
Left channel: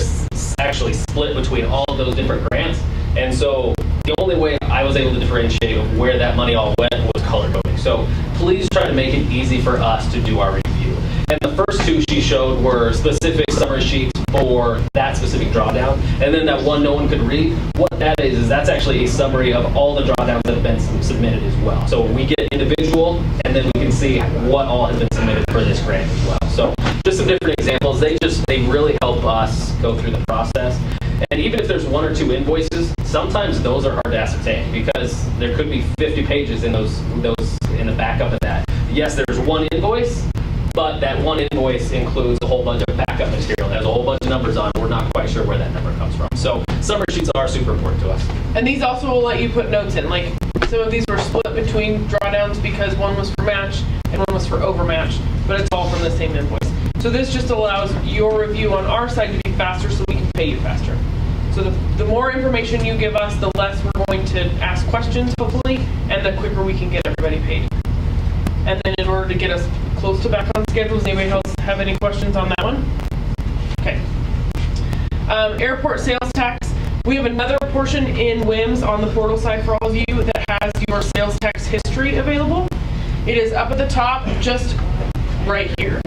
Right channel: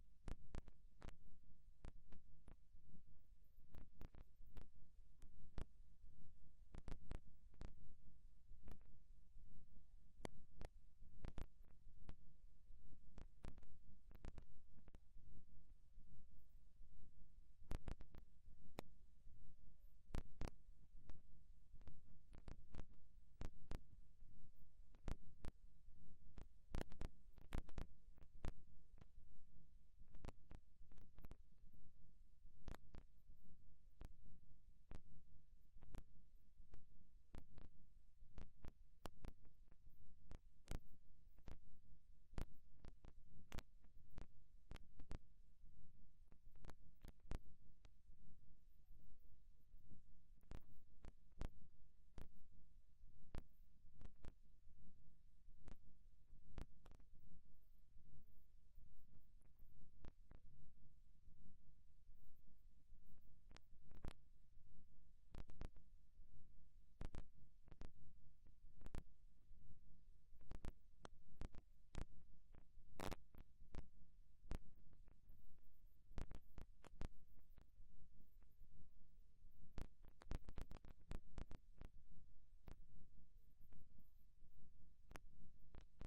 actually split between all of those different grants. And so the only way I was able to differentiate of where that money all went was color coding. So please try to make it easy for us to do our review. And the first 2 she showed were specific summary sheets for that specific drawdown. And then that one no one could read, what that is that's actually a summary of all the drawdowns that have been submitted as well. So we get individual, and then we can see what all has been submitted for this grant as well. So just some different examples. They really help us go through the process. And even if there's 1 or 2 invoices, sometimes those are hard to ascertain because there could be 50 pages in those in the backup of that. Yes, there's 1 invoice, but that 1 invoice includes a whole bunch of backup material. There's a whole bunch of numbers on it. We're not quite sure where that number comes from. So summary sheets are super important to us. And these also will let you put notes in. Like some of these were split between drawdowns because one was for match and one was for overmatch, but it's all from the same invoice. So this just allows your review on our side to be faster so we can pay you faster. So the more information you give us, the less we're going to ask questions, hopefully, and the quicker we can get everybody paid. And then in order to get us close to back on schedule, does anybody else have any questions on that one? Okay. Airport sales tax. We have another portion in WIMS on the portal side for all of you that has your sales tax history available. It is up at the top, just right here.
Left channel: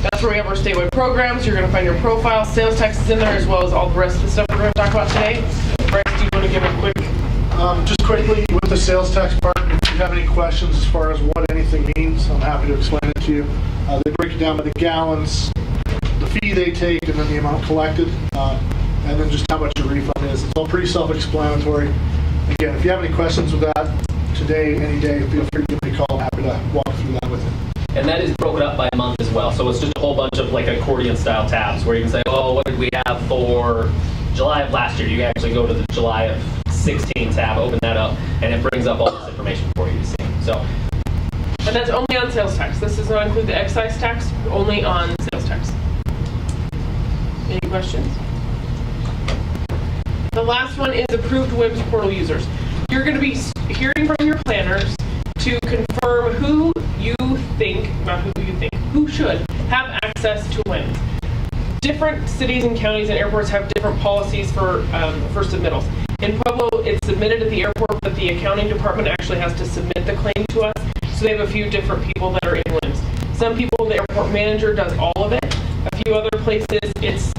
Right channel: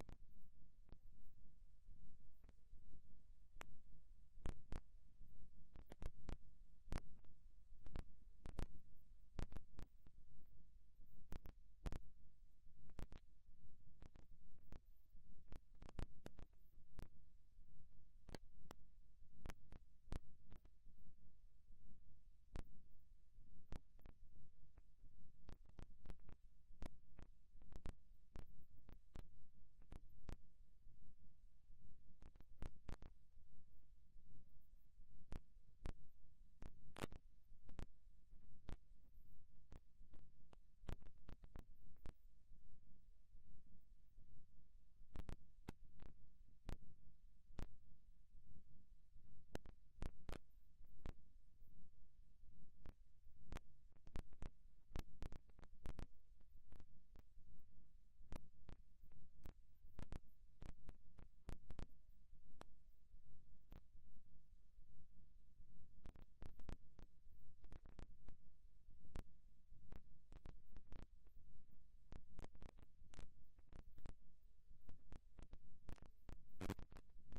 That's where we have our statewide programs. You're going to find your profile, sales taxes in there, as well as all the rest of the stuff we're going to talk about today. Bryce, do you want to give a quick? Just quickly, with the sales tax part, if you have any questions as far as what anything means, I'm happy to explain it to you. They break it down by the gallons, the fee they take, and then the amount collected, and then just how much your refund is. It's all pretty self-explanatory. Again, if you have any questions with that today, any day, feel free to give me a call. I'm happy to walk through that with you. And that is broken up by month as well. So it's just a whole bunch of like accordion style tabs where you can say, oh, what did we have for July of last year? You actually go to the July of 16 tab, open that up, and it brings up all this information for you to see. So, and that's only on sales tax. This does not include the excise tax, only on sales tax. Any questions? The last one is approved WIMS portal users. You're going to be hearing from your planners to confirm who you think, not who you think, who should have access to WIMS. Different cities and counties and airports have different policies for submittals. In Pueblo, it's submitted at the airport, but the accounting department actually has to submit the claim to us. So they have a few different people that are in WIMS. Some people, the airport manager does all of it. A few other places, it's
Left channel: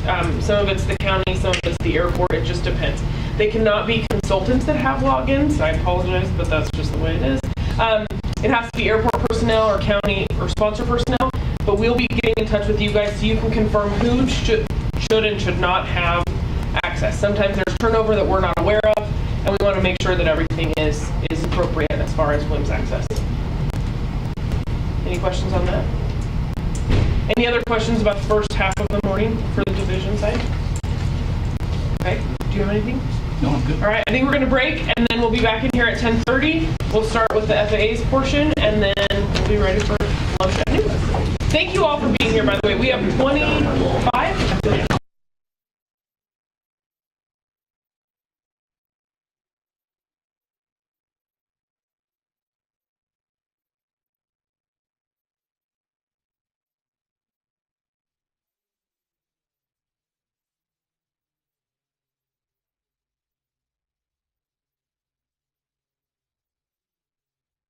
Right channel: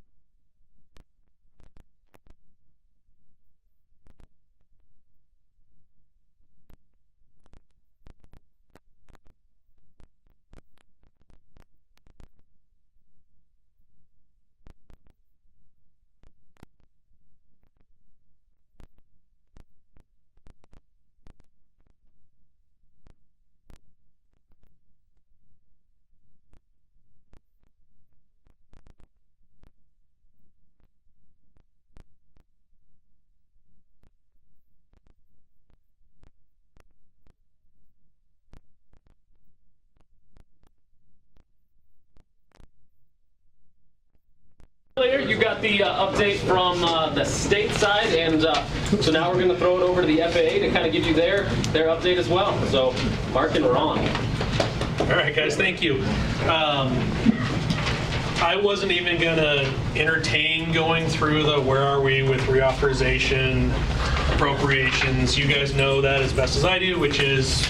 some of it's the county, some of it's the airport. It just depends. They cannot be consultants that have logins. I apologize, but that's just the way it is. It has to be airport personnel or county or sponsor personnel, but we'll be getting in touch with you guys so you can confirm who should and should not have access. Sometimes there's turnover that we're not aware of, and we want to make sure that everything is appropriate as far as WIMS access. Any questions on that? Any other questions about the first half of the morning for the division side? Okay, do you have anything? No, I'm good. All right, I think we're going to break, and then we'll be back in here at 10:30. We'll start with the FAA's portion, and then we'll be ready for lunch at noon. Thank you all for being here, by the way. We have 25 later. You guys got the update from the state side, and so now we're going to throw it over to the FAA to kind of give you their update as well. So, Mark and Ron. All right, guys, thank you. I wasn't even going to entertain going through the where are we with reauthorization, appropriations. You guys know that as best as I do, which is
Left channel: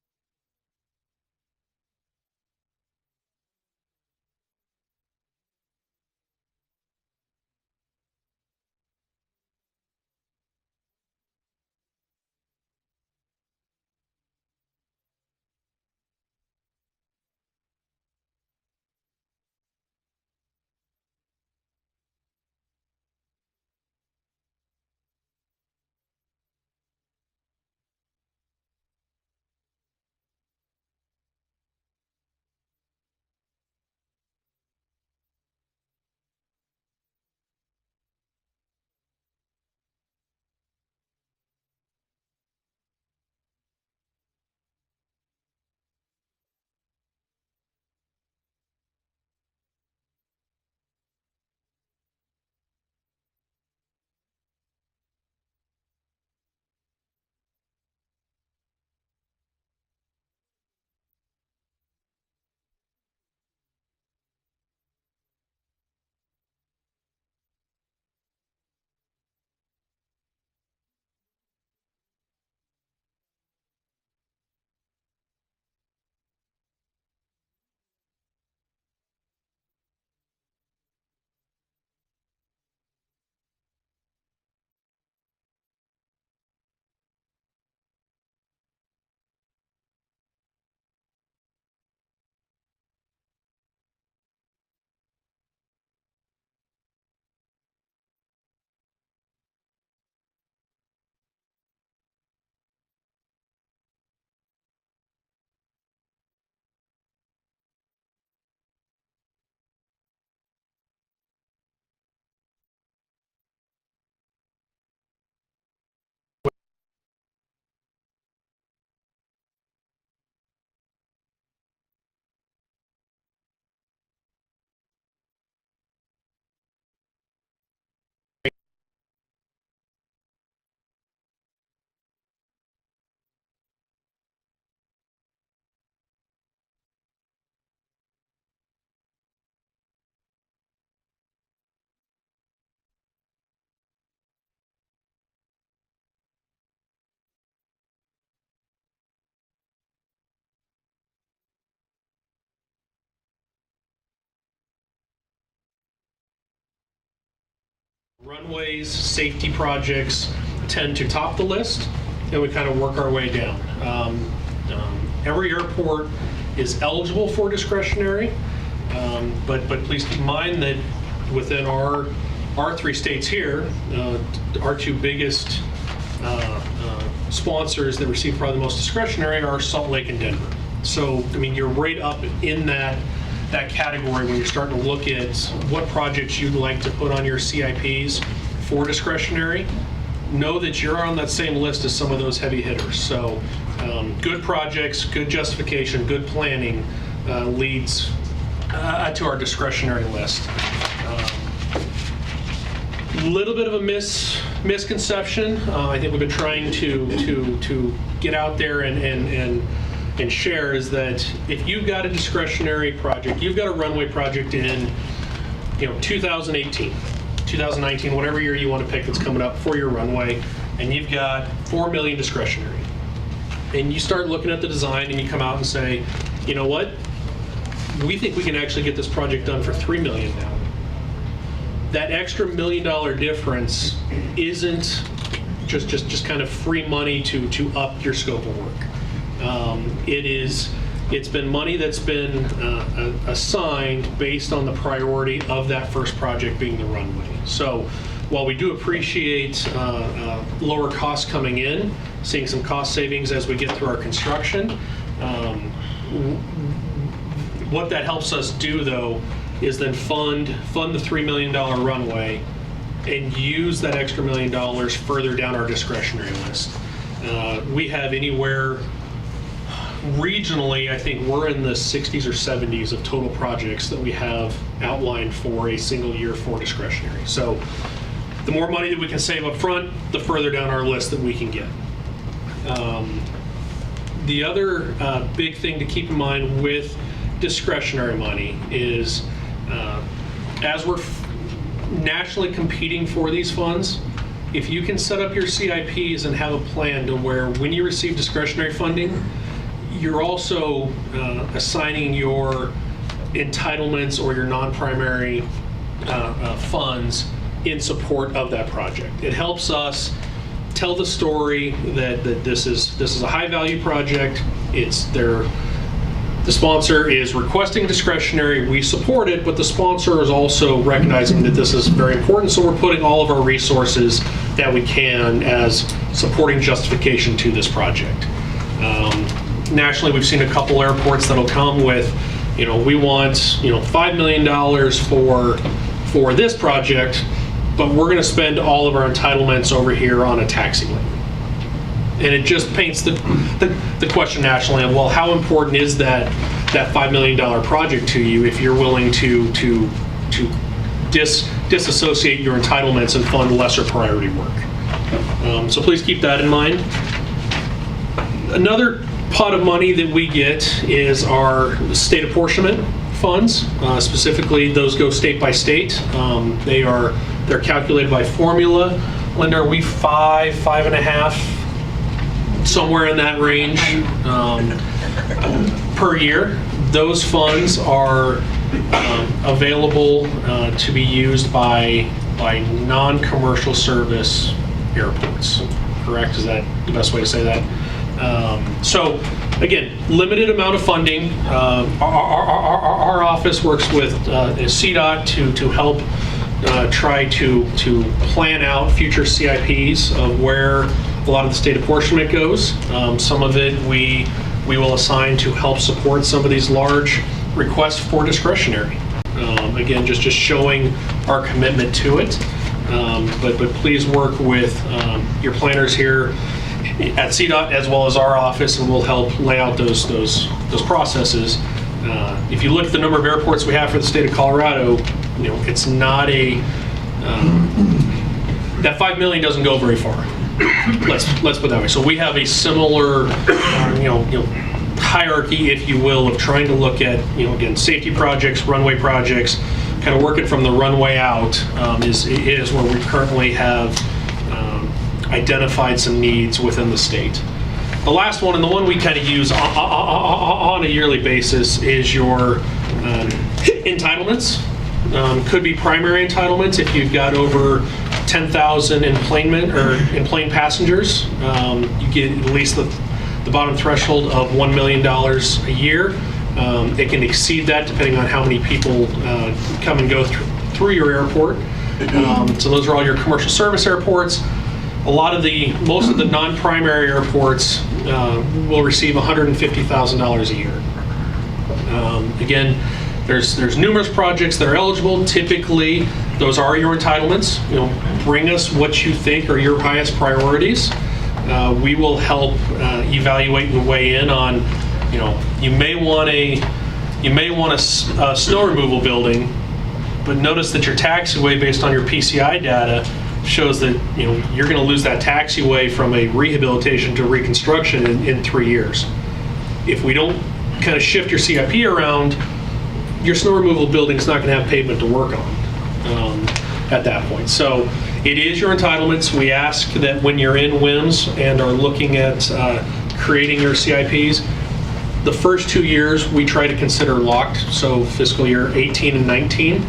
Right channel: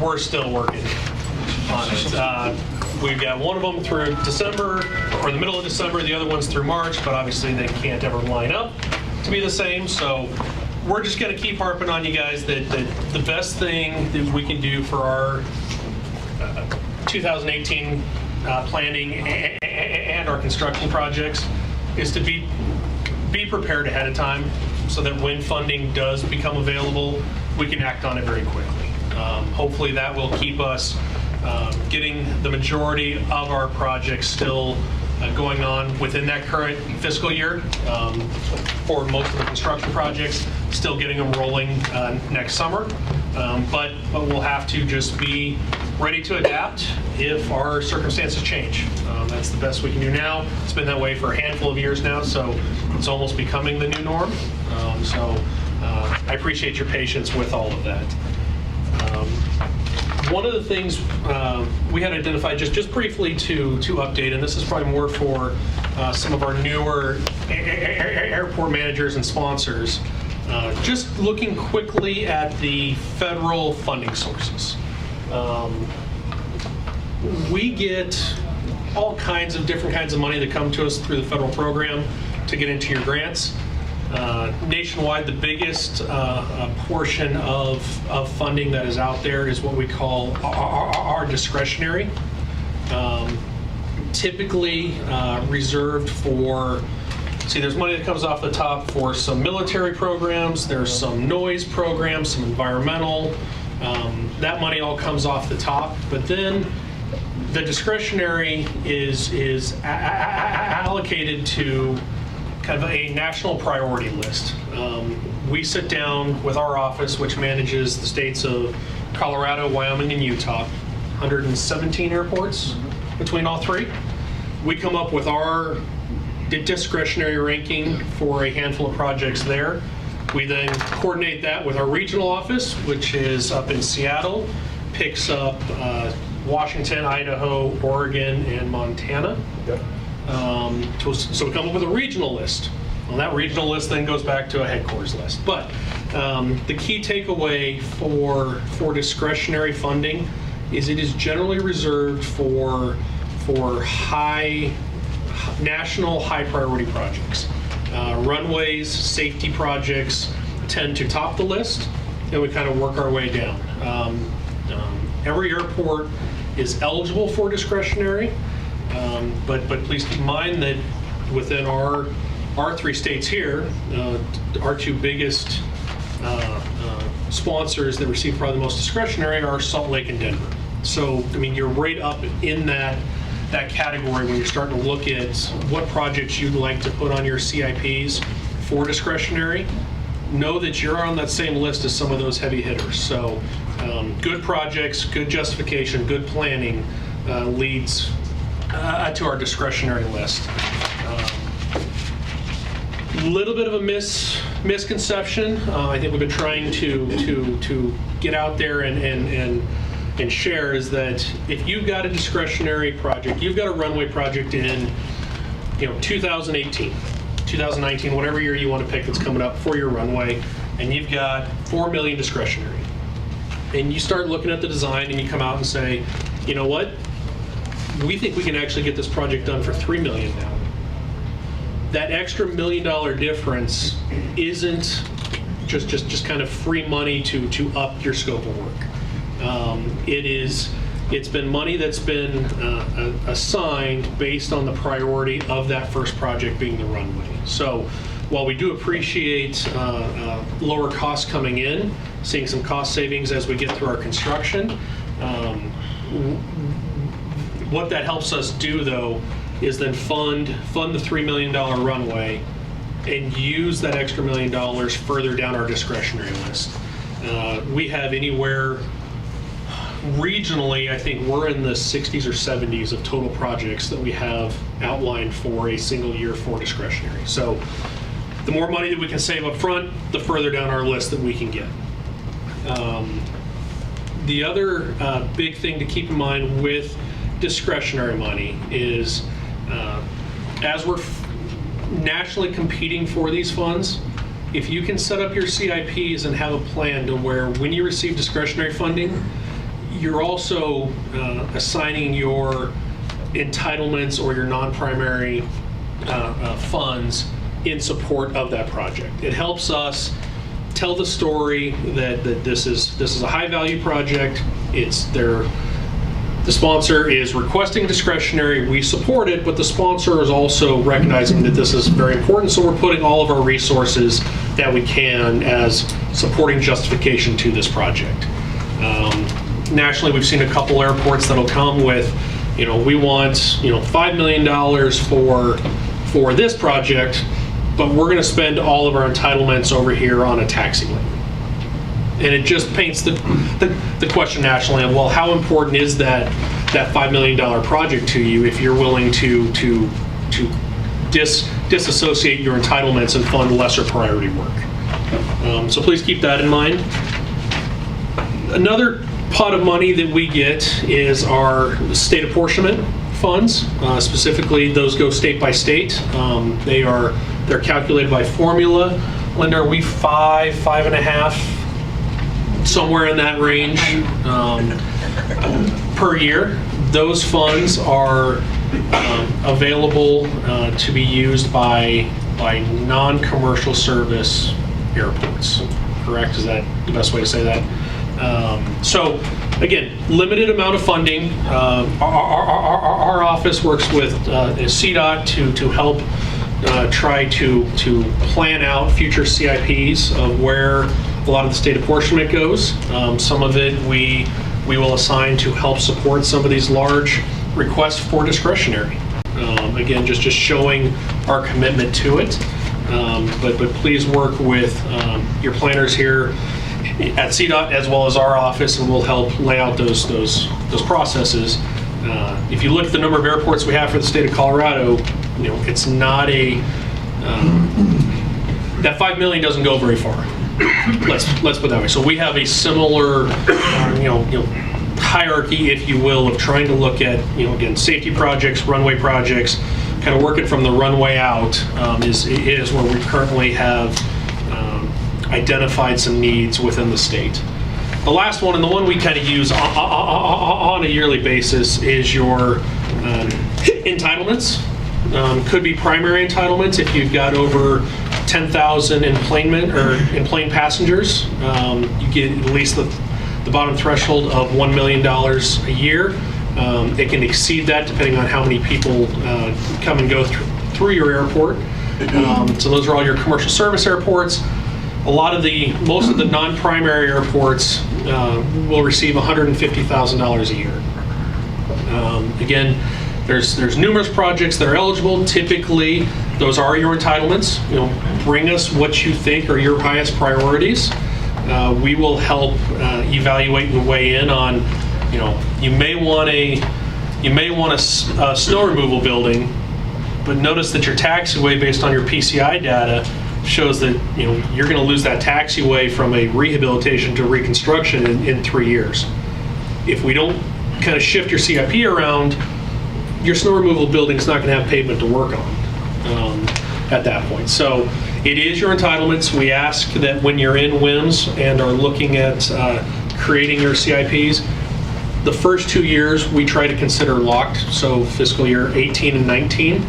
we're still working on it. We've got one of them through December, or the middle of December, the other one's through March, but obviously they can't ever line up to be the same. So we're just going to keep harping on you guys that the best thing that we can do for our 2018 planning and our construction projects is to be prepared ahead of time so that when funding does become available, we can act on it very quickly. Hopefully that will keep us getting the majority of our projects still going on within that current fiscal year. For most of the construction projects, still getting them rolling next summer. But we'll have to just be ready to adapt if our circumstances change. That's the best we can do now. It's been that way for a handful of years now, so it's almost becoming the new norm. I appreciate your patience with all of that. One of the things we had identified just briefly to update, and this is probably more for some of our newer airport managers and sponsors, just looking quickly at the federal funding sources. We get all kinds of different kinds of money that come to us through the federal program to get into your grants. Nationwide, the biggest portion of funding that is out there is what we call our discretionary. Typically reserved for, there's money that comes off the top for some military programs, there's some noise programs, some environmental. That money all comes off the top, but then the discretionary is allocated to kind of a national priority list. We sit down with our office, which manages the states of Colorado, Wyoming, and Utah, 117 airports between all three. We come up with our discretionary ranking for a handful of projects there. We then coordinate that with our regional office, which is up in Seattle, picks up Washington, Idaho, Oregon, and Montana. Yep. So we come up with a regional list. Well, that regional list then goes back to a headquarters list. But the key takeaway for discretionary funding is it is generally reserved for national high priority projects. Runways, safety projects tend to top the list, and we kind of work our way down. Every airport is eligible for discretionary, but please keep in mind that within our three states here, our two biggest sponsors that receive probably the most discretionary are Salt Lake and Denver. So, I mean, you're right up in that category when you're starting to look at what projects you'd like to put on your CIPs for discretionary. Know that you're on that same list as some of those heavy hitters. So good projects, good justification, good planning leads to our discretionary list. Little bit of a misconception. I think we've been trying to get out there and share is that if you've got a discretionary project, you've got a runway project in 2018, 2019, whatever year you want to pick that's coming up for your runway, and you've got $4 million discretionary, and you start looking at the design and you come out and say, you know what, we think we can actually get this project done for $3 million now. That extra $1 million difference isn't just kind of free money to up your scope of work. It's been money that's been assigned based on the priority of that first project being the runway. So while we do appreciate lower costs coming in, seeing some cost savings as we get through our construction, what that helps us do though is then fund the $3 million runway and use that extra $1 million further down our discretionary list. We have anywhere regionally, I think we're in the 60s or 70s of total projects that we have outlined for a single year for discretionary. So the more money that we can save up front, the further down our list that we can get. The other big thing to keep in mind with discretionary money is as we're nationally competing for these funds, if you can set up your CIPs and have a plan to where when you receive discretionary funding, you're also assigning your entitlements or your non-primary funds in support of that project. It helps us tell the story that this is a high-value project. The sponsor is requesting discretionary, we support it, but the sponsor is also recognizing that this is very important, so we're putting all of our resources that we can as supporting justification to this project. Nationally, we've seen a couple airports that'll come with, we want, $5 million for this project, but we're going to spend all of our entitlements over here on a taxiway. And it just paints the question nationally of, well, how important is that $5 million project to you if you're willing to disassociate your entitlements and fund lesser priority work? So please keep that in mind. Another pot of money that we get is our state apportionment funds. Specifically, those go state by state. They're calculated by formula. Linda, are we 5.5? Somewhere in that range per year. Those funds are available to be used by non-commercial service airports. Correct? Is that the best way to say that? So again, limited amount of funding. Our office works with CDOT to help try to plan out future CIPs of where a lot of the state apportionment goes. Some of it we will assign to help support some of these large requests for discretionary. Again, just showing our commitment to it. But please work with your planners here at CDOT as well as our office, and we'll help lay out those processes. If you look at the number of airports we have for the state of Colorado, it's not that $5 million doesn't go very far. Let's put it that way. So we have a similar, hierarchy, if you will, of trying to look at, again, safety projects, runway projects, kind of working from the runway out is where we currently have identified some needs within the state. The last one, and the one we kind of use on a yearly basis, is your entitlements. Could be primary entitlements if you've got over 10,000 enplane passengers. You get at least the bottom threshold of $1 million a year. It can exceed that depending on how many people come and go through your airport. So those are all your commercial service airports. Most of the non-primary airports will receive $150,000 a year. Again, there's numerous projects that are eligible. Typically, those are your entitlements. Bring us what you think are your highest priorities. We will help evaluate and weigh in on. You may want a snow removal building, but notice that your taxiway, based on your PCI data, shows that you're going to lose that taxiway from a rehabilitation to reconstruction in 3 years. If we don't kind of shift your CIP around, your snow removal building is not going to have pavement to work on at that point. So it is your entitlements. We ask that when you're in WIMS and are looking at creating your CIPs, the first 2 years we try to consider locked, so fiscal year 18 and 19.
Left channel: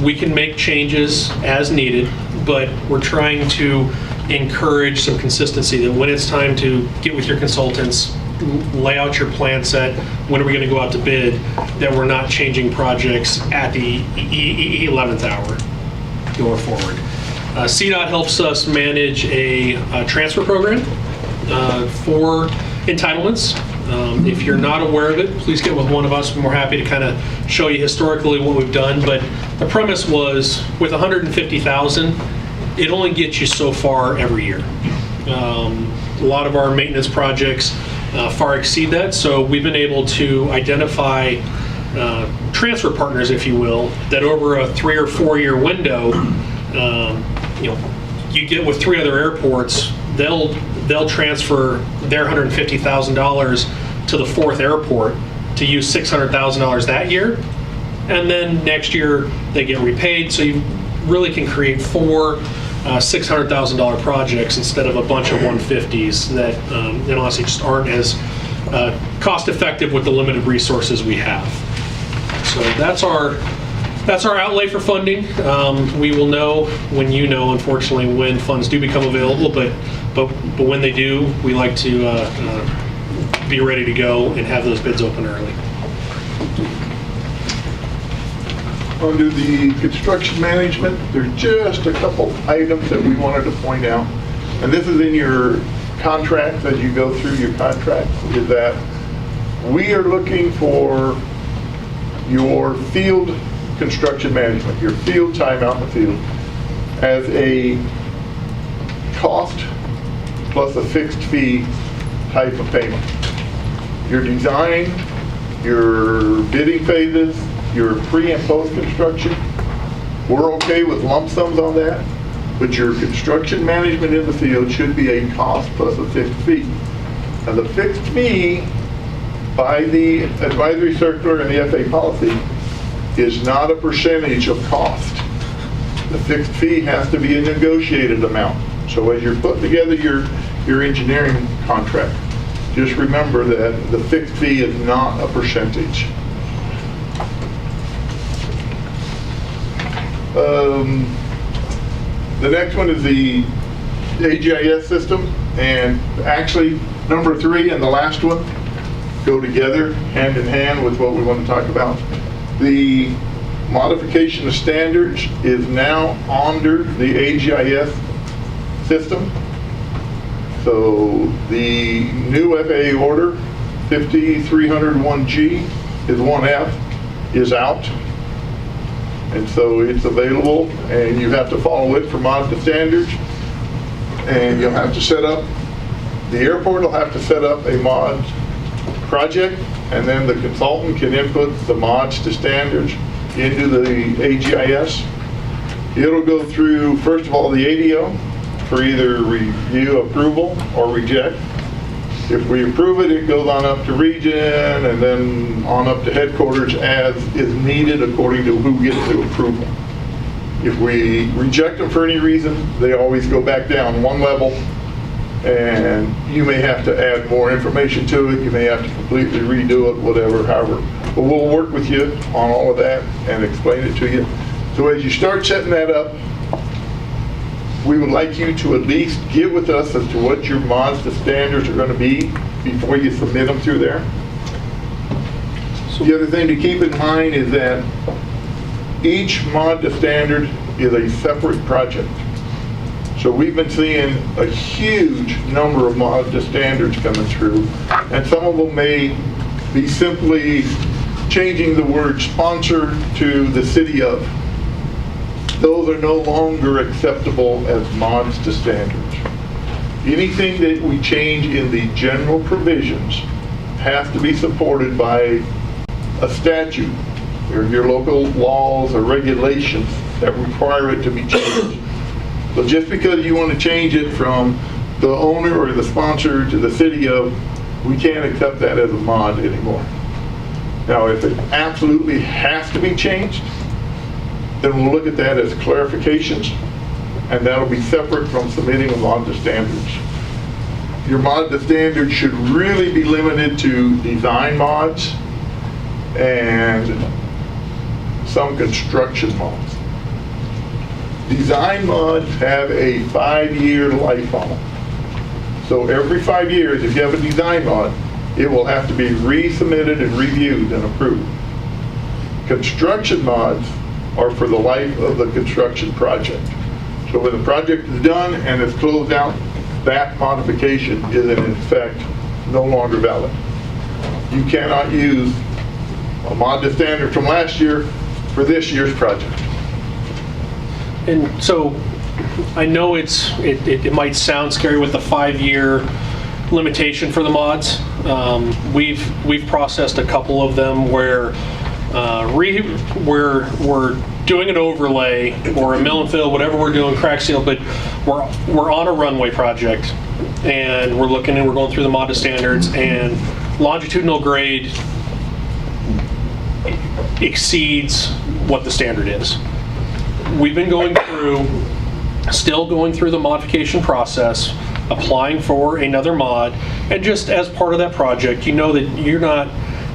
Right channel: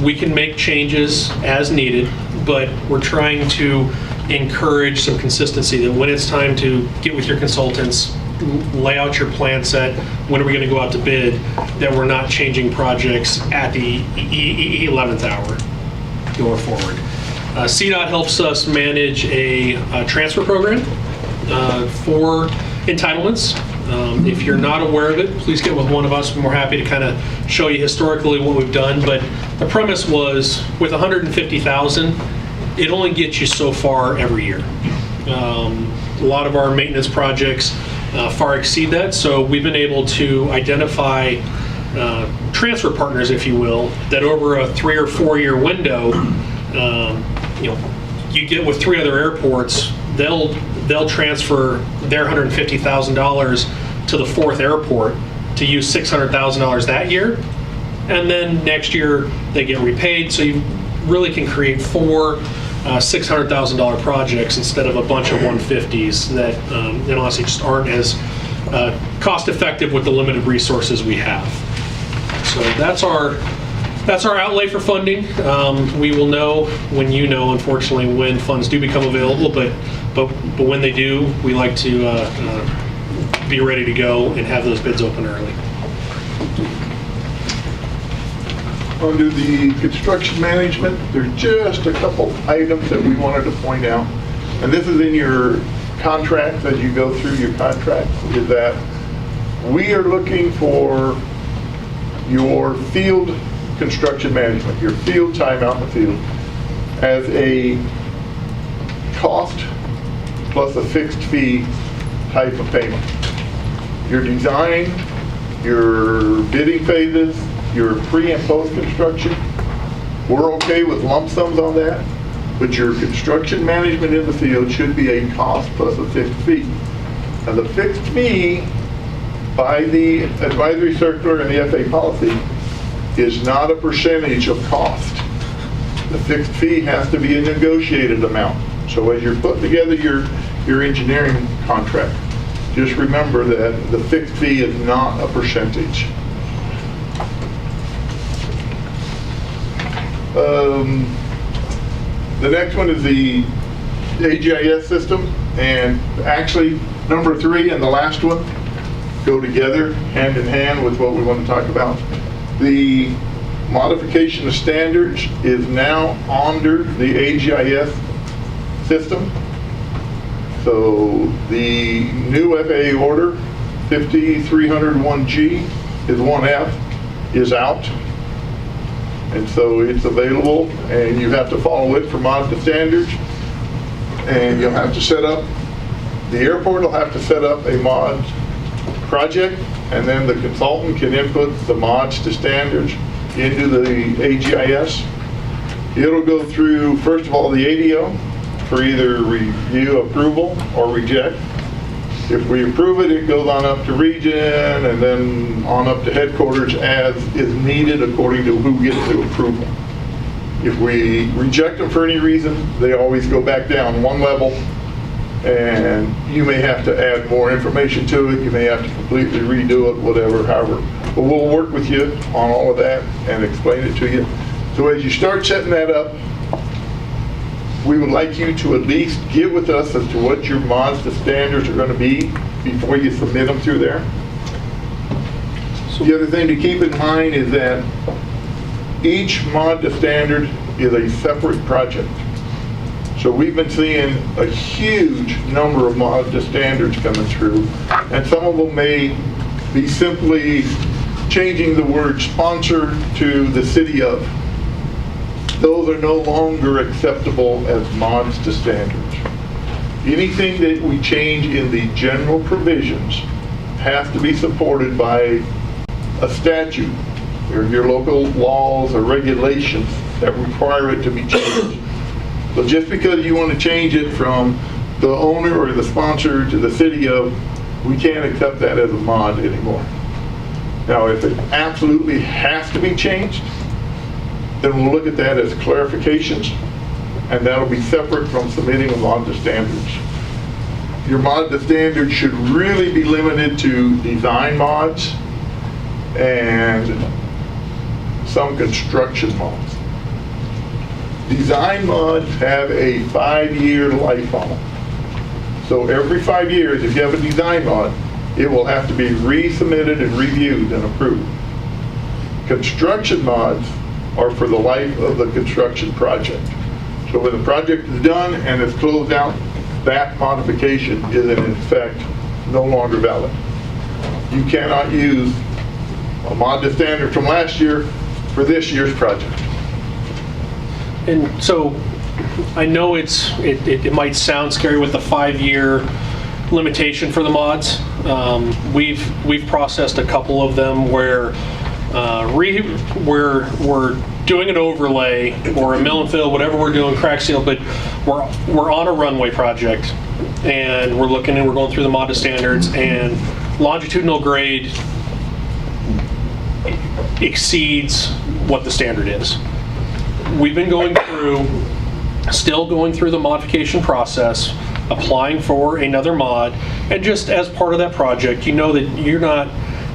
We can make changes as needed, but we're trying to encourage some consistency that when it's time to get with your consultants, lay out your plan set, when are we going to go out to bid, that we're not changing projects at the 11th hour going forward. CDOT helps us manage a transfer program for entitlements. If you're not aware of it, please get with one of us. We're more happy to kind of show you historically what we've done. But the premise was, with $150,000, it only gets you so far every year. A lot of our maintenance projects far exceed that. So we've been able to identify transfer partners, if you will, that over a 3 or 4 year window, you get with 3 other airports, they'll transfer their $150,000 to the 4th airport to use $600,000 that year, and then next year they get repaid. So you really can create 4 $600,000 projects instead of a bunch of 150s that honestly just aren't as cost effective with the limited resources we have. So that's our outlay for funding. We will know when unfortunately, when funds do become available, but when they do, we like to be ready to go and have those bids open early. Under the construction management, there's just a couple items that we wanted to point out. And this is in your contracts, as you go through your contracts, is that we are looking for your field construction management, your field time out in the field, as a cost plus a fixed fee type of payment. Your design, your bidding phases, your pre and post construction, we're okay with lump sums on that, but your construction management in the field should be a cost plus a fixed fee. And the fixed fee by the advisory circular and the FAA policy is not a percentage of cost. The fixed fee has to be a negotiated amount. So as you're putting together your engineering contract, just remember that the fixed fee is not a percentage. The next one is the AGIS system, and actually number 3 and the last one go together hand in hand with what we want to talk about. The modification of standards is now under the AGIS system. So the new FAA order 5301G is 1F is out. And so it's available, and you have to follow it for mod to standards. And you'll have to set up, the airport will have to set up a mod project, and then the consultant can input the mods to standards into the AGIS. It'll go through, first of all, the ADO for either review, approval, or reject. If we approve it, it goes on up to region and then on up to headquarters as is needed according to who gets the approval. If we reject them for any reason, they always go back down one level, and you may have to add more information to it. You may have to completely redo it, whatever, however. But we'll work with you on all of that and explain it to you. So as you start setting that up, we would like you to at least get with us as to what your mods to standards are going to be before you submit them through there. So the other thing to keep in mind is that each mod to standard is a separate project. So we've been seeing a huge number of mod to standards coming through, and some of them may be simply changing the word sponsor to the city of. Those are no longer acceptable as mods to standards. Anything that we change in the general provisions has to be supported by a statute or your local laws or regulations that require it to be changed. So just because you want to change it from the owner or the sponsor to the city of, we can't accept that as a mod anymore. Now, if it absolutely has to be changed, then we'll look at that as clarifications, and that'll be separate from submitting a mod to standards. Your mod to standards should really be limited to design mods and some construction mods. Design mods have a 5-year life on them. So every 5 years, if you have a design mod, it will have to be resubmitted and reviewed and approved. Construction mods are for the life of the construction project. So when the project is done and it's closed out, that modification is in effect no longer valid. You cannot use a mod to standard from last year for this year's project. And so I know it might sound scary with the 5-year limitation for the mods. We've processed a couple of them where we're doing an overlay or a mill and fill, whatever we're doing, crack seal, but we're on a runway project and we're looking and we're going through the MODA standards, and longitudinal grade exceeds what the standard is. We've been still going through the modification process, applying for another mod, and just as part of that project, you know that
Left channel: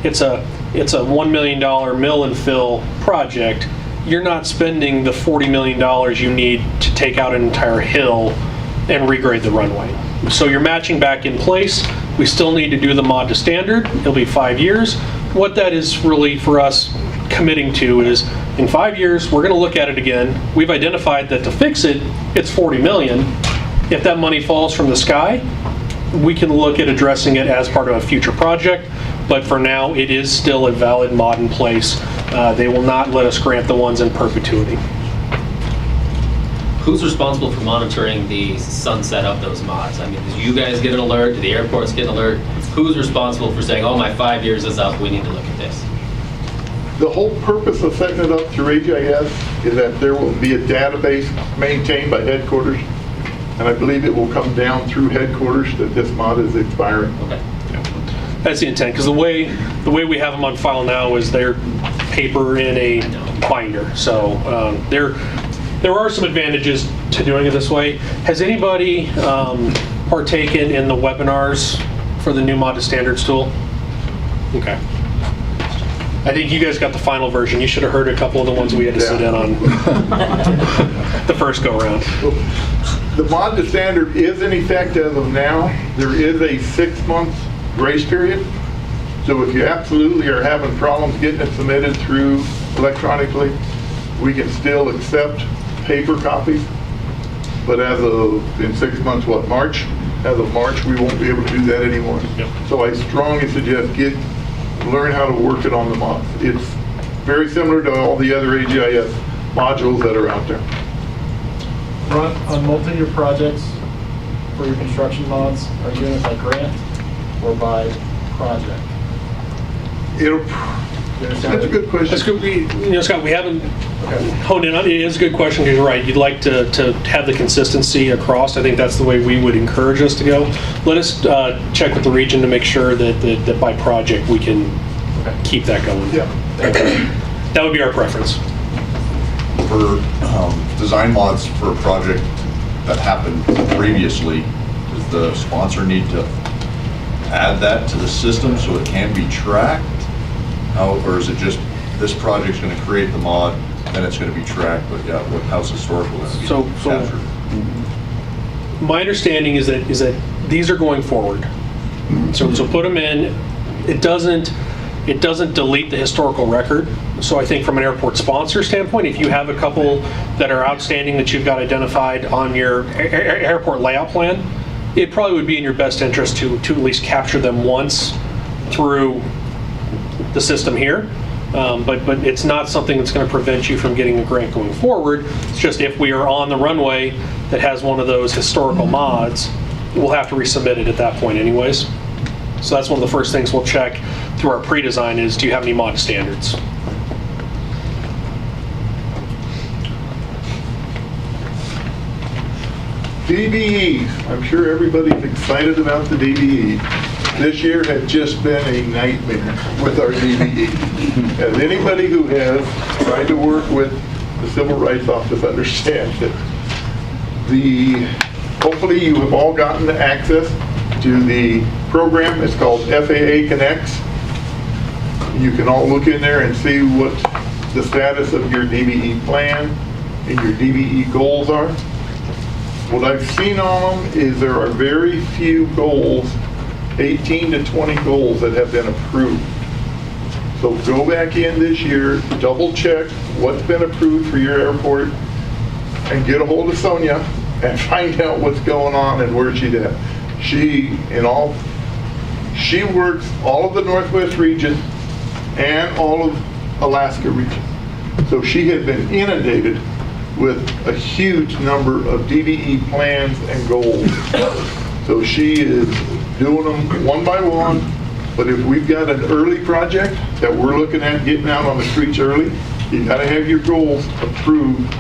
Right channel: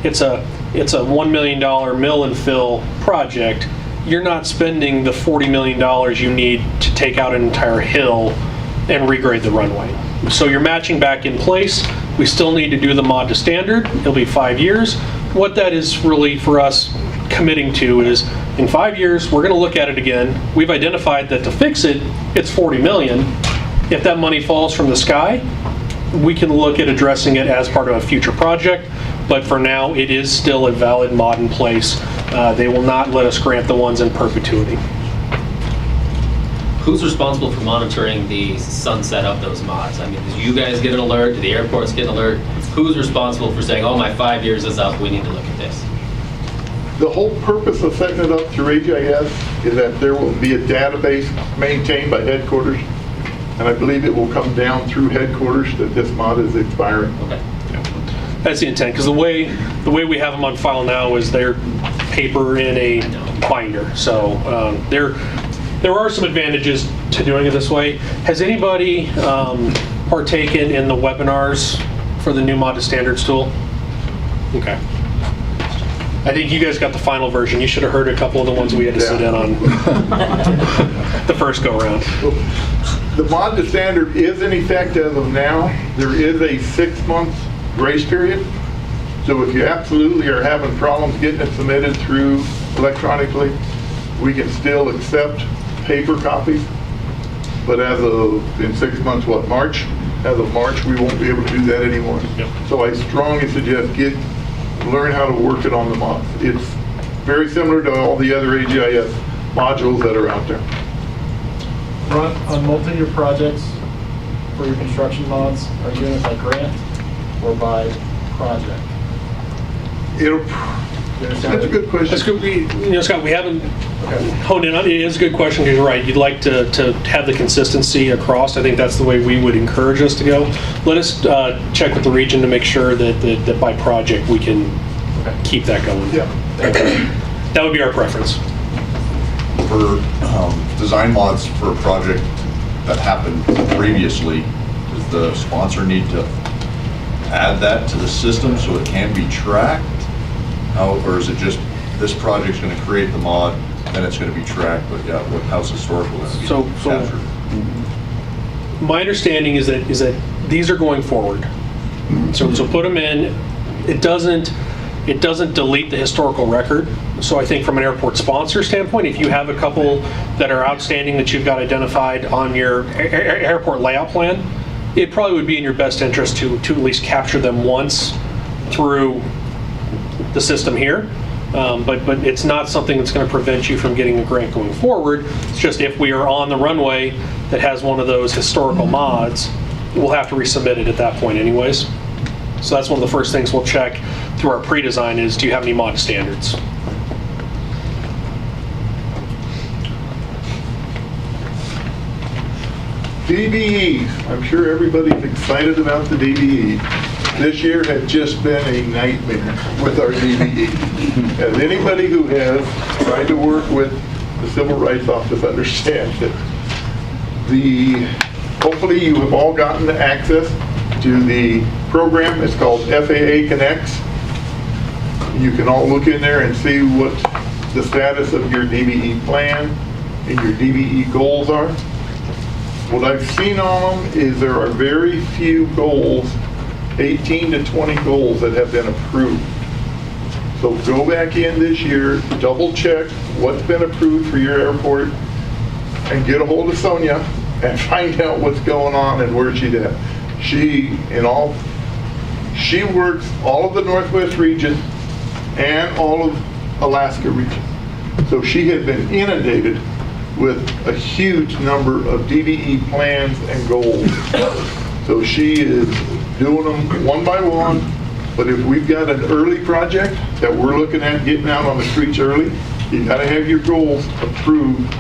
it's a $1 million mill and fill project. You're not spending the $40 million you need to take out an entire hill and regrade the runway. So you're matching back in place. We still need to do the mod to standard. It'll be 5 years. What that is really for us committing to is, in 5 years, we're going to look at it again. We've identified that to fix it, it's $40 million. If that money falls from the sky, we can look at addressing it as part of a future project. But for now, it is still a valid mod in place. They will not let us grant the ones in perpetuity. Who's responsible for monitoring the sunset of those mods? I mean, do you guys get an alert? Do the airports get an alert? Who's responsible for saying, oh, my 5 years is up, we need to look at this? The whole purpose of setting it up through AGIS is that there will be a database maintained by headquarters, and I believe it will come down through headquarters that this mod is expiring. Okay. That's the intent, because the way we have them on file now is they're paper in a binder. So there are some advantages to doing it this way. Has anybody partaken in the webinars for the new mod to standards tool? Okay. I think you guys got the final version. You should have heard a couple of the ones we had to sit in on the first go around. The mod to standard is in effect as of now. There is a 6-month grace period. So if you absolutely are having problems getting it submitted through electronically, we can still accept paper copies. But as of, in 6 months, March? As of March, we won't be able to do that anymore. Yep. So I strongly suggest learn how to work it on the mod. It's very similar to all the other AGIS modules that are out there. Ron, on multi-year projects for your construction mods, are you doing it by grant or by project? That's a good question. That's good. Scott, we haven't honed in on it. It is a good question, because you're right. You'd like to have the consistency across. I think that's the way we would encourage us to go. Let us check with the region to make sure that by project we can keep that going. Yeah. That would be our preference. For design mods for a project that happened previously, does the sponsor need to add that to the system so it can be tracked? Or is it just this project's going to create the mod, then it's going to be tracked, but yeah, how's historical going to be captured? My understanding is that these are going forward. So put them in. It doesn't delete the historical record. So I think from an airport sponsor standpoint, if you have a couple that are outstanding that you've got identified on your airport layout plan, it probably would be in your best interest to at least capture them once through the system here. But it's not something that's going to prevent you from getting a grant going forward. It's just if we are on the runway that has one of those historical mods, we'll have to resubmit it at that point anyways. So that's one of the first things we'll check through our pre-design is, do you have any mod standards? DBEs. I'm sure everybody's excited about the DBE. This year has just been a nightmare with our DBE. As anybody who has tried to work with the Civil Rights Office understands that hopefully you have all gotten access to the program. It's called FAA Connects. You can all look in there and see what the status of your DBE plan and your DBE goals are. What I've seen on them is there are very few goals, 18 to 20 goals that have been approved. So go back in this year, double check what's been approved for your airport, and get a hold of Sonia and find out what's going on and where she's at. She works all of the Northwest region and all of Alaska region. So she has been inundated with a huge number of DBE plans and goals. So she is doing them one by one. But if we've got an early project that we're looking at getting out on the streets early, you got to have your goals approved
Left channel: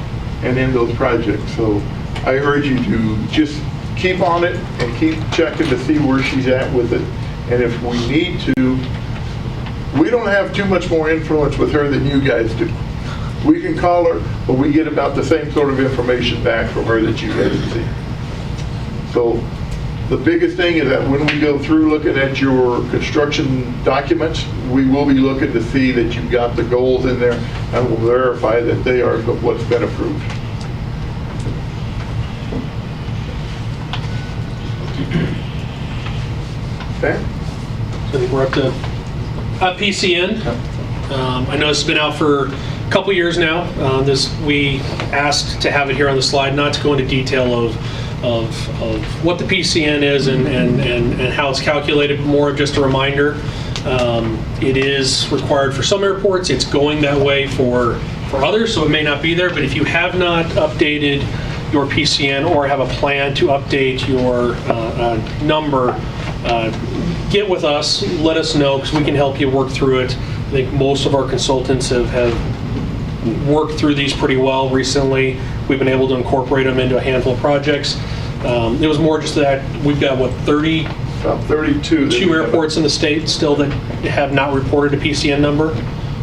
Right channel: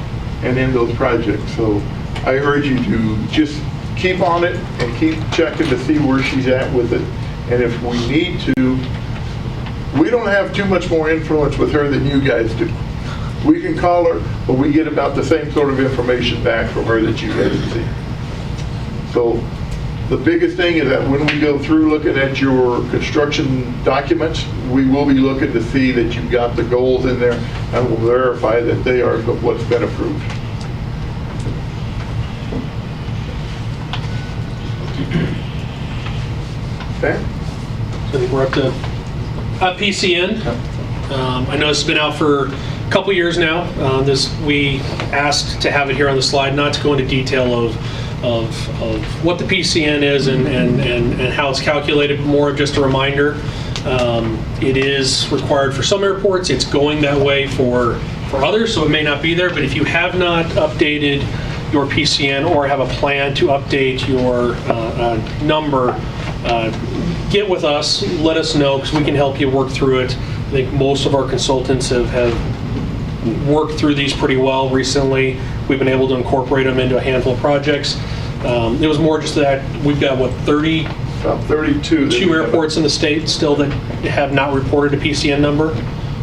and in those projects. So I urge you to just keep on it and keep checking to see where she's at with it. And if we need to, we don't have too much more influence with her than you guys do. We can call her, but we get about the same sort of information back from her that you guys see. So the biggest thing is that when we go through looking at your construction documents, we will be looking to see that you've got the goals in there, and we'll verify that they are what's been approved. Okay. So I think we're up to PCN. I know this has been out for a couple years now. We asked to have it here on the slide, not to go into detail of what the PCN is and how it's calculated, more of just a reminder. It is required for some airports. It's going that way for others, so it may not be there. But if you have not updated your PCN or have a plan to update your number, get with us, let us know, because we can help you work through it. I think most of our consultants have worked through these pretty well recently. We've been able to incorporate them into a handful of projects. It was more just that we've got, what, 32 airports in the state still that have not reported a PCN number.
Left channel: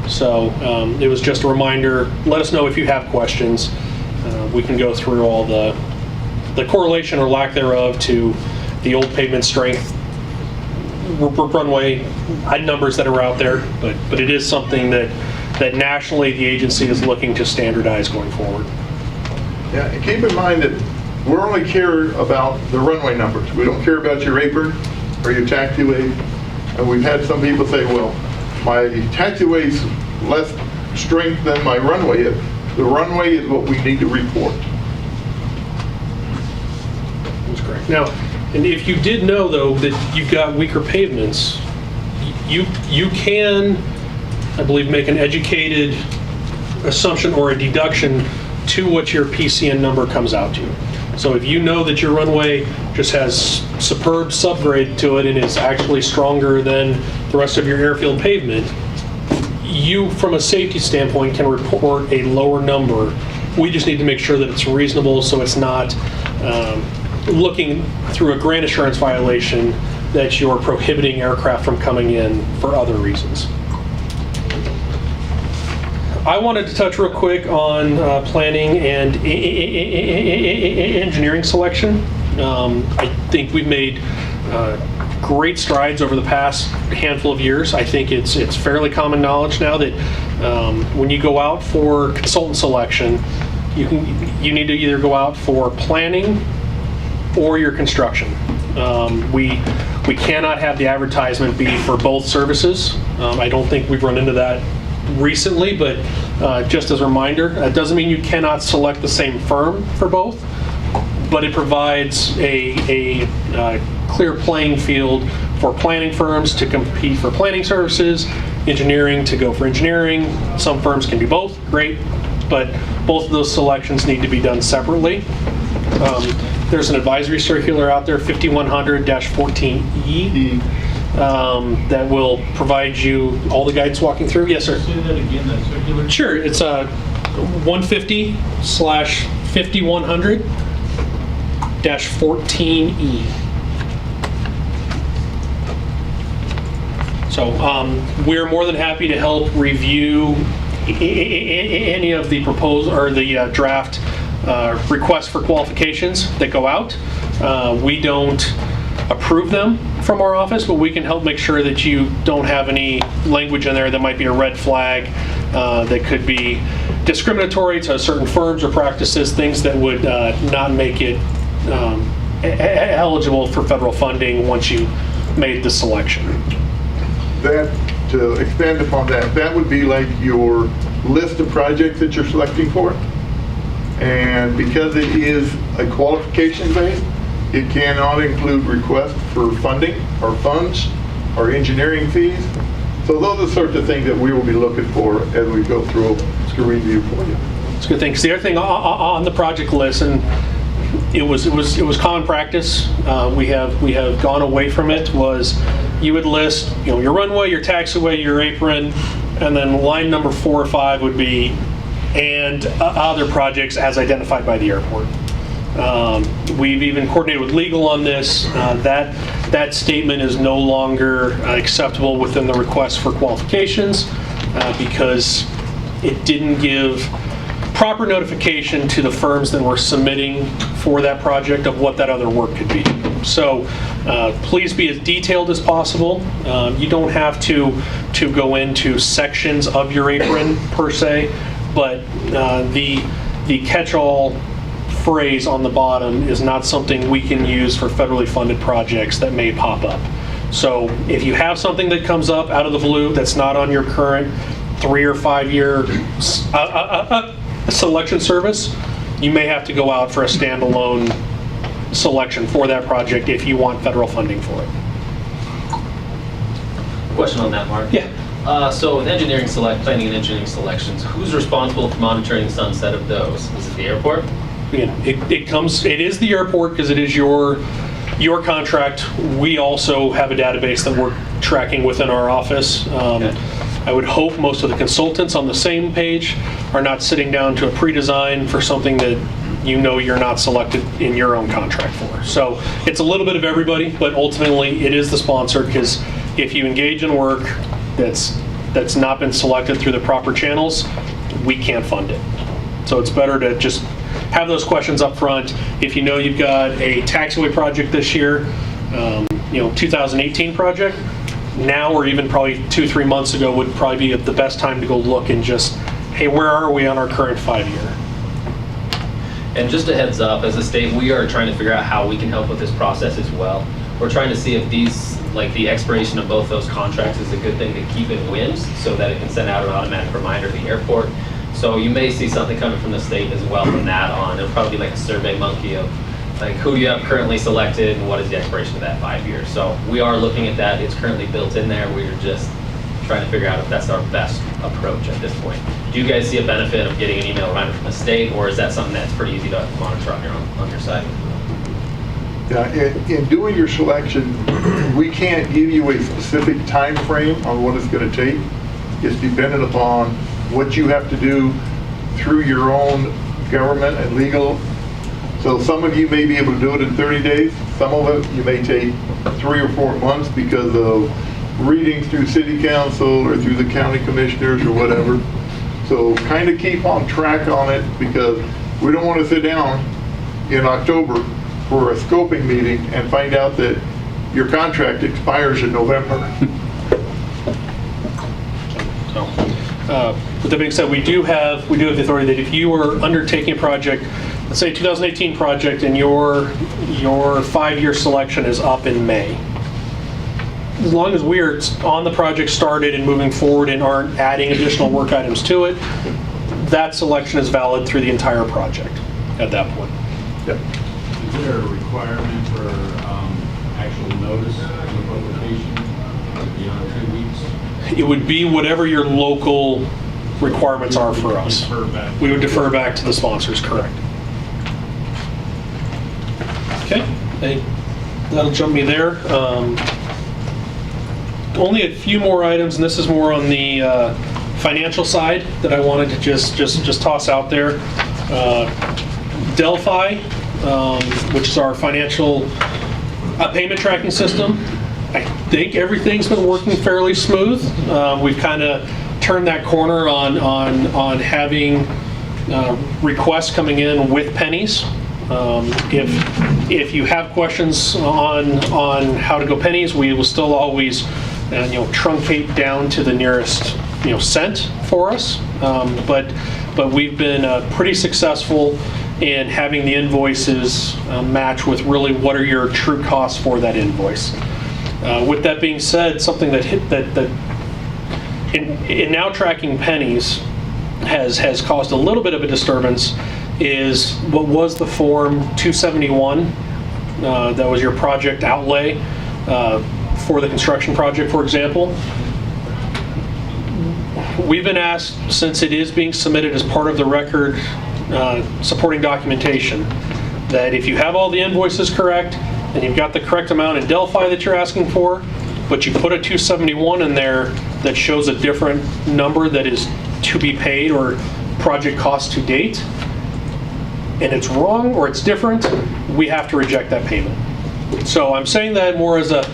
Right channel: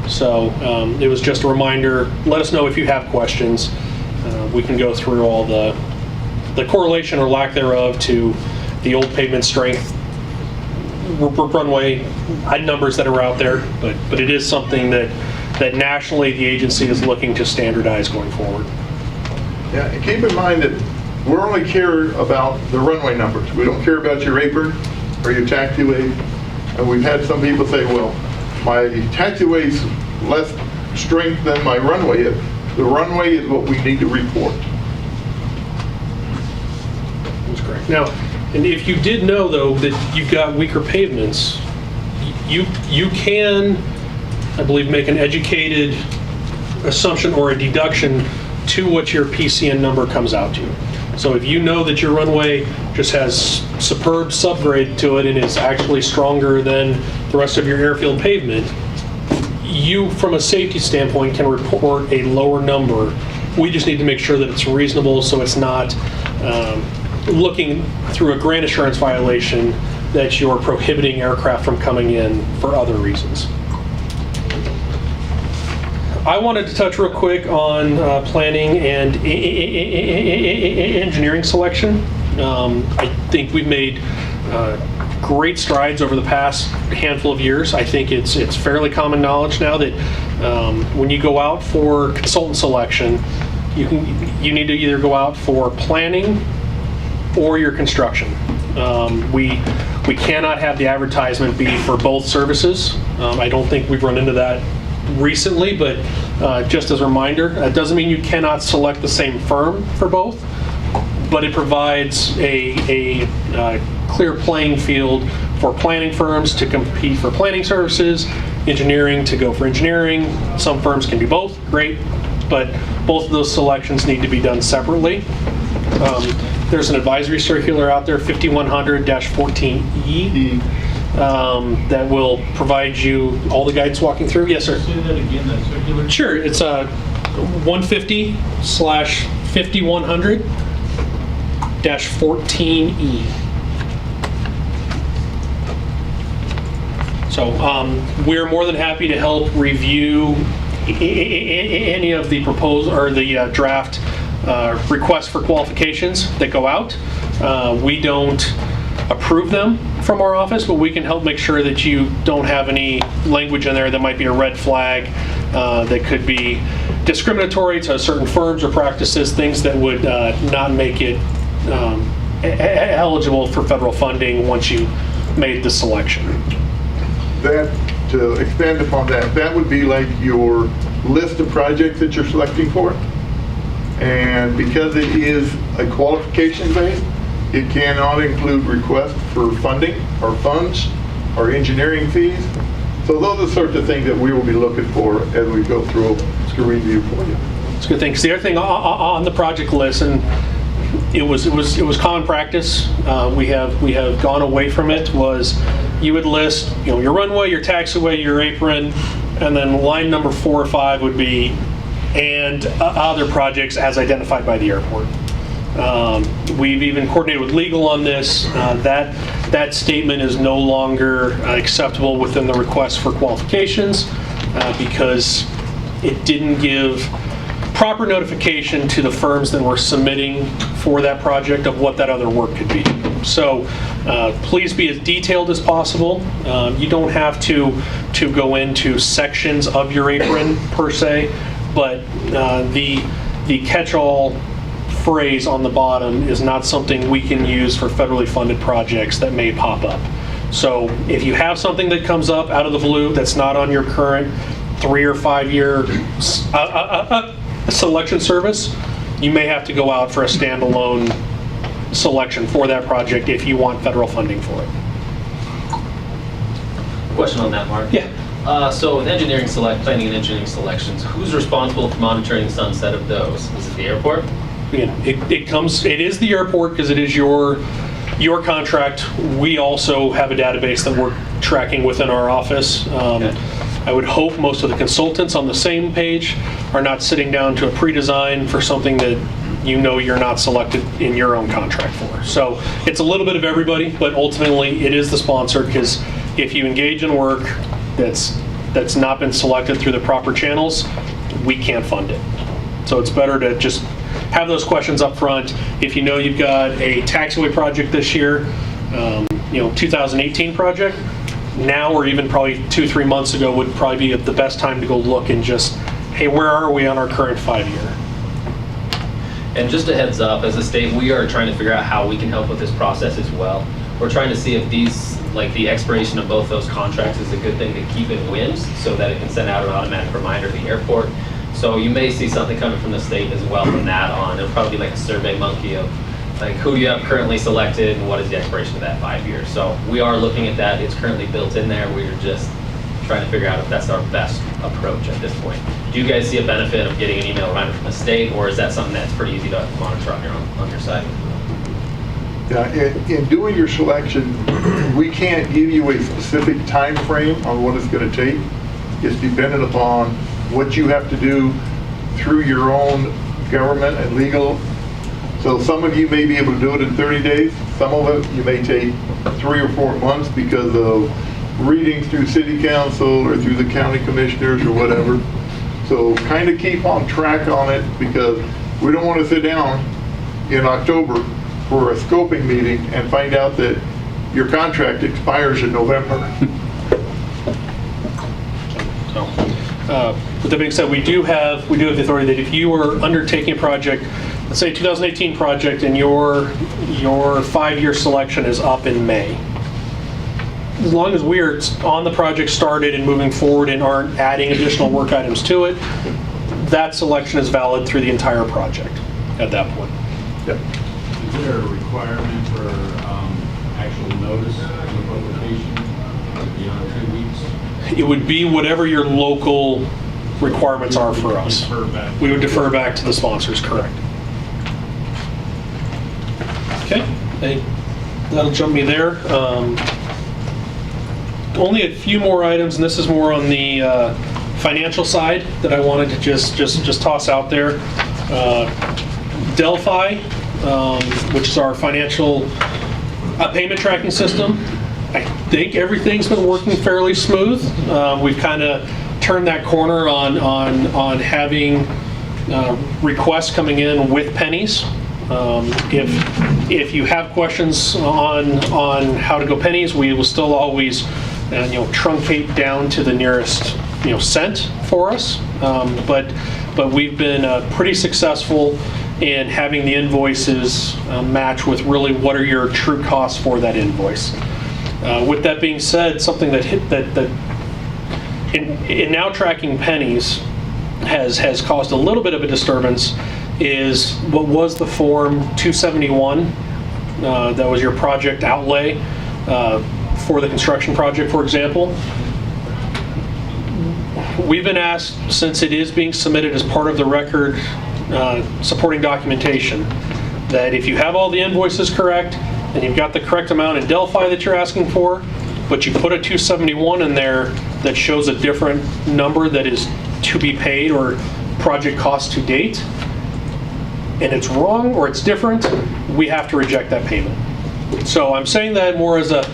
So it was just a reminder. Let us know if you have questions. We can go through all the correlation or lack thereof to the old pavement strength runway numbers that are out there, but it is something that nationally the agency is looking to standardize going forward. Yeah, and keep in mind that we only care about the runway numbers. We don't care about your apron or your taxiway. And we've had some people say, well, my taxiway's less strength than my runway is. The runway is what we need to report. That's correct. Now, and if you did know, though, that you've got weaker pavements, you can, I believe, make an educated assumption or a deduction to what your PCN number comes out to. So if you know that your runway just has superb subgrade to it and is actually stronger than the rest of your airfield pavement, you, from a safety standpoint, can report a lower number. We just need to make sure that it's reasonable, so it's not looking through a grant assurance violation that you're prohibiting aircraft from coming in for other reasons. I wanted to touch real quick on planning and engineering selection. I think we've made great strides over the past handful of years. I think it's fairly common knowledge now that when you go out for consultant selection, you need to either go out for planning or your construction. We cannot have the advertisement be for both services. I don't think we've run into that recently, but just as a reminder, it doesn't mean you cannot select the same firm for both, but it provides a clear playing field for planning firms to compete for planning services, engineering to go for engineering. Some firms can do both, great, but both of those selections need to be done separately. There's an advisory circular out there, 5100-14E, that will provide you all the guidance walking through. Yes, sir. Say that again, that circular? Sure. It's 150/5100-14E. So we're more than happy to help review any of the proposal or the draft requests for qualifications that go out. We don't approve them from our office, but we can help make sure that you don't have any language in there that might be a red flag, that could be discriminatory to certain firms or practices, things that would not make it eligible for federal funding once you made the selection. That, to expand upon that, that would be like your list of projects that you're selecting for. And because it is a qualification base, it cannot include requests for funding or funds or engineering fees. So those are the sorts of things that we will be looking for as we go through to review for you. That's a good thing. 'Cause the other thing on the project list, and it was common practice. We have gone away from it. Was you would list, your runway, your taxiway, your apron, and then line number 4 or 5 would be and other projects as identified by the airport. We've even coordinated with legal on this. That statement is no longer acceptable within the request for qualifications because it didn't give proper notification to the firms that were submitting for that project of what that other work could be. So please be as detailed as possible. You don't have to go into sections of your apron per se, but the catch-all phrase on the bottom is not something we can use for federally funded projects that may pop up. So if you have something that comes up out of the blue that's not on your current 3 or 5 year selection service, you may have to go out for a standalone selection for that project if you want federal funding for it. Question on that, Mark. Yeah. So with planning and engineering selections, who's responsible for monitoring the sunset of those? Is it the airport? It is the airport because it is your contract. We also have a database that we're tracking within our office. Okay. I would hope most of the consultants on the same page are not sitting down to a pre-design for something that you're not selected in your own contract for. So it's a little bit of everybody, but ultimately it is the sponsor because if you engage in work that's not been selected through the proper channels, we can't fund it. So it's better to just have those questions up front. If you've got a taxiway project this year, 2018 project, now or even probably 2-3 months ago would probably be the best time to go look and just, hey, where are we on our current 5-year? And just a heads up, as a state, we are trying to figure out how we can help with this process as well. We're trying to see if the expiration of both those contracts is a good thing to keep in WIMS so that it can send out an automatic reminder to the airport. So you may see something coming from the state as well from that on. It'll probably be like a survey monkey of who do you have currently selected and what is the expiration of that 5 years. So we are looking at that. It's currently built in there. We're just trying to figure out if that's our best approach at this point. Do you guys see a benefit of getting an email reminder from the state, or is that something that's pretty easy to monitor on your side? Yeah, in doing your selection, we can't give you a specific time frame on what it's going to take. It's dependent upon what you have to do through your own government and legal. So some of you may be able to do it in 30 days. Some of it you may take 3 or 4 months because of reading through city council or through the county commissioners or whatever. So kind of keep on track on it because we don't want to sit down in October for a scoping meeting and find out that your contract expires in November. With that being said, we do have the authority that if you are undertaking a project, let's say 2018 project, and your 5-year selection is up in May, as long as we are on the project started and moving forward and aren't adding additional work items to it, that selection is valid through the entire project at that point. Yep. Is there a requirement for actual notice of the publication beyond 2 weeks? It would be whatever your local requirements are for us. We would defer back to the sponsors, correct. Okay, that'll jump me there. Only a few more items, and this is more on the financial side that I wanted to just toss out there. Delphi, which is our financial payment tracking system. I think everything's been working fairly smooth. We've kind of turned that corner on having requests coming in with pennies. If you have questions on how to go pennies, we will still always truncate down to the nearest cent for us. But we've been pretty successful in having the invoices match with really what are your true costs for that invoice. With that being said, something that in now tracking pennies has caused a little bit of a disturbance is what was the Form 271 that was your project outlay for the construction project, for example. We've been asked, since it is being submitted as part of the record supporting documentation, that if you have all the invoices correct, and you've got the correct amount in Delphi that you're asking for, but you put a 271 in there that shows a different number that is to be paid or project cost to date, and it's wrong or it's different, we have to reject that payment. So I'm saying that more as a,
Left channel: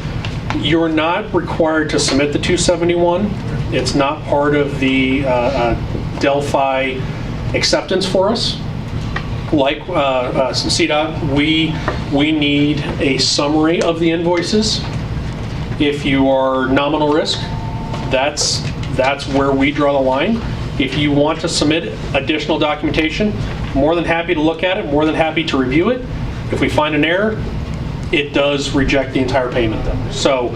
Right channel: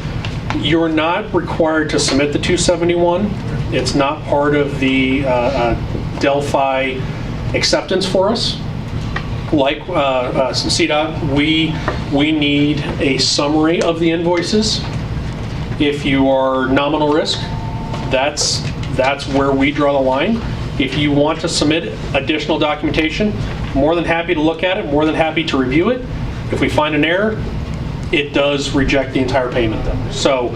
you're not required to submit the 271. It's not part of the Delphi acceptance for us. Like CDOT, we need a summary of the invoices. If you are nominal risk, that's where we draw the line. If you want to submit additional documentation, more than happy to look at it, more than happy to review it. If we find an error, it does reject the entire payment then. So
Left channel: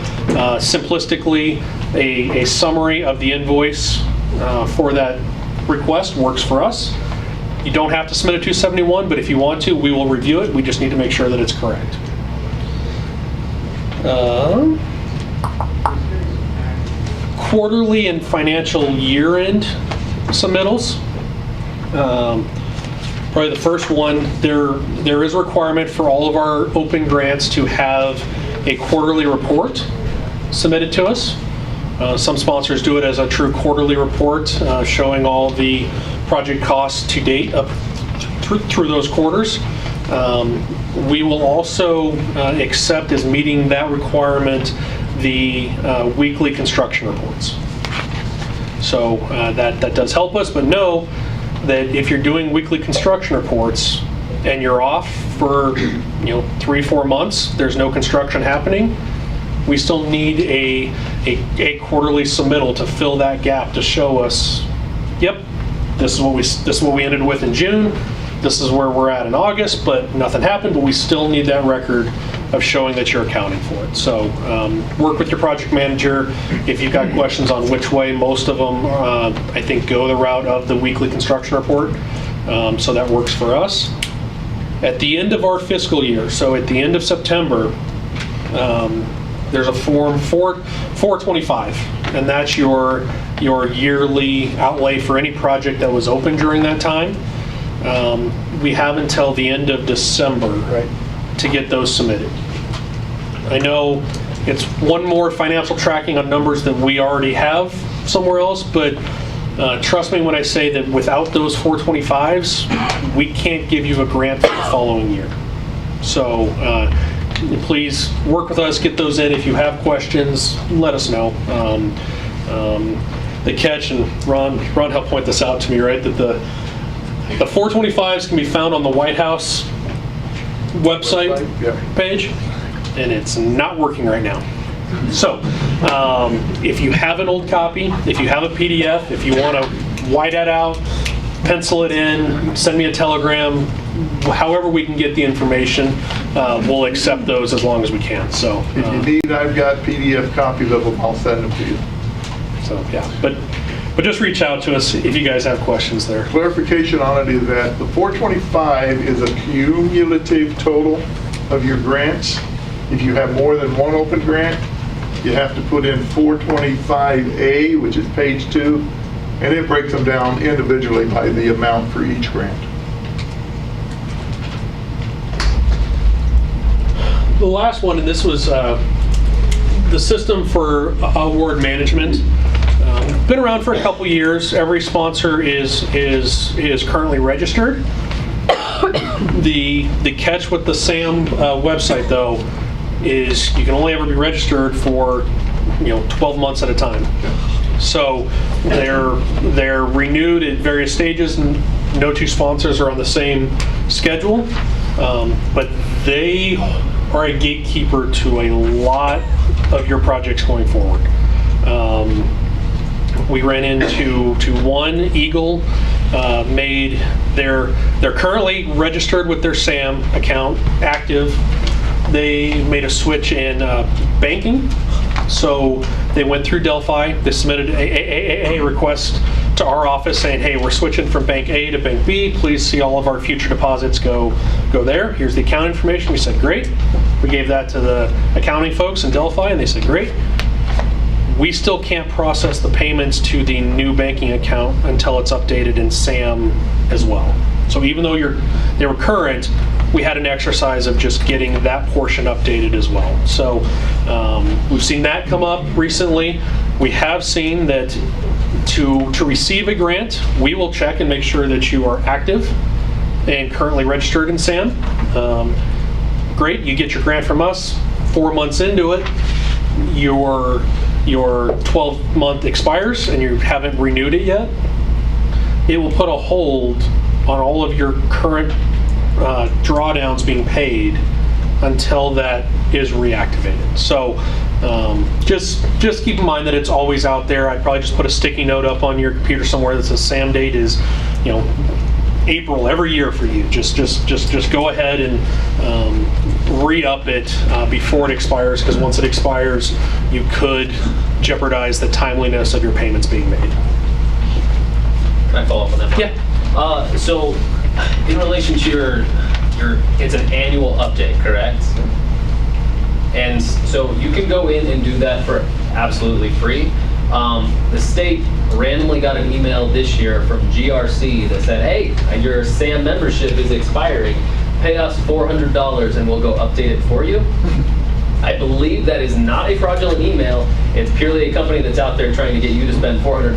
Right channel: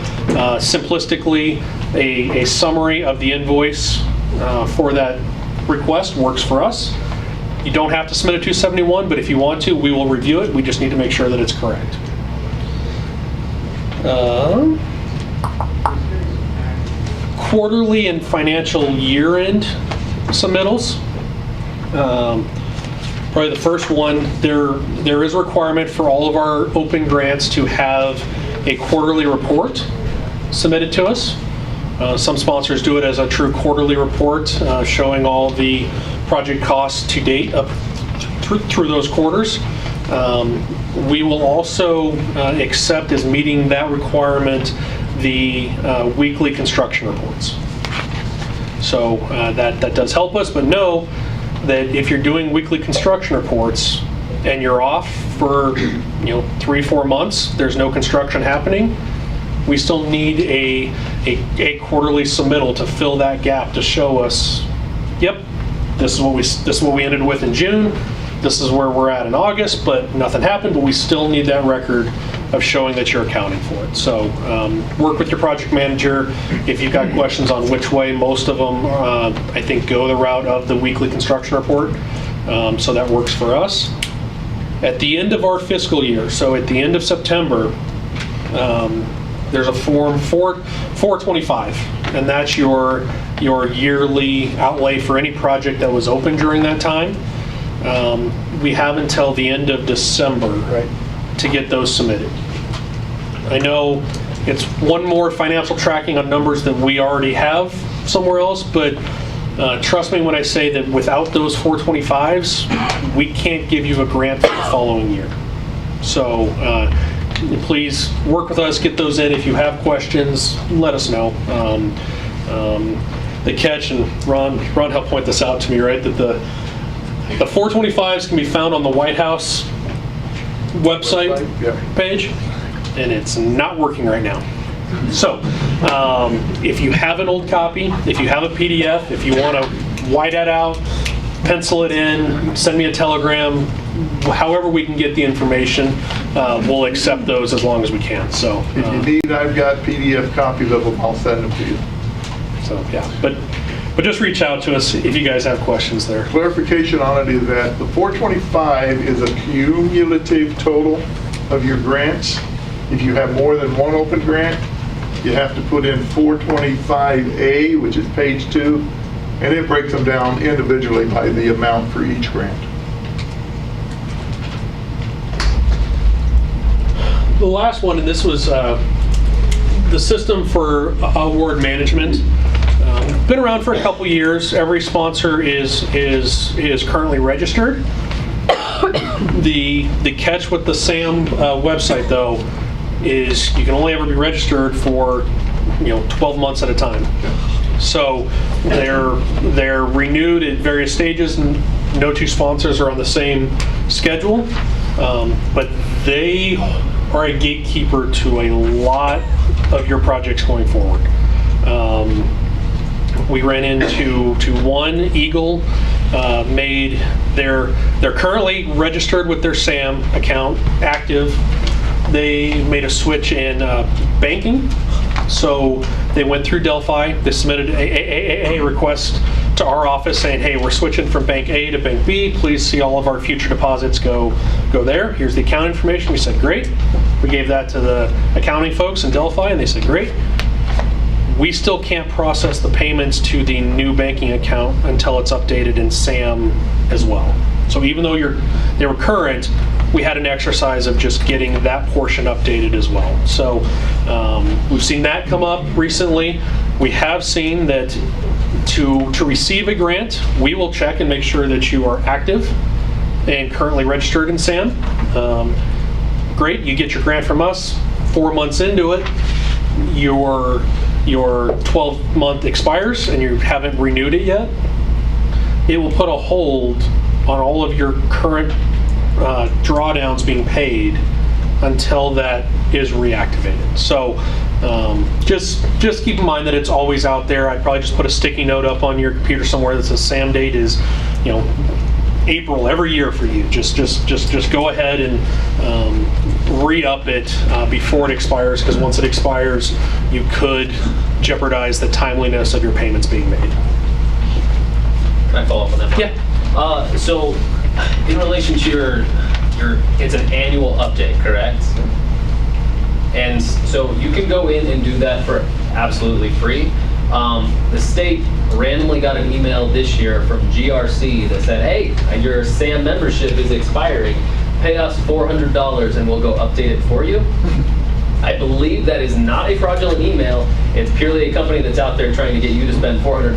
simplistically, a summary of the invoice for that request works for us. You don't have to submit a 271, but if you want to, we will review it. We just need to make sure that it's correct. Quarterly and financial year-end submittals. Probably the first one, there is a requirement for all of our open grants to have a quarterly report submitted to us. Some sponsors do it as a true quarterly report showing all the project costs to date up through those quarters. We will also accept as meeting that requirement the weekly construction reports. So that does help us, but know that if you're doing weekly construction reports and you're off for 3-4 months, there's no construction happening, we still need a quarterly submittal to fill that gap to show us, yep, this is what we ended with in June, this is where we're at in August, but nothing happened, but we still need that record of showing that you're accounting for it. So work with your project manager. If you've got questions on which way, most of them I think go the route of the weekly construction report. So that works for us. At the end of our fiscal year, so at the end of September, there's a form 425, and that's your yearly outlay for any project that was open during that time. We have until the end of December to get those submitted. I know it's one more financial tracking on numbers that we already have somewhere else, but trust me when I say that without those 425s, we can't give you a grant for the following year. So please work with us, get those in. If you have questions, let us know. The catch, and Ron helped point this out to me, right, that the 425s can be found on the White House website page, and it's not working right now. So if you have an old copy, if you have a PDF, if you want to white that out, pencil it in, send me a telegram, however we can get the information, we'll accept those as long as we can. So if you need, I've got PDF copies of them, I'll send them to you. So yeah, but just reach out to us if you guys have questions there. Clarification on it is that the 425 is a cumulative total of your grants. If you have more than one open grant, you have to put in 425A, which is page 2, and it breaks them down individually by the amount for each grant. The last one, and this was the system for award management. Been around for a couple years. Every sponsor is currently registered. The catch with the SAM website though is you can only ever be registered for 12 months at a time. So they're renewed at various stages, and no two sponsors are on the same schedule, but they are a gatekeeper to a lot of your projects going forward. We ran into one, Eagle, they're currently registered with their SAM account, active. They made a switch in banking, so they went through Delphi. They submitted a request to our office saying, hey, we're switching from bank A to bank B. Please see all of our future deposits go there. Here's the account information. We said, great. We gave that to the accounting folks in Delphi, and they said, great. We still can't process the payments to the new banking account until it's updated in SAM as well. So even though they were current, we had an exercise of just getting that portion updated as well. So we've seen that come up recently. We have seen that to receive a grant, we will check and make sure that you are active and currently registered in SAM. Great, you get your grant from us. 4 months into it, your 12-month expires and you haven't renewed it yet. It will put a hold on all of your current drawdowns being paid until that is reactivated. So just keep in mind that it's always out there. I'd probably just put a sticky note up on your computer somewhere that says SAM date is, April every year for you. Just go ahead and re-up it before it expires, because once it expires, you could jeopardize the timeliness of your payments being made. Can I follow up on that? Yeah. So in relation to your it's an annual update, correct? And so you can go in and do that for absolutely free. The state randomly got an email this year from GRC that said, hey, your SAM membership is expiring. Pay us $400 and we'll go update it for you. I believe that is not a fraudulent email. It's purely a company that's out there trying to get you to spend $400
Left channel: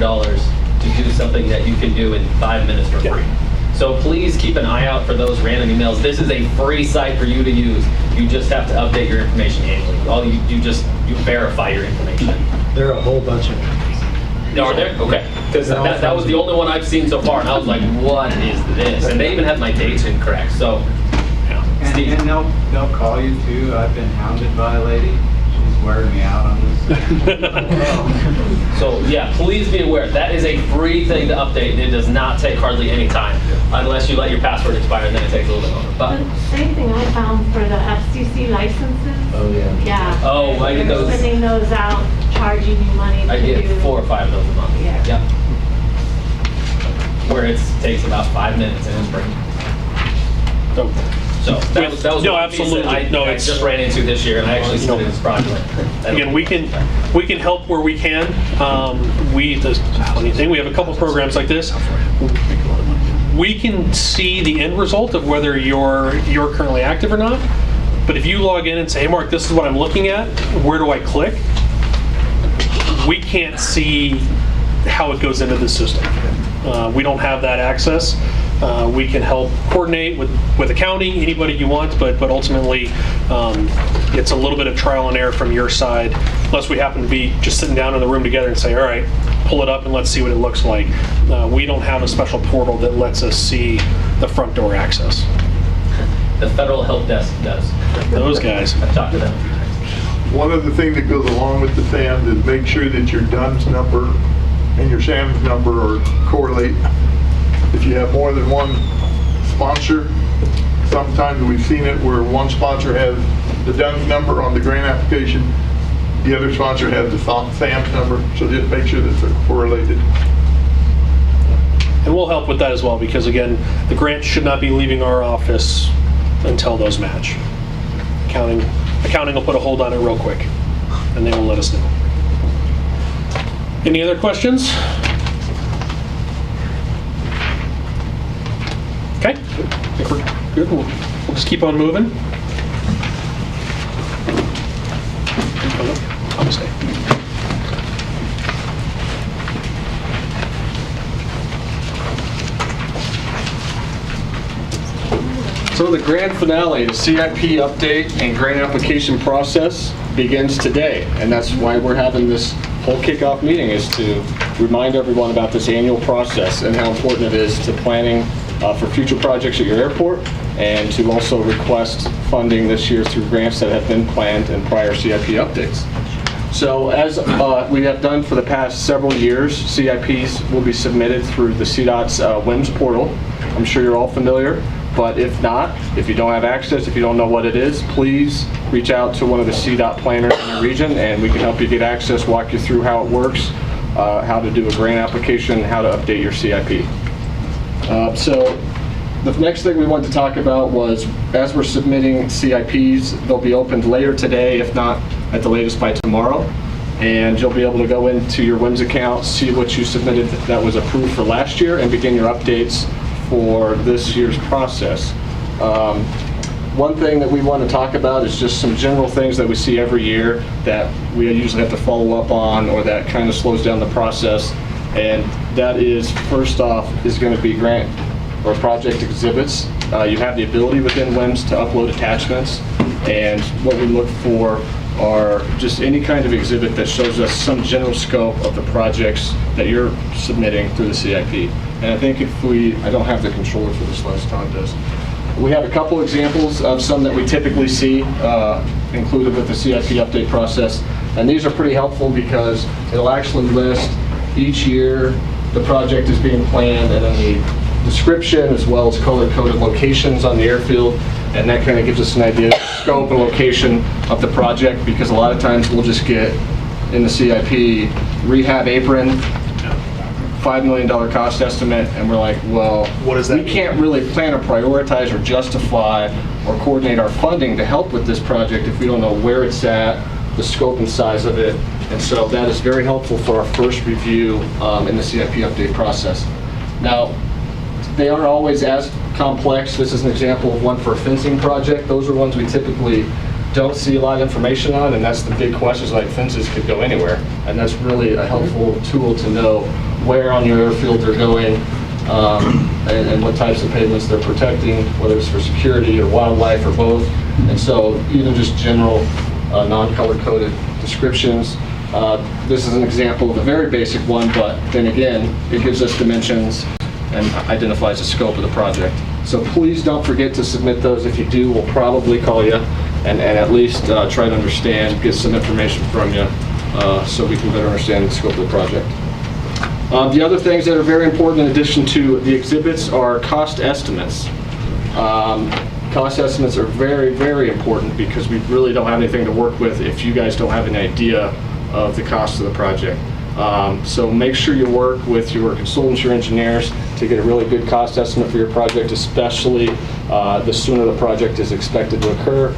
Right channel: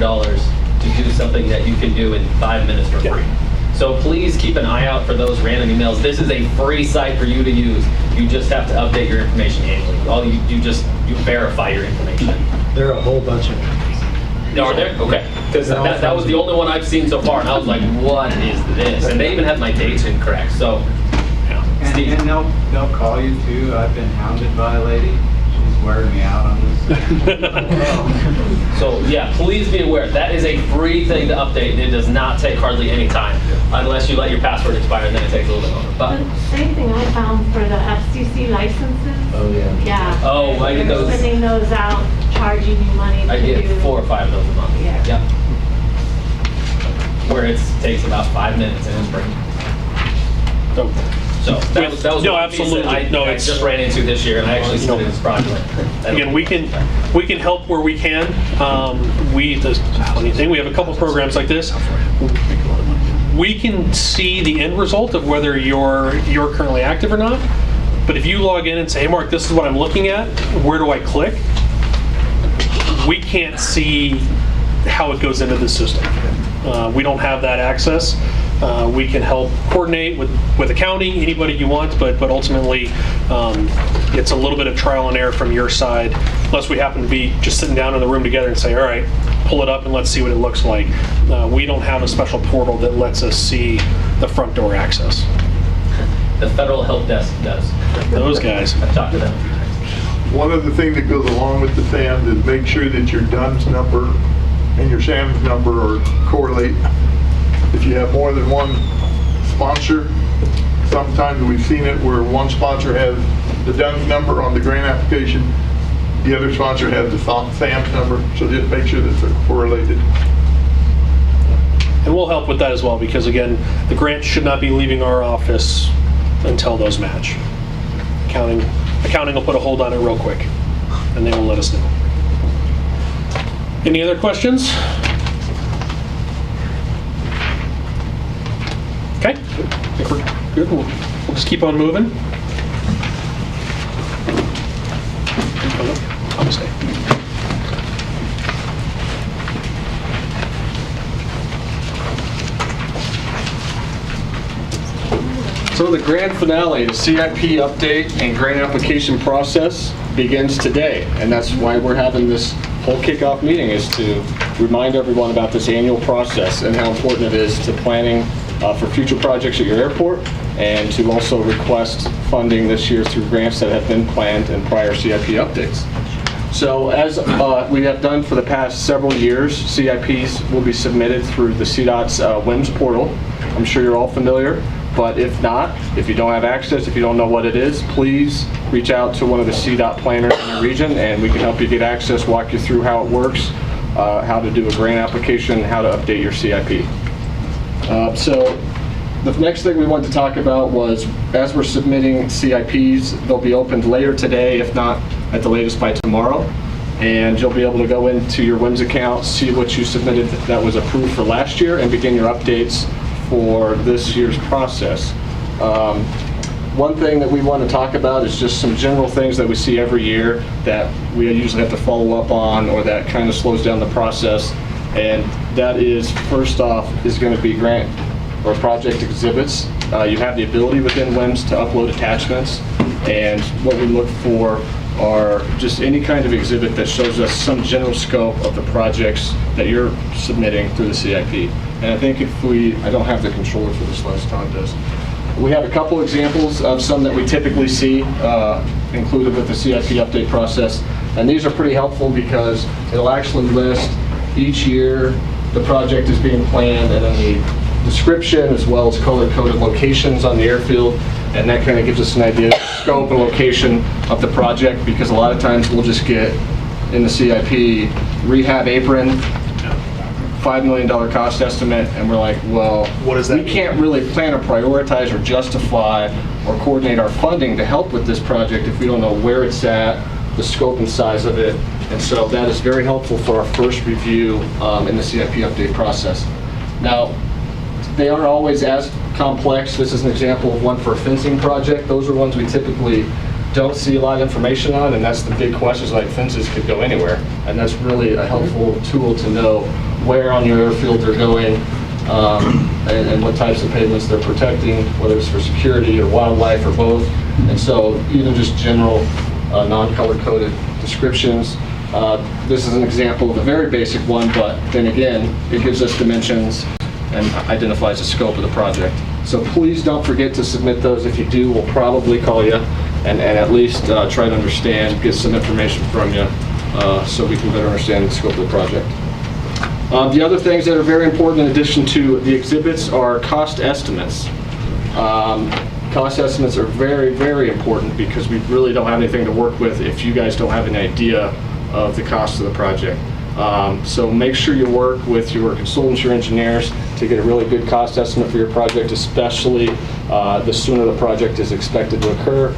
to do something that you can do in 5 minutes for free. So please keep an eye out for those random emails. This is a free site for you to use. You just have to update your information annually. All you verify your information. There are a whole bunch of Are there? Okay. Because that was the only one I've seen so far, and I was like, what is this? And they even had my dates incorrect. So, And they'll call you too. I've been hounded by a lady. She's wearing me out on this. So yeah, please be aware. That is a free thing to update, and it does not take hardly any time, unless you let your password expire, and then it takes a little bit longer. But same thing I found for the FCC licenses. oh yeah. Yeah. Oh, I get They're those. sending those out, charging you money I to get do. 4 or 5 of those a month. Yeah. Yep. Where it takes about 5 minutes and it's free. So that was no, one piece that absolutely. I just ran into this year, and I actually said it was fraudulent. Again, we can help where we can. The funny thing, we have a couple programs like this. We can see the end result of whether you're currently active or not. But if you log in and say, hey, Mark, this is what I'm looking at, where do I click? We can't see how it goes into the system. We don't have that access. We can help coordinate with accounting, anybody you want, but ultimately it's a little bit of trial and error from your side, unless we happen to be just sitting down in the room together and say, all right, pull it up and let's see what it looks like. We don't have a special portal that lets us see the front door access. The federal help desk does. Those guys. I've talked to them a few times. One other thing that goes along with the SAM is make sure that your DUNS number and your SAM's number correlate. If you have more than one sponsor, sometimes we've seen it where one sponsor has the DUNS number on the grant application, the other sponsor has the SAM's number, so just make sure that they're correlated. And we'll help with that as well, because again, the grant should not be leaving our office until those match. Accounting will put a hold on it real quick, and they will let us know. Any other questions? Okay, I think we're good. We'll just keep on moving. So the grand finale, the CIP update and grant application process begins today. And that's why we're having this whole kickoff meeting, is to remind everyone about this annual process and how important it is to planning for future projects at your airport, and to also request funding this year through grants that have been planned in prior CIP updates. So as we have done for the past several years, CIPs will be submitted through the CDOT's WIMS portal. I'm sure you're all familiar, but if not, if you don't have access, if you don't know what it is, please reach out to one of the CDOT planners in your region, and we can help you get access, walk you through how it works, how to do a grant application, how to update your CIP. So the next thing we wanted to talk about was, as we're submitting CIPs, they'll be opened later today, if not at the latest by tomorrow. And you'll be able to go into your WIMS account, see what you submitted that was approved for last year, and begin your updates for this year's process. One thing that we want to talk about is just some general things that we see every year that we usually have to follow up on, or that kind of slows down the process. And that is, first off, is going to be grant or project exhibits. You have the ability within WIMS to upload attachments, and what we look for are just any kind of exhibit that shows us some general scope of the projects that you're submitting through the CIP. And I think I don't have the controller for this last time, does. We have a couple examples of some that we typically see included with the CIP update process. And these are pretty helpful because it'll actually list each year the project is being planned, and then the description as well as color-coded locations on the airfield. And that kind of gives us an idea of the scope and location of the project, because a lot of times we'll just get in the CIP rehab apron, $5 million cost estimate, and we're like, well, what does that mean? Can't really plan or prioritize or justify or coordinate our funding to help with this project if we don't know where it's at, the scope and size of it. And so that is very helpful for our first review in the CIP update process. Now, they aren't always as complex. This is an example of one for a fencing project. Those are ones we typically don't see a lot of information on, and that's the big questions, like fences could go anywhere. And that's really a helpful tool to know where on your airfield they're going, and what types of pavements they're protecting, whether it's for security or wildlife or both. And so even just general non-color coded descriptions. This is an example of a very basic one, but then again, it gives us dimensions and identifies the scope of the project. So please don't forget to submit those. If you do, we'll probably call you and at least try to understand, get some information from you so we can better understand the scope of the project. The other things that are very important in addition to the exhibits are cost estimates. Cost estimates are very, very important because we really don't have anything to work with if you guys don't have an idea of the cost of the project. So make sure you work with your consultants, your engineers, to get a really good cost estimate for your project, especially the sooner the project is expected to occur.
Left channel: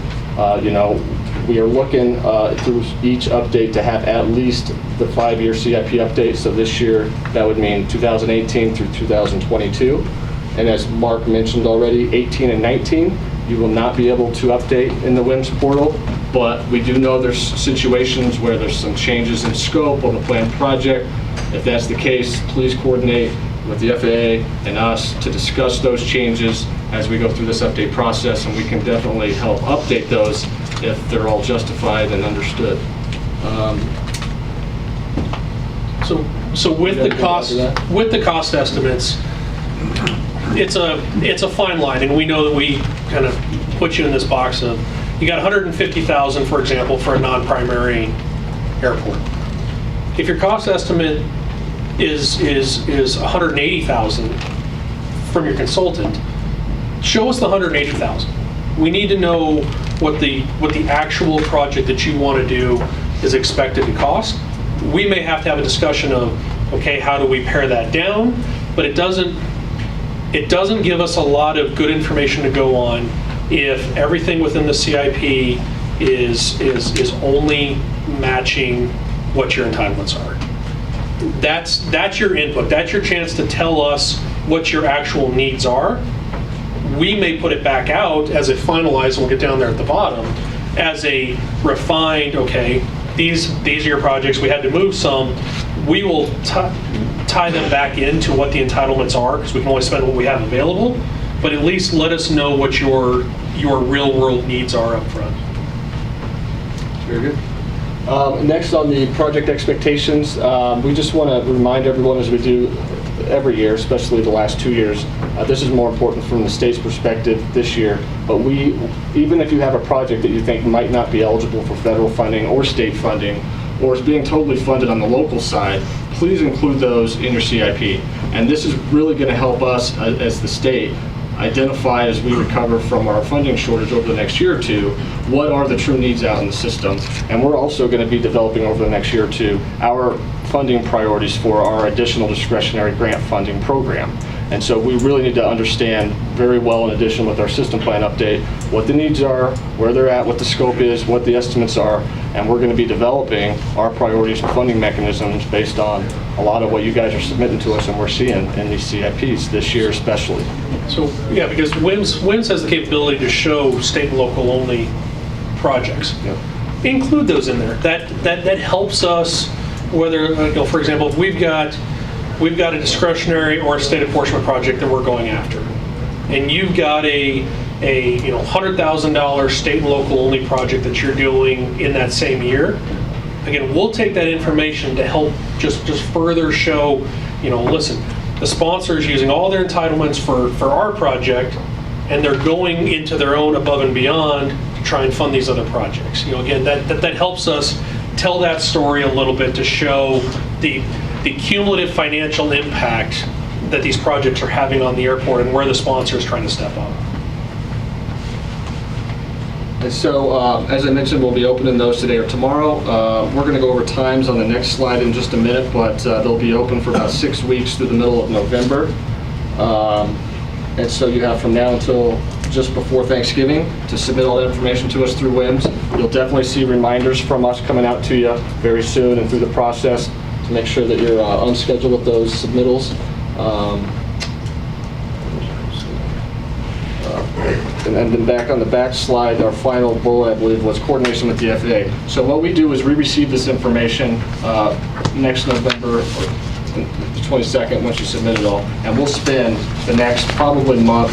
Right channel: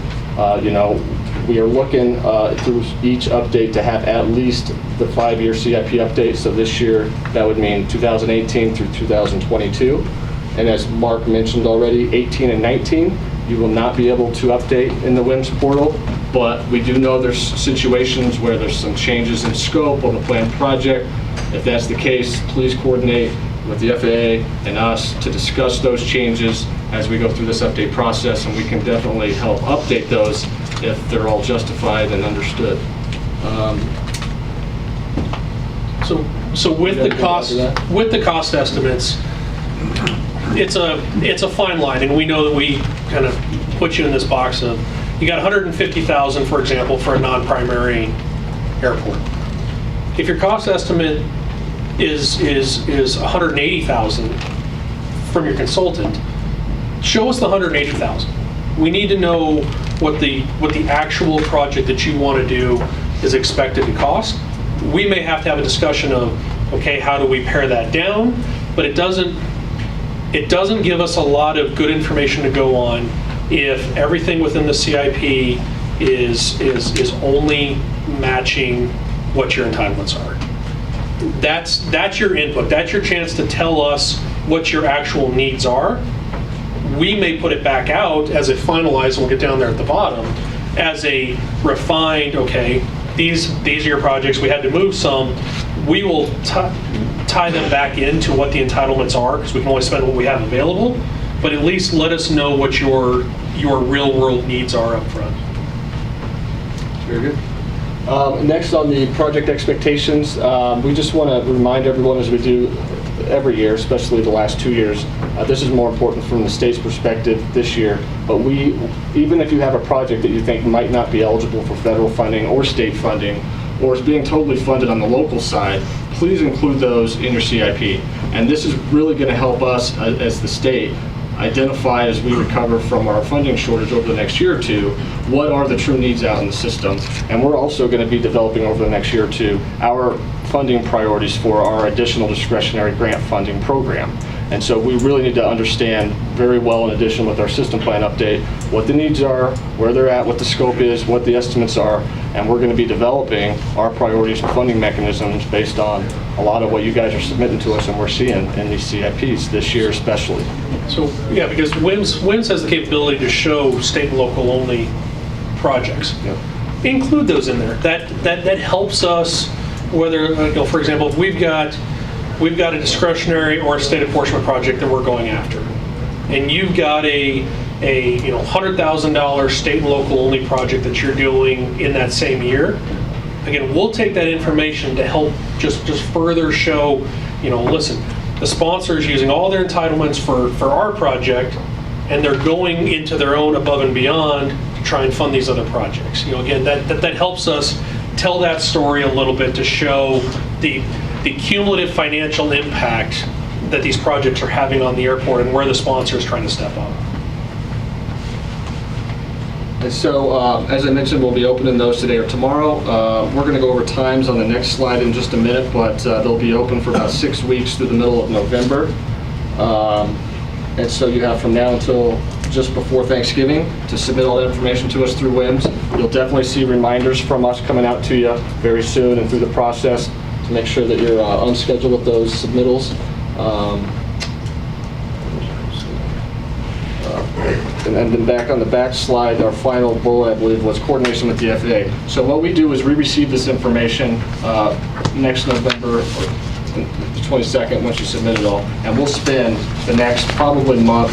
We are looking through each update to have at least the 5-year CIP update. So this year, that would mean 2018 through 2022. And as Mark mentioned already, 18 and 19, you will not be able to update in the WIMS portal, but we do know there's situations where there's some changes in scope on the planned project. If that's the case, please coordinate with the FAA and us to discuss those changes as we go through this update process, and we can definitely help update those if they're all justified and understood. So with the cost estimates, it's a fine line, and we know that we kind of put you in this box of, you got $150,000, for example, for a non-primary airport. If your cost estimate is $180,000 from your consultant, show us the $180,000. We need to know what the actual project that you want to do is expected to cost. We may have to have a discussion of, okay, how do we pare that down? But it doesn't give us a lot of good information to go on if everything within the CIP is only matching what your entitlements are. That's your input. That's your chance to tell us what your actual needs are. We may put it back out as a finalized, and we'll get down there at the bottom, as a refined, okay, these are your projects, we had to move some. We will tie them back into what the entitlements are, because we can only spend what we have available, but at least let us know what your real world needs are up front. Very good. Next on the project expectations, we just want to remind everyone, as we do every year, especially the last 2 years, this is more important from the state's perspective this year, but even if you have a project that you think might not be eligible for federal funding or state funding, or is being totally funded on the local side, please include those in your CIP. And this is really going to help us as the state identify, as we recover from our funding shortage over the next year or two, what are the true needs out in the system. And we're also going to be developing over the next year or two our funding priorities for our additional discretionary grant funding program. And so we really need to understand very well, in addition with our system plan update, what the needs are, where they're at, what the scope is, what the estimates are, and we're going to be developing our priorities and funding mechanisms based on a lot of what you guys are submitting to us and we're seeing in these CIPs this year especially. So, yeah, because WIMS has the capability to show state and local only projects. Yep. Include those in there. That helps us, whether, for example, if we've got a discretionary or a state apportionment project that we're going after, and you've got a $100,000 state and local only project that you're doing in that same year, again, we'll take that information to help just further show, listen, the sponsor's using all their entitlements for our project, and they're going into their own above and beyond to try and fund these other projects. Again, that helps us tell that story a little bit to show the cumulative financial impact that these projects are having on the airport and where the sponsor is trying to step up. And so, as I mentioned, we'll be opening those today or tomorrow. We're going to go over times on the next slide in just a minute, but they'll be open for about 6 weeks through the middle of November. And so you have from now until just before Thanksgiving to submit all that information to us through WIMS. You'll definitely see reminders from us coming out to you very soon and through the process to make sure that you're on schedule with those submittals. And then back on the back slide, our final bullet, I believe, was coordination with the FAA. So what we do is we receive this information next November, or the 22nd, once you submit it all, and we'll spend the next probably month,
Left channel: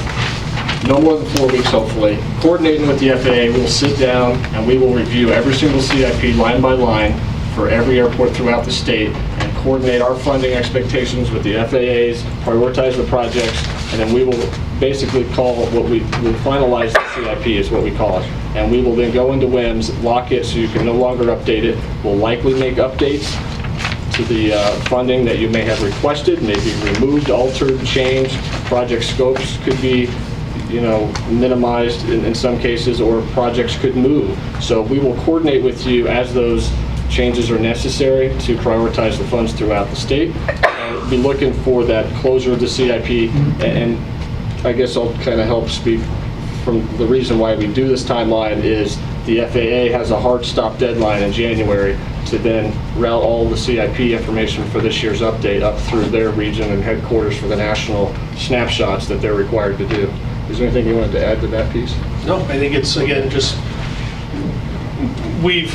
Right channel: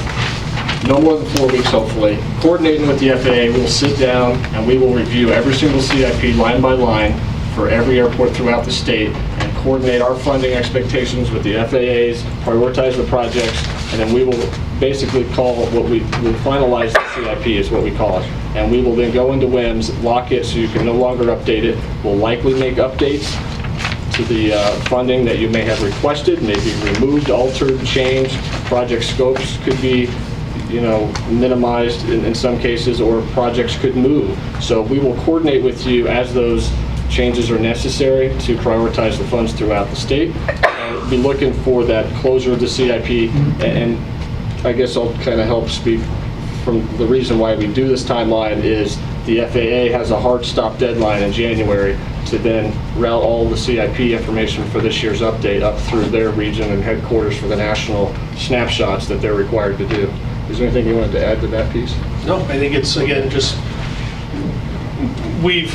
no more than 4 weeks hopefully, coordinating with the FAA. We'll sit down and we will review every single CIP line by line for every airport throughout the state and coordinate our funding expectations with the FAAs, prioritize the projects, and then we will basically call what we'll finalize the CIP is what we call it. And we will then go into WIMS, lock it so you can no longer update it. We'll likely make updates to the funding that you may have requested, maybe removed, altered, changed. Project scopes could be minimized in some cases, or projects could move. So we will coordinate with you as those changes are necessary to prioritize the funds throughout the state. And be looking for that closure of the CIP, and I guess I'll kind of help speak from the reason why we do this timeline is the FAA has a hard stop deadline in January to then route all the CIP information for this year's update up through their region and headquarters for the national snapshots that they're required to do. Is there anything you wanted to add to that piece? No, I think it's, again, just we've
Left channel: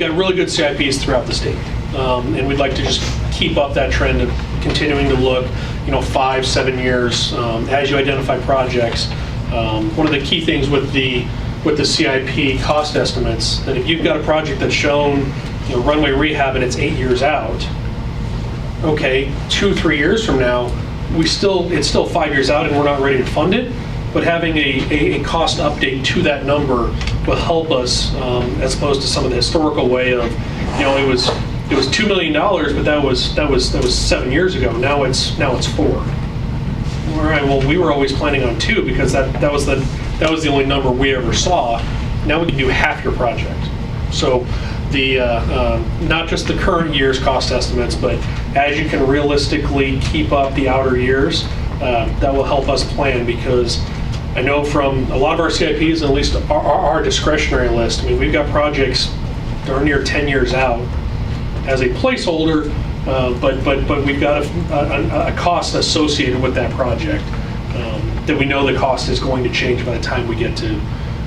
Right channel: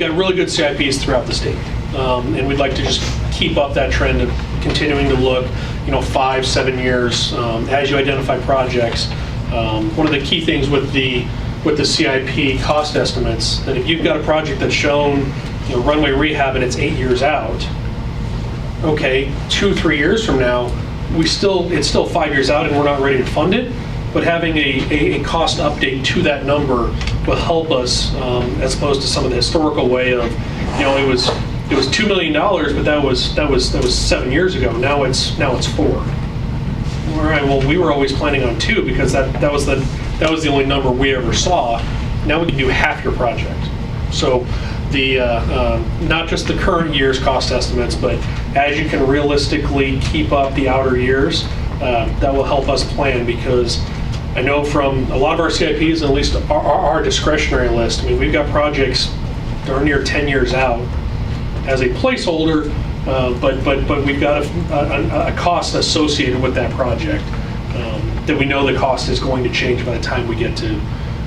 got really good CIPs throughout the state, and we'd like to just keep up that trend of continuing to look, 5-7 years as you identify projects. One of the key things with the CIP cost estimates, that if you've got a project that's shown runway rehab and it's 8 years out, okay, 2-3 years from now, it's still 5 years out and we're not ready to fund it. But having a cost update to that number will help us, as opposed to some of the historical way of, it was $2 million, but that was 7 years ago. Now it's 4. All right. Well, we were always planning on 2 because that was the only number we ever saw. Now we can do half your project. So the not just the current year's cost estimates, but as you can realistically keep up the outer years, that will help us plan, because I know from a lot of our CIPs, at least our discretionary list, I mean, we've got projects darn near 10 years out as a placeholder, but we've got a cost associated with that project that we know the cost is going to change by the time we get to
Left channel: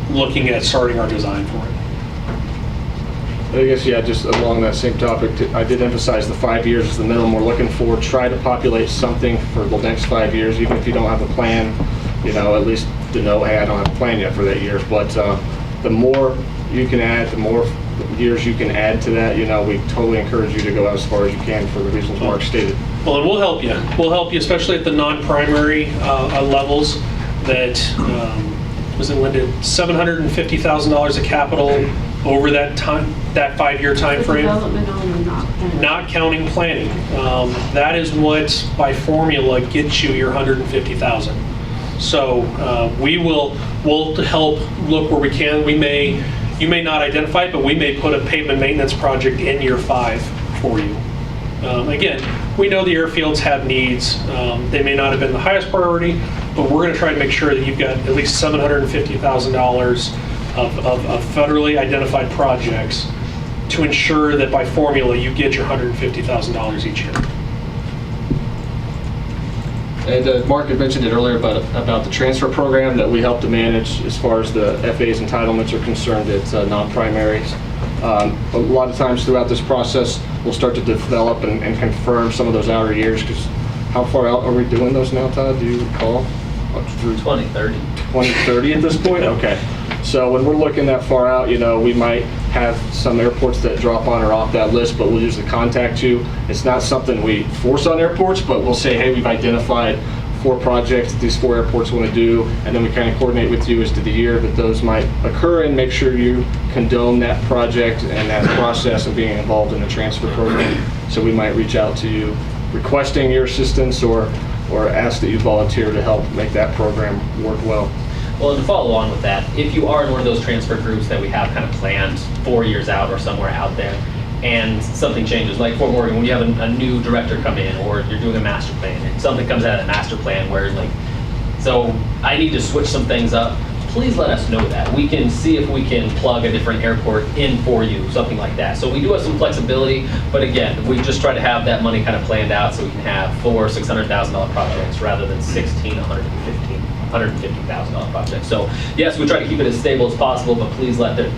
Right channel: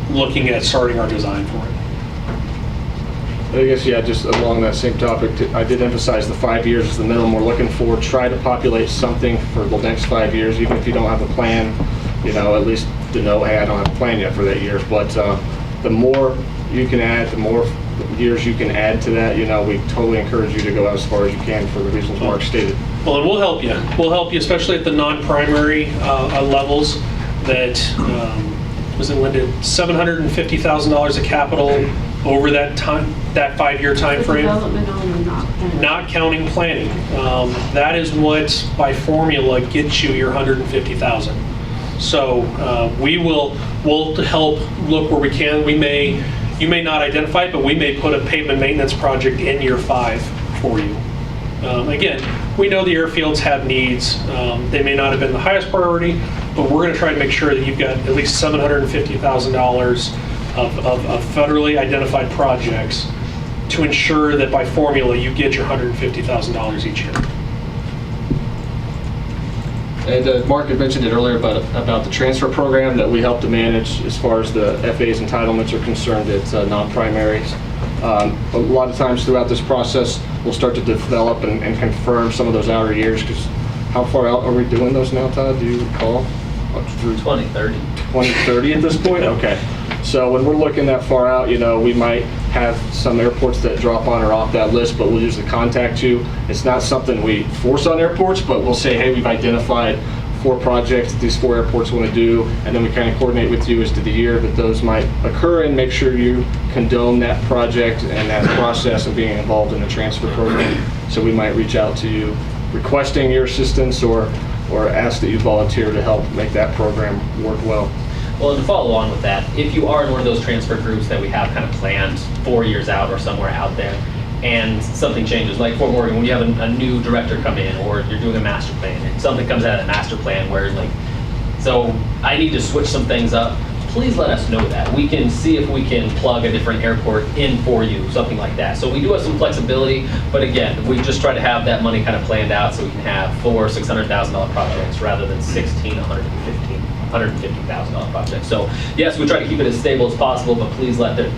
looking at starting our design for it. I guess, yeah, just along that same topic, I did emphasize the 5 years is the minimum we're looking for. Try to populate something for the next 5 years, even if you don't have a plan, at least to know, hey, I don't have a plan yet for that year. But the more you can add, the more years you can add to that, we totally encourage you to go out as far as you can for the reasons Mark stated. Well, and we'll help you. We'll help you, especially at the non-primary levels that, was it, Linda, $750,000 of capital over that 5-year time frame. Development only, not counting planning. That is what, by formula, gets you your $150,000. So we'll help look where we can. You may not identify it, but we may put a pavement maintenance project in year 5 for you. Again, we know the airfields have needs. They may not have been the highest priority, but we're going to try to make sure that you've got at least $750,000 of federally identified projects to ensure that by formula you get your $150,000 each year. And Mark had mentioned it earlier about the transfer program that we help to manage as far as the FAA's entitlements are concerned. It's non-primaries. A lot of times throughout this process, we'll start to develop and confirm some of those outer years, because how far out are we doing those now, Todd? Do you recall? Through 2030. 2030 at this point? Okay. So when we're looking that far out, you know, we might have some airports that drop on or off that list, but we'll usually contact you. It's not something we force on airports, but we'll say, hey, we've identified 4 projects that these 4 airports want to do, and then we kind of coordinate with you as to the year that those might occur and make sure you condone that project and that process of being involved in the transfer program. So we might reach out to you requesting your assistance or ask that you volunteer to help make that program work well. Well, and to follow on with that, if you are in one of those transfer groups that we have kind of planned 4 years out or somewhere out there, and something changes, like Fort Morgan, when you have a new director come in, or you're doing a master plan, and something comes out of that master plan where, like, so I need to switch some things up, please let us know that. We can see if we can plug a different airport in for you, something like that. So we do have some flexibility, but again, we just try to have that money kind of planned out so we can have $400,000, $600,000 projects rather than $150,000 projects. So yes, we try to keep it as stable as possible, but please let there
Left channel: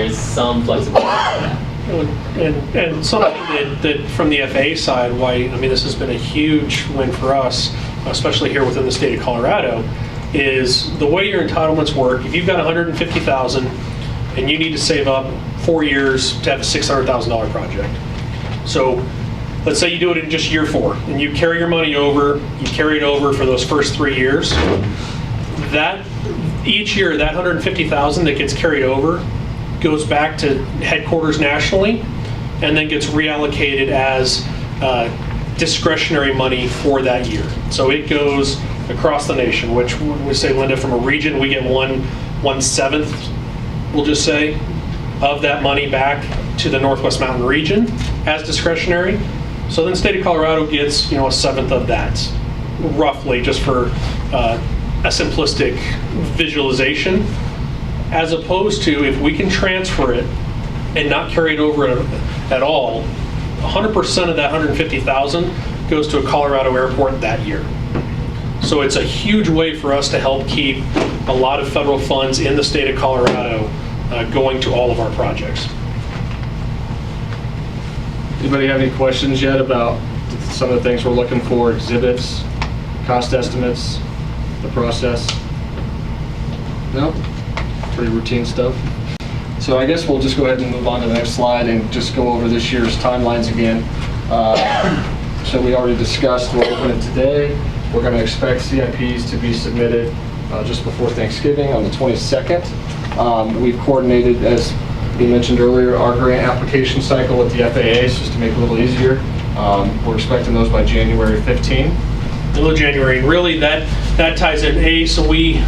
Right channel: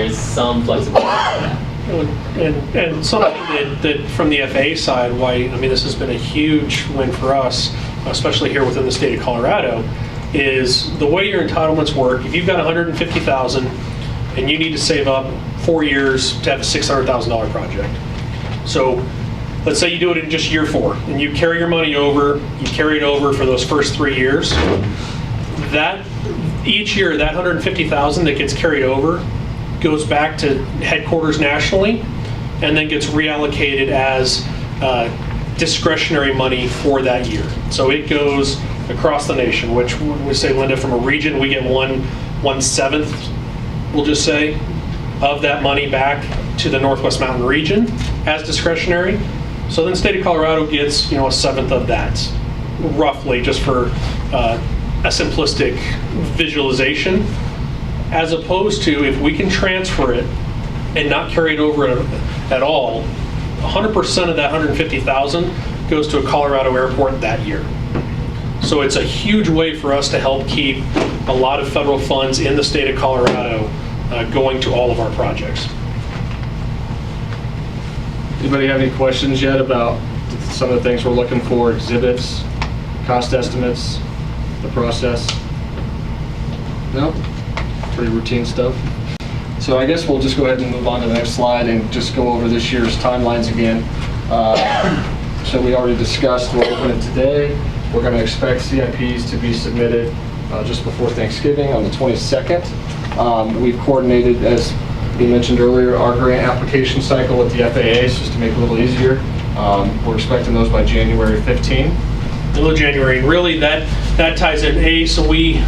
is some flexibility for that. And something that from the FAA side, why, I mean, this has been a huge win for us, especially here within the state of Colorado, is the way your entitlements work. If you've got $150,000 and you need to save up 4 years to have a $600,000 project. So let's say you do it in just year 4 and you carry your money over, you carry it over for those first 3 years. That each year, that $150,000 that gets carried over goes back to headquarters nationally and then gets reallocated as discretionary money for that year. So it goes across the nation, which we say, Linda, from a region, we get 1/7, we'll just say, of that money back to the Northwest Mountain region as discretionary. So then state of Colorado gets, you know, 1/7 of that, roughly, just for a simplistic visualization. As opposed to if we can transfer it and not carry it over at all, 100% of that $150,000 goes to a Colorado airport that year. So it's a huge way for us to help keep a lot of federal funds in the state of Colorado going to all of our projects. Anybody have any questions yet about some of the things we're looking for, exhibits, cost estimates, the process? No? Pretty routine stuff. So I guess we'll just go ahead and move on to the next slide and just go over this year's timelines again. So we already discussed we're opening today. We're going to expect CIPs to be submitted just before Thanksgiving on the 22nd. We've coordinated, as we mentioned earlier, our grant application cycle with the FAA, just to make it a little easier. We're expecting those by January 15. Middle of January, and really that ties in, so we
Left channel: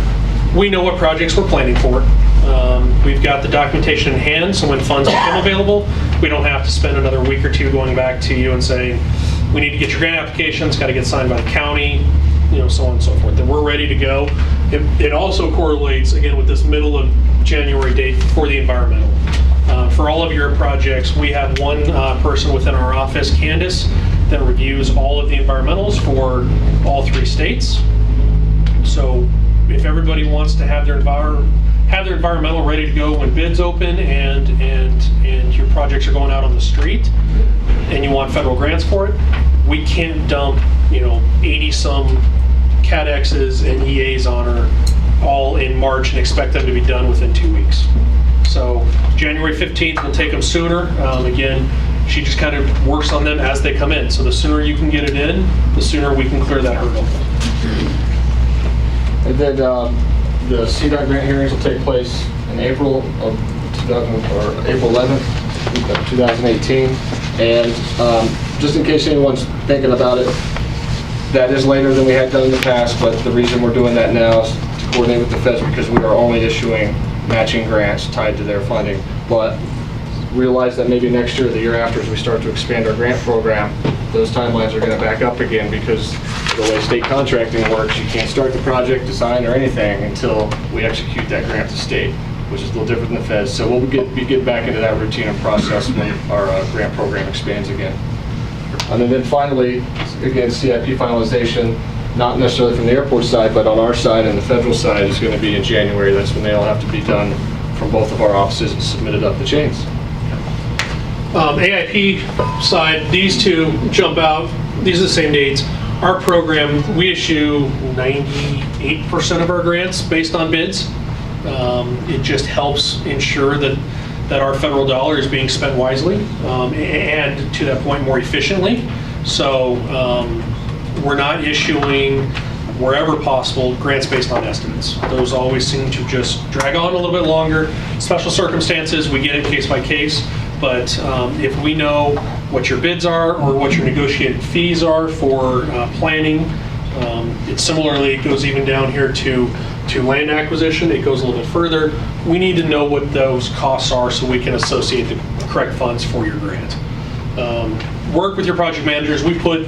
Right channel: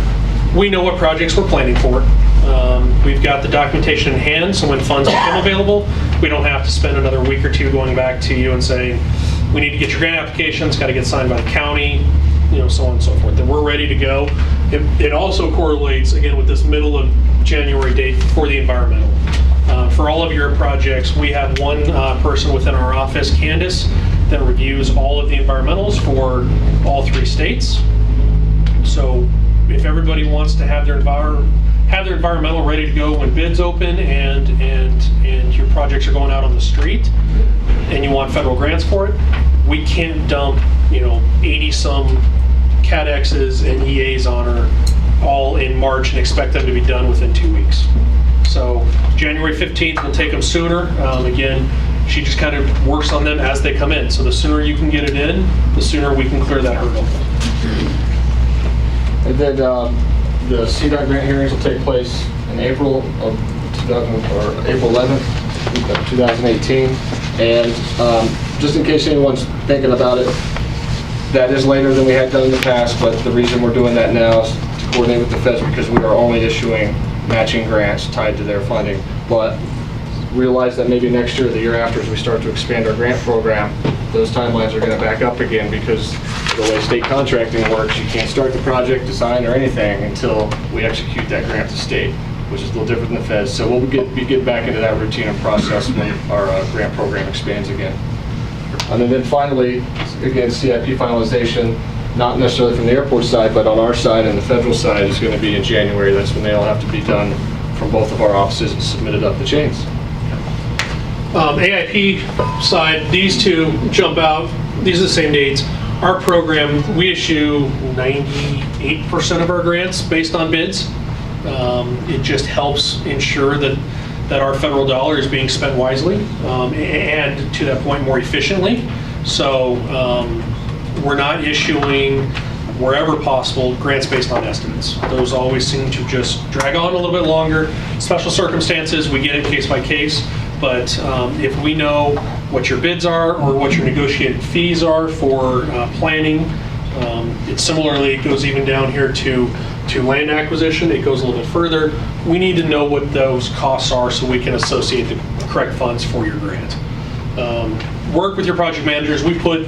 know what projects we're planning for. We've got the documentation in hand, so when funds become available, we don't have to spend another week or 2 going back to you and saying, we need to get your grant application, it's got to get signed by the county, you know, so on and so forth. Then we're ready to go. It also correlates, again, with this middle of January date for the environmental. For all of your projects, we have one person within our office, Candace, that reviews all of the environmentals for all 3 states. So if everybody wants to have their environmental ready to go when bids open and your projects are going out on the street and you want federal grants for it, we can't dump, you know, 80-some CADXs and EAs on her all in March and expect them to be done within 2 weeks. So January 15th, we'll take them sooner. Again, she just kind of works on them as they come in. So the sooner you can get it in, the sooner we can clear that hurdle. And then the CDOT grant hearings will take place in April of April 11th, 2018. And just in case anyone's thinking about it, that is later than we had done in the past, but the reason we're doing that now is to coordinate with the feds because we are only issuing matching grants tied to their funding. But realize that maybe next year or the year after, as we start to expand our grant program, those timelines are going to back up again because the way state contracting works, you can't start the project, design, or anything until we execute that grant to state, which is a little different than the feds. So we'll get back into that routine and process when our grant program expands again. And then finally, again, CIP finalization, not necessarily from the airport side, but on our side and the federal side is going to be in January. That's when they all have to be done from both of our offices and submitted up the chains. AIP side, these two jump out. These are the same dates. Our program, we issue 98% of our grants based on bids. It just helps ensure that our federal dollar is being spent wisely and to that point more efficiently. So we're not issuing, wherever possible, grants based on estimates. Those always seem to just drag on a little bit longer. Special circumstances, we get it case by case, but if we know what your bids are or what your negotiated fees are for planning, it similarly goes even down here to land acquisition. It goes a little bit further. We need to know what those costs are so we can associate the correct funds for your grant. Work with your project managers. We put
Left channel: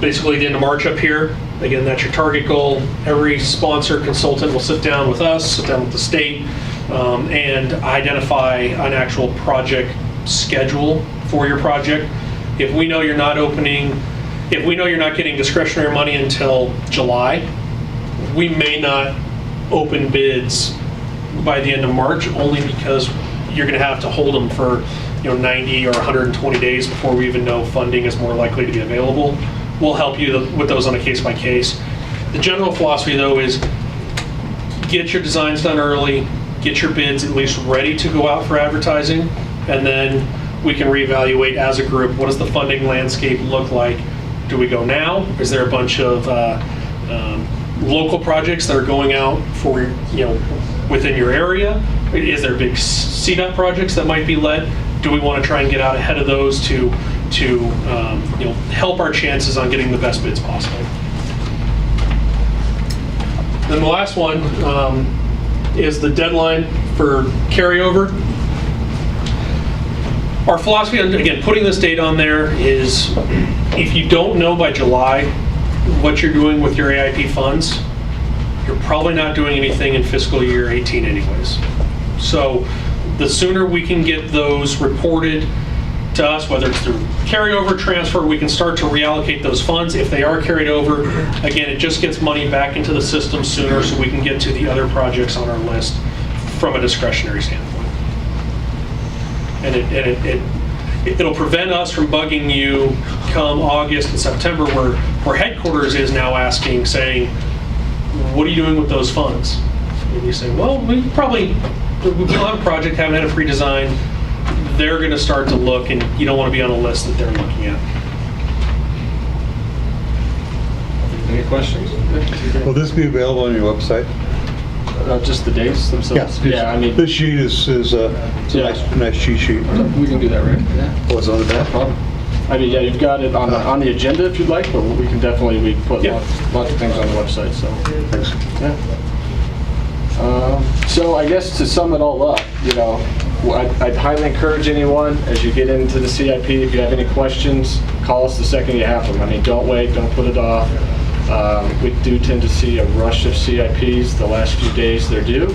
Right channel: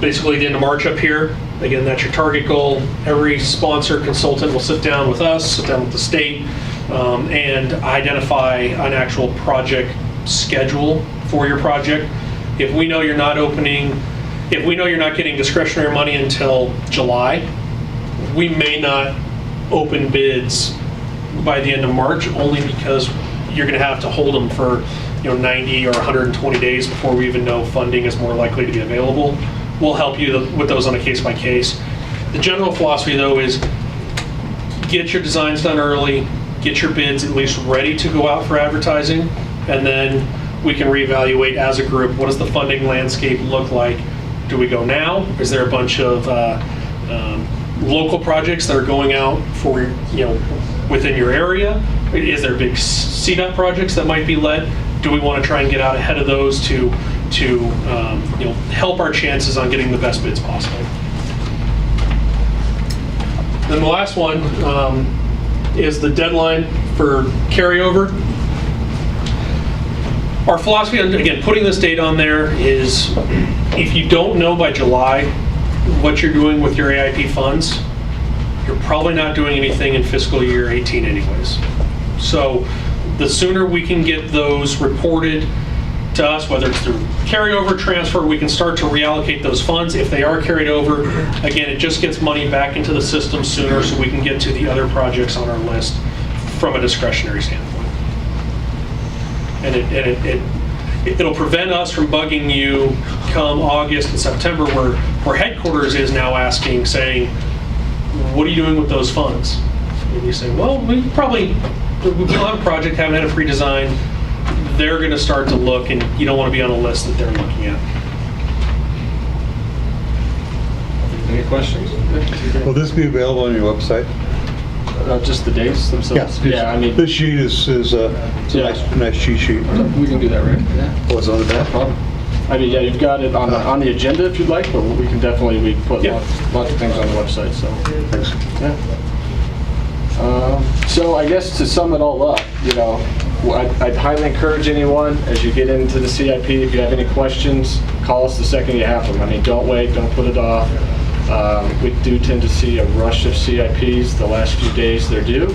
basically the end of March up here. Again, that's your target goal. Every sponsor consultant will sit down with us, sit down with the state, and identify an actual project schedule for your project. If we know you're not getting discretionary money until July, we may not open bids by the end of March, only because you're going to have to hold them for 90 or 120 days before we even know funding is more likely to be available. We'll help you with those on a case by case. The general philosophy though is get your designs done early, get your bids at least ready to go out for advertising, and then we can reevaluate as a group, what does the funding landscape look like? Do we go now? Is there a bunch of local projects that are going out for, within your area? Is there big CDOT projects that might be led? Do we want to try and get out ahead of those to help our chances on getting the best bids possible? Then the last one is the deadline for carryover. Our philosophy on, again, putting this date on there is if you don't know by July what you're doing with your AIP funds, you're probably not doing anything in fiscal year 18 anyways. So the sooner we can get those reported to us, whether it's through carryover transfer, we can start to reallocate those funds. If they are carried over, again, it just gets money back into the system sooner so we can get to the other projects on our list from a discretionary standpoint. And it'll prevent us from bugging you come August and September where headquarters is now asking, saying, what are you doing with those funds? And you say, well, we don't have a project, haven't had a pre-design. They're going to start to look, and you don't want to be on a list that they're looking at. Any questions? Will this be available on your website? Just the dates themselves? Yeah, I mean, this sheet is a nice cheat sheet. We can do that, right? Yeah. Oh, it's on the back? No problem. I mean, yeah, you've got it on the agenda if you'd like, but we can definitely put lots of things on the website. So thanks. Yeah. So I guess to sum it all up, I'd highly encourage anyone as you get into the CIP, if you have any questions, call us the second you have them. I mean, don't wait, don't put it off. We do tend to see a rush of CIPs the last few days they're due.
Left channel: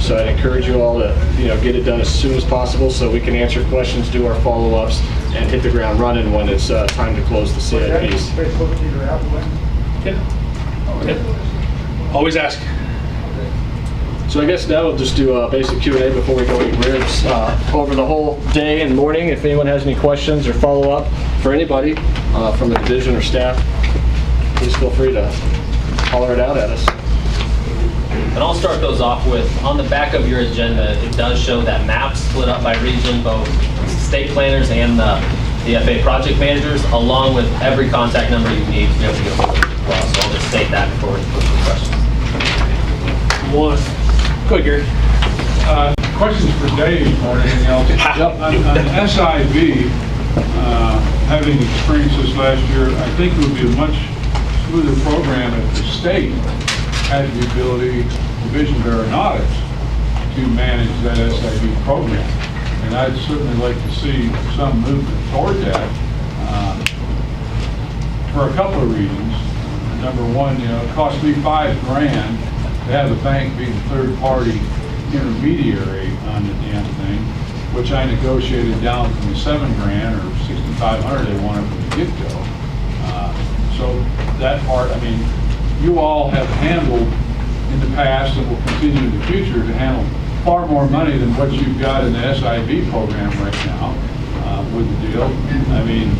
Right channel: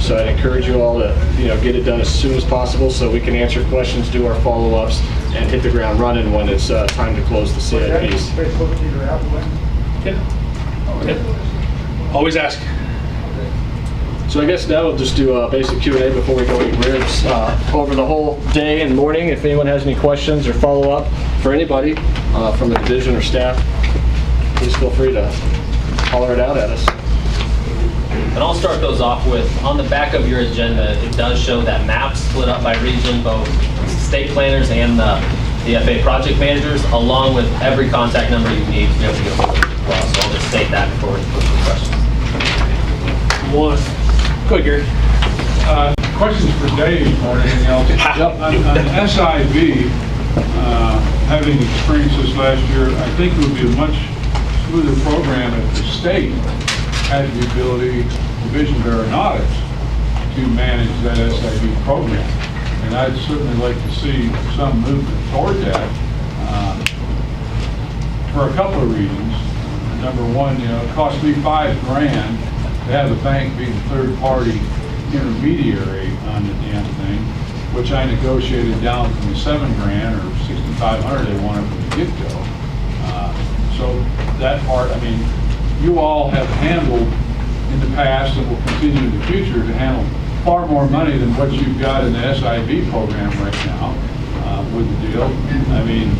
So I'd encourage you all to get it done as soon as possible so we can answer questions, do our follow-ups, and hit the ground running when it's time to close the CIPs. Yeah. Always ask. So I guess now we'll just do a basic Q&A before we go eat ribs over the whole day and morning. If anyone has any questions or follow-up for anybody from the division or staff, please feel free to holler it out at us. And I'll start those off with, on the back of your agenda, it does show that map split up by region, both state planners and the FAA project managers, along with every contact number you need to be able to get hold of as well. So I'll just state that before we put some questions. One. Go ahead, Gary. Questions for Dave or anything else. On SIB, having experienced this last year, I think it would be a much smoother program if the state had the ability, Division of Aeronautics, to manage that SIB program. and I'd certainly like to see some movement toward that for a couple of reasons. Number one, it cost me $5,000 to have the bank be the third-party intermediary on the damn thing, which I negotiated down from the $7,000 or $6,500 they wanted from the get-go. So that part, I mean, you all have handled in the past and will continue in the future to handle far more money than what you've got in the SIB program right now with the deal. I mean,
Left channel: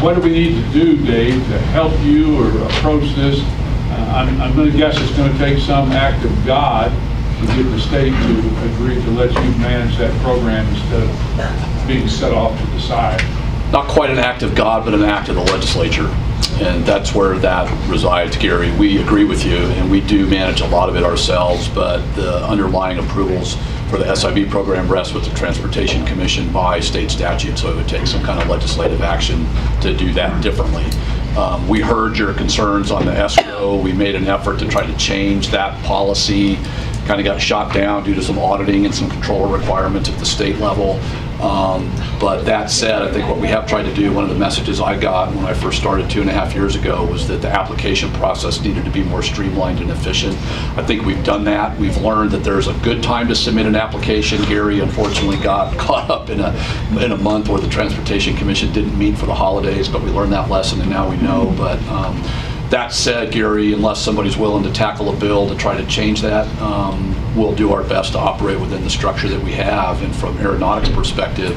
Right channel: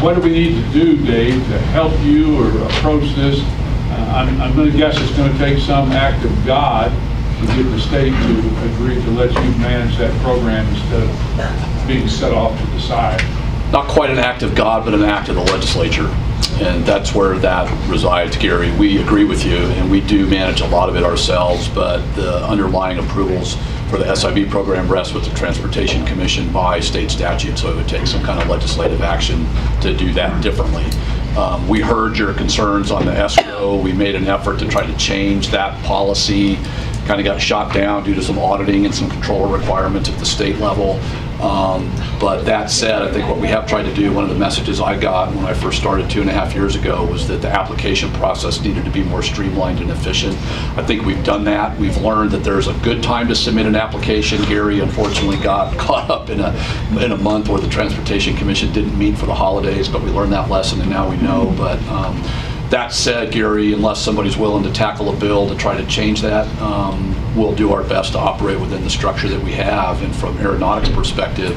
what do we need to do, Dave, to help you or approach this? I'm going to guess it's going to take some act of God to get the state to agree to let you manage that program instead of being set off to the side. Not quite an act of God, but an act of the legislature. And that's where that resides, Gary. We agree with you, and we do manage a lot of it ourselves, but the underlying approvals for the SIB program rests with the Transportation Commission by state statute, so it would take some kind of legislative action to do that differently. We heard your concerns on the escrow. We made an effort to try to change that policy. Kind of got shot down due to some auditing and some control requirements at the state level. But that said, I think what we have tried to do, one of the messages I got when I first started 2.5 years ago was that the application process needed to be more streamlined and efficient. I think we've done that. We've learned that there's a good time to submit an application. Gary unfortunately got caught up in a month where the Transportation Commission didn't meet for the holidays, but we learned that lesson and now we know. But that said, Gary, unless somebody's willing to tackle a bill to try to change that, we'll do our best to operate within the structure that we have, and from Aeronautics perspective,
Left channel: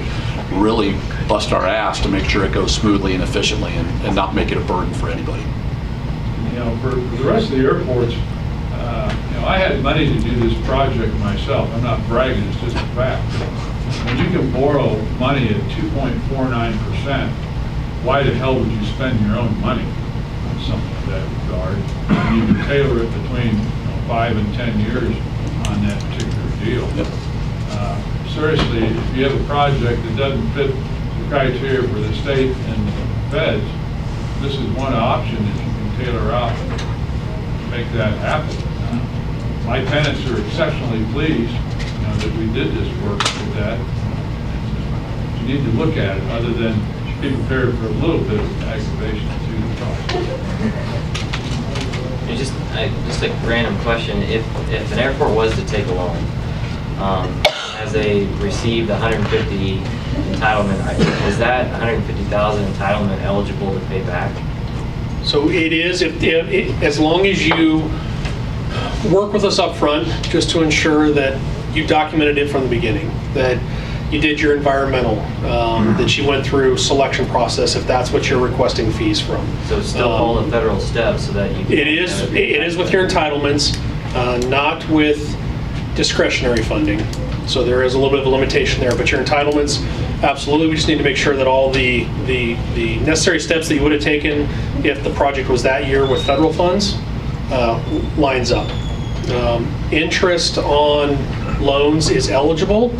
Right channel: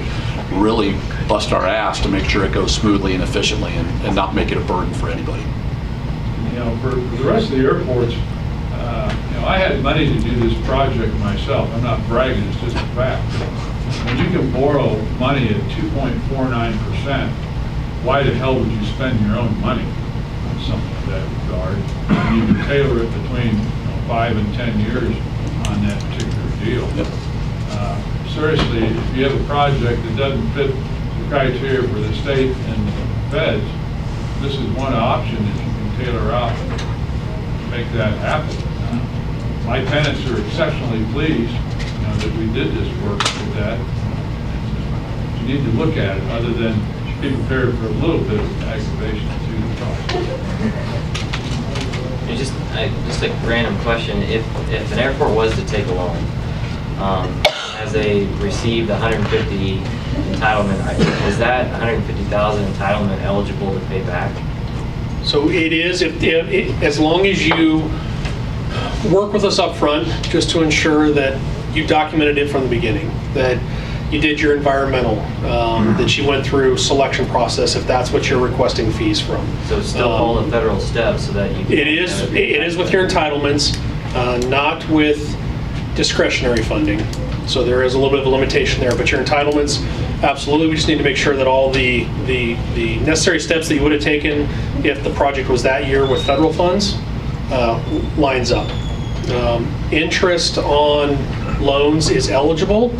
really bust our ass to make sure it goes smoothly and efficiently and not make it a burden for anybody. For the rest of the airports, I had money to do this project myself. I'm not bragging, it's just a fact. When you can borrow money at 2.49%, why the hell would you spend your own money on something of that regard? And you can tailor it between 5 and 10 years on that particular deal. Yep. Seriously, if you have a project that doesn't fit the criteria for the state and the feds, this is one option that you can tailor out and make that happen. My tenants are exceptionally pleased that we did this work with that. You need to look at it other than be prepared for a little bit of aggravation to the process. Just a random question. If an airport was to take a loan, as they received the 150 entitlement, is that 150,000 entitlement eligible to pay back? So it is, as long as you work with us up front, just to ensure that you documented it from the beginning, that you did your environmental, that you went through selection process, if that's what you're requesting fees from. So it's still all the federal steps so that you can... It is with your entitlements, not with discretionary funding. So there is a little bit of a limitation there, but your entitlements, absolutely, we just need to make sure that all the necessary steps that you would have taken if the project was that year with federal funds lines up. Interest on loans is eligible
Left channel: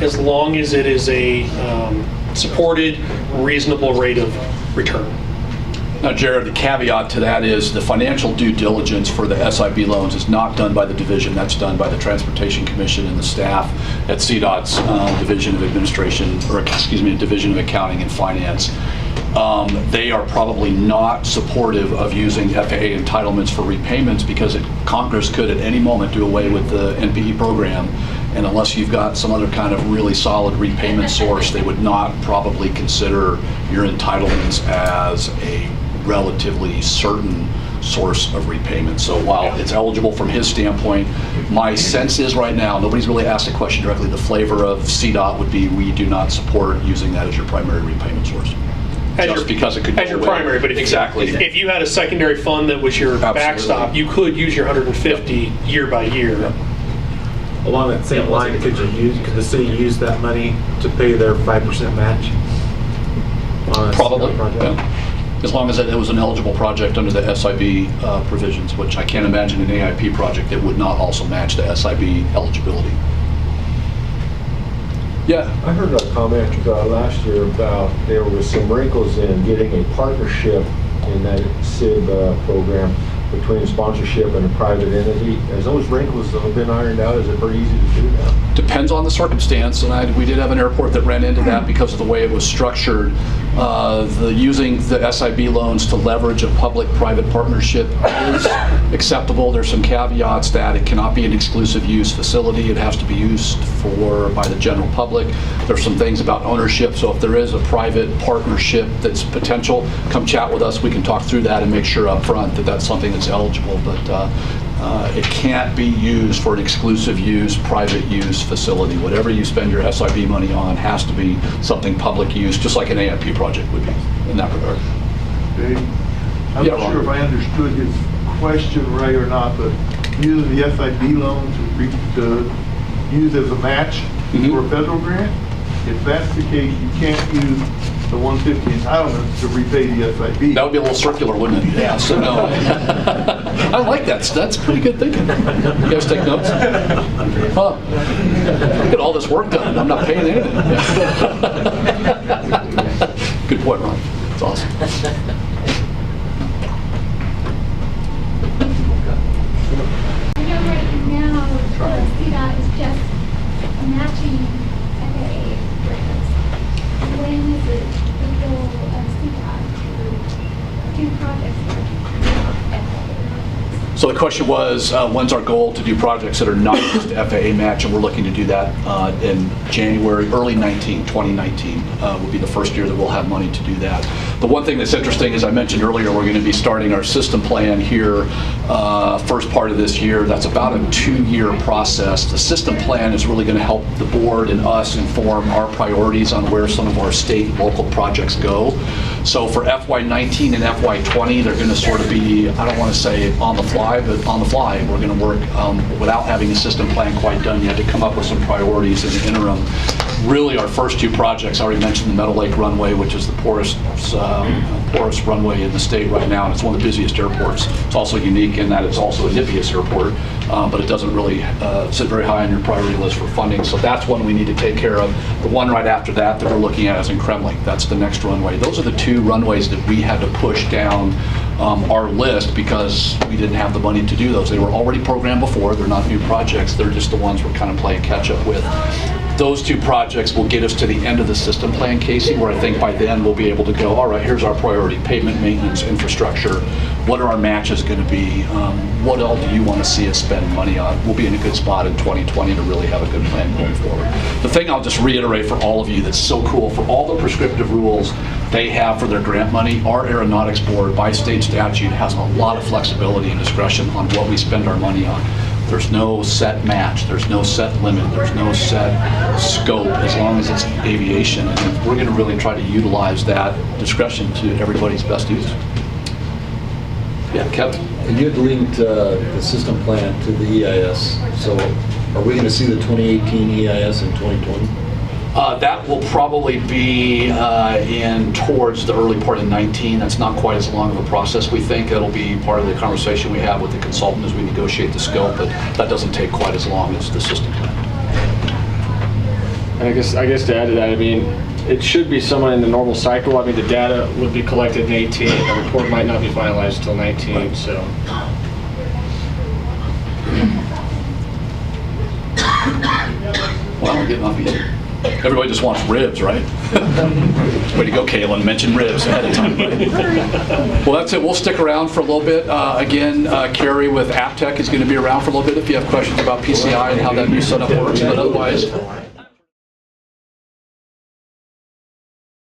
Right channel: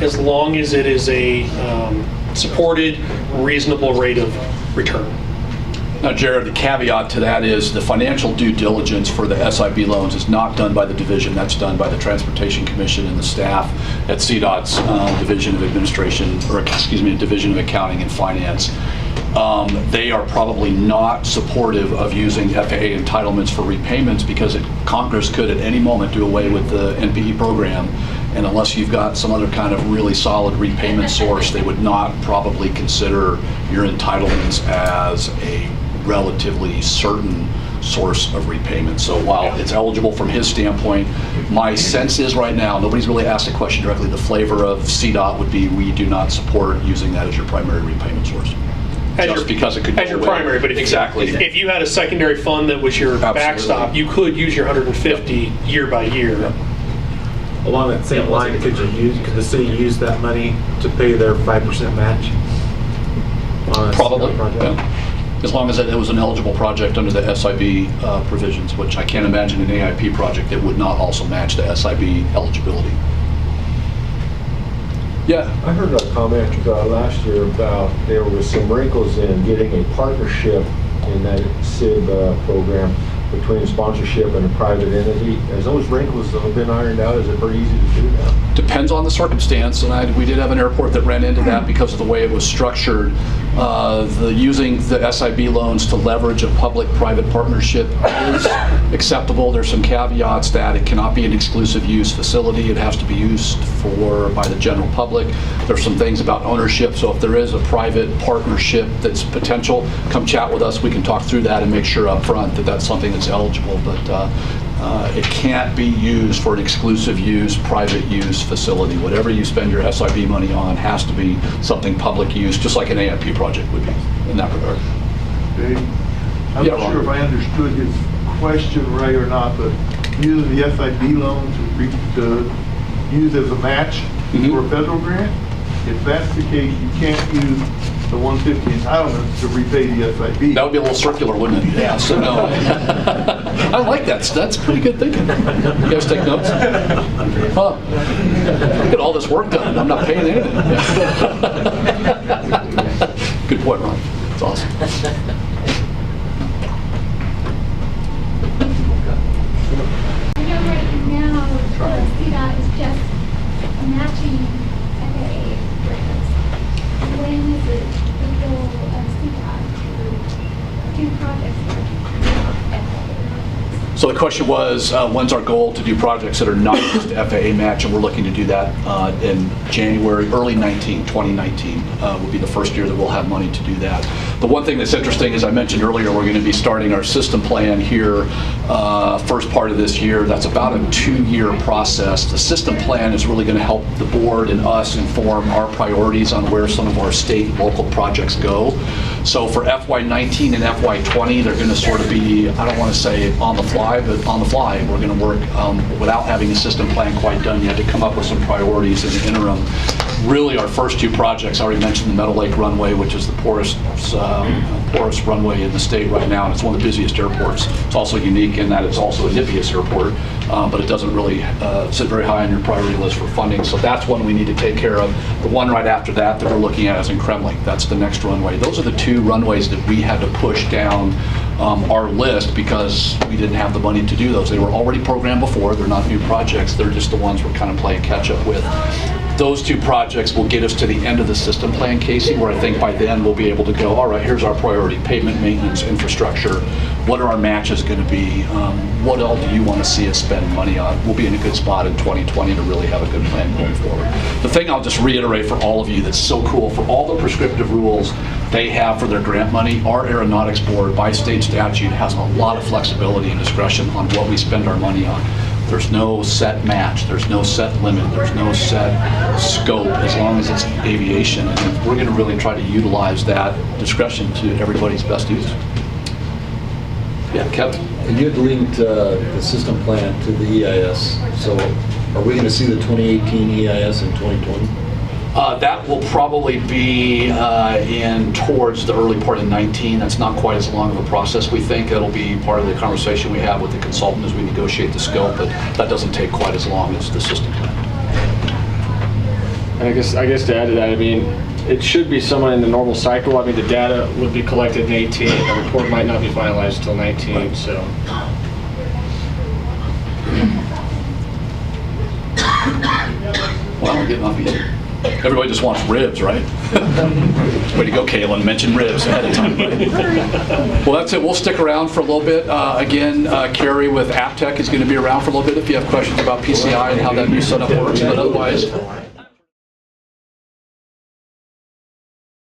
as long as it is a supported, reasonable rate of return. Now, Jared, the caveat to that is the financial due diligence for the SIB loans is not done by the division. That's done by the Transportation Commission and the staff at CDOT's Division of Administration, or excuse me, Division of Accounting and Finance. They are probably not supportive of using FAA entitlements for repayments because Congress could at any moment do away with the NPE program, and unless you've got some other kind of really solid repayment source, they would not probably consider your entitlements as a relatively certain source of repayment. So while it's eligible from his standpoint, my sense is right now, nobody's really asked a question directly, the flavor of CDOT would be we do not support using that as your primary repayment source. Because it could as your primary, but if you had a secondary fund that was your backstop, you could use your 150 year by year. Yep. Along that same line, could the city use that money to pay their 5% match? Probably, yeah. As long as it was an eligible project under the SIB provisions, which I can't imagine an AIP project that would not also match the SIB eligibility. Yeah. I heard a comment last year about there was some wrinkles in getting a partnership in that SIB program between sponsorship and a private entity. Has those wrinkles been ironed out? Is it pretty easy to do now? Depends on the circumstance, and we did have an airport that ran into that because of the way it was structured. Using the SIB loans to leverage a public-private partnership is acceptable. There's some caveats that it cannot be an exclusive use facility. It has to be used by the general public. There's some things about ownership, so if there is a private partnership that's potential, come chat with us. We can talk through that and make sure up front that that's something that's eligible, but it can't be used for an exclusive use, private use facility. Whatever you spend your SIB money on has to be something public use, just like an AIP project would be in that regard. Okay. I'm Yeah, not Ron. sure if I understood his question right or not, but using the SIB loan to use as a match for a federal grant, if that's the case, you can't use the 150 entitlement to repay the SIB. That would be a little circular, wouldn't it? Yeah, so no. I like that. That's pretty good thinking. You guys take notes? Huh. Get all this work done and I'm not paying anything. Yeah. Good point, Ron. That's awesome. I know right now CDOT is just matching FAA grants. When is it the goal of CDOT to do projects that are FAA? So the question was, when's our goal to do projects that are not just FAA match, and we're looking to do that in January, early 2019 will be the first year that we'll have money to do that. The one thing that's interesting, as I mentioned earlier, we're going to be starting our system plan here first part of this year. That's about a 2-year process. The system plan is really going to help the board and us inform our priorities on where some of our state and local projects go. So for FY19 and FY20, they're going to sort of be, I don't want to say on the fly, but on the fly. We're going to work without having a system plan quite done yet to come up with some priorities in the interim. Really, our first 2 projects, I already mentioned the Meadow Lake runway, which is the poorest runway in the state right now, and it's one of the busiest airports. It's also unique in that it's also a NIPIAS airport, but it doesn't really sit very high on your priority list for funding, so that's one we need to take care of. The one right after that we're looking at is in Kremlin. That's the next runway. Those are the 2 runways that we had to push down our list because we didn't have the money to do those. They were already programmed before. They're not new projects. They're just the ones we're kind of playing catch up with. Those 2 projects will get us to the end of the system plan, Casey, where I think by then we'll be able to go, all right, here's our priority, pavement, maintenance, infrastructure. What are our matches going to be? What all do you want to see us spend money on? We'll be in a good spot in 2020 to really have a good plan going forward. The thing I'll just reiterate for all of you that's so cool, for all the prescriptive rules they have for their grant money, our Aeronautics Board, by state statute, has a lot of flexibility and discretion on what we spend our money on. There's no set match, there's no set limit, there's no set scope, as long as it's aviation. And we're going to really try to utilize that discretion to everybody's best use. Yeah, Kevin? And you had linked the system plan to the EIS, so are we going to see the 2018 EIS in 2020? That will probably be in towards the early part of 19. That's not quite as long of a process, we think. It'll be part of the conversation we have with the consultant as we negotiate the scope, but that doesn't take quite as long as the system plan. And I guess to add to that, I mean, it should be somewhat in the normal cycle. I mean, the data would be collected in 18. The report might not be finalized until 19, so. Well, we're getting off easy. Everybody just wants ribs, right? Way to go, Kaylin. Mention ribs ahead of time. Well, that's it. We'll stick around for a little bit. Again, Carrie with AppTech is going to be around for a little bit if you have questions about PCI and how that new setup works. But otherwise,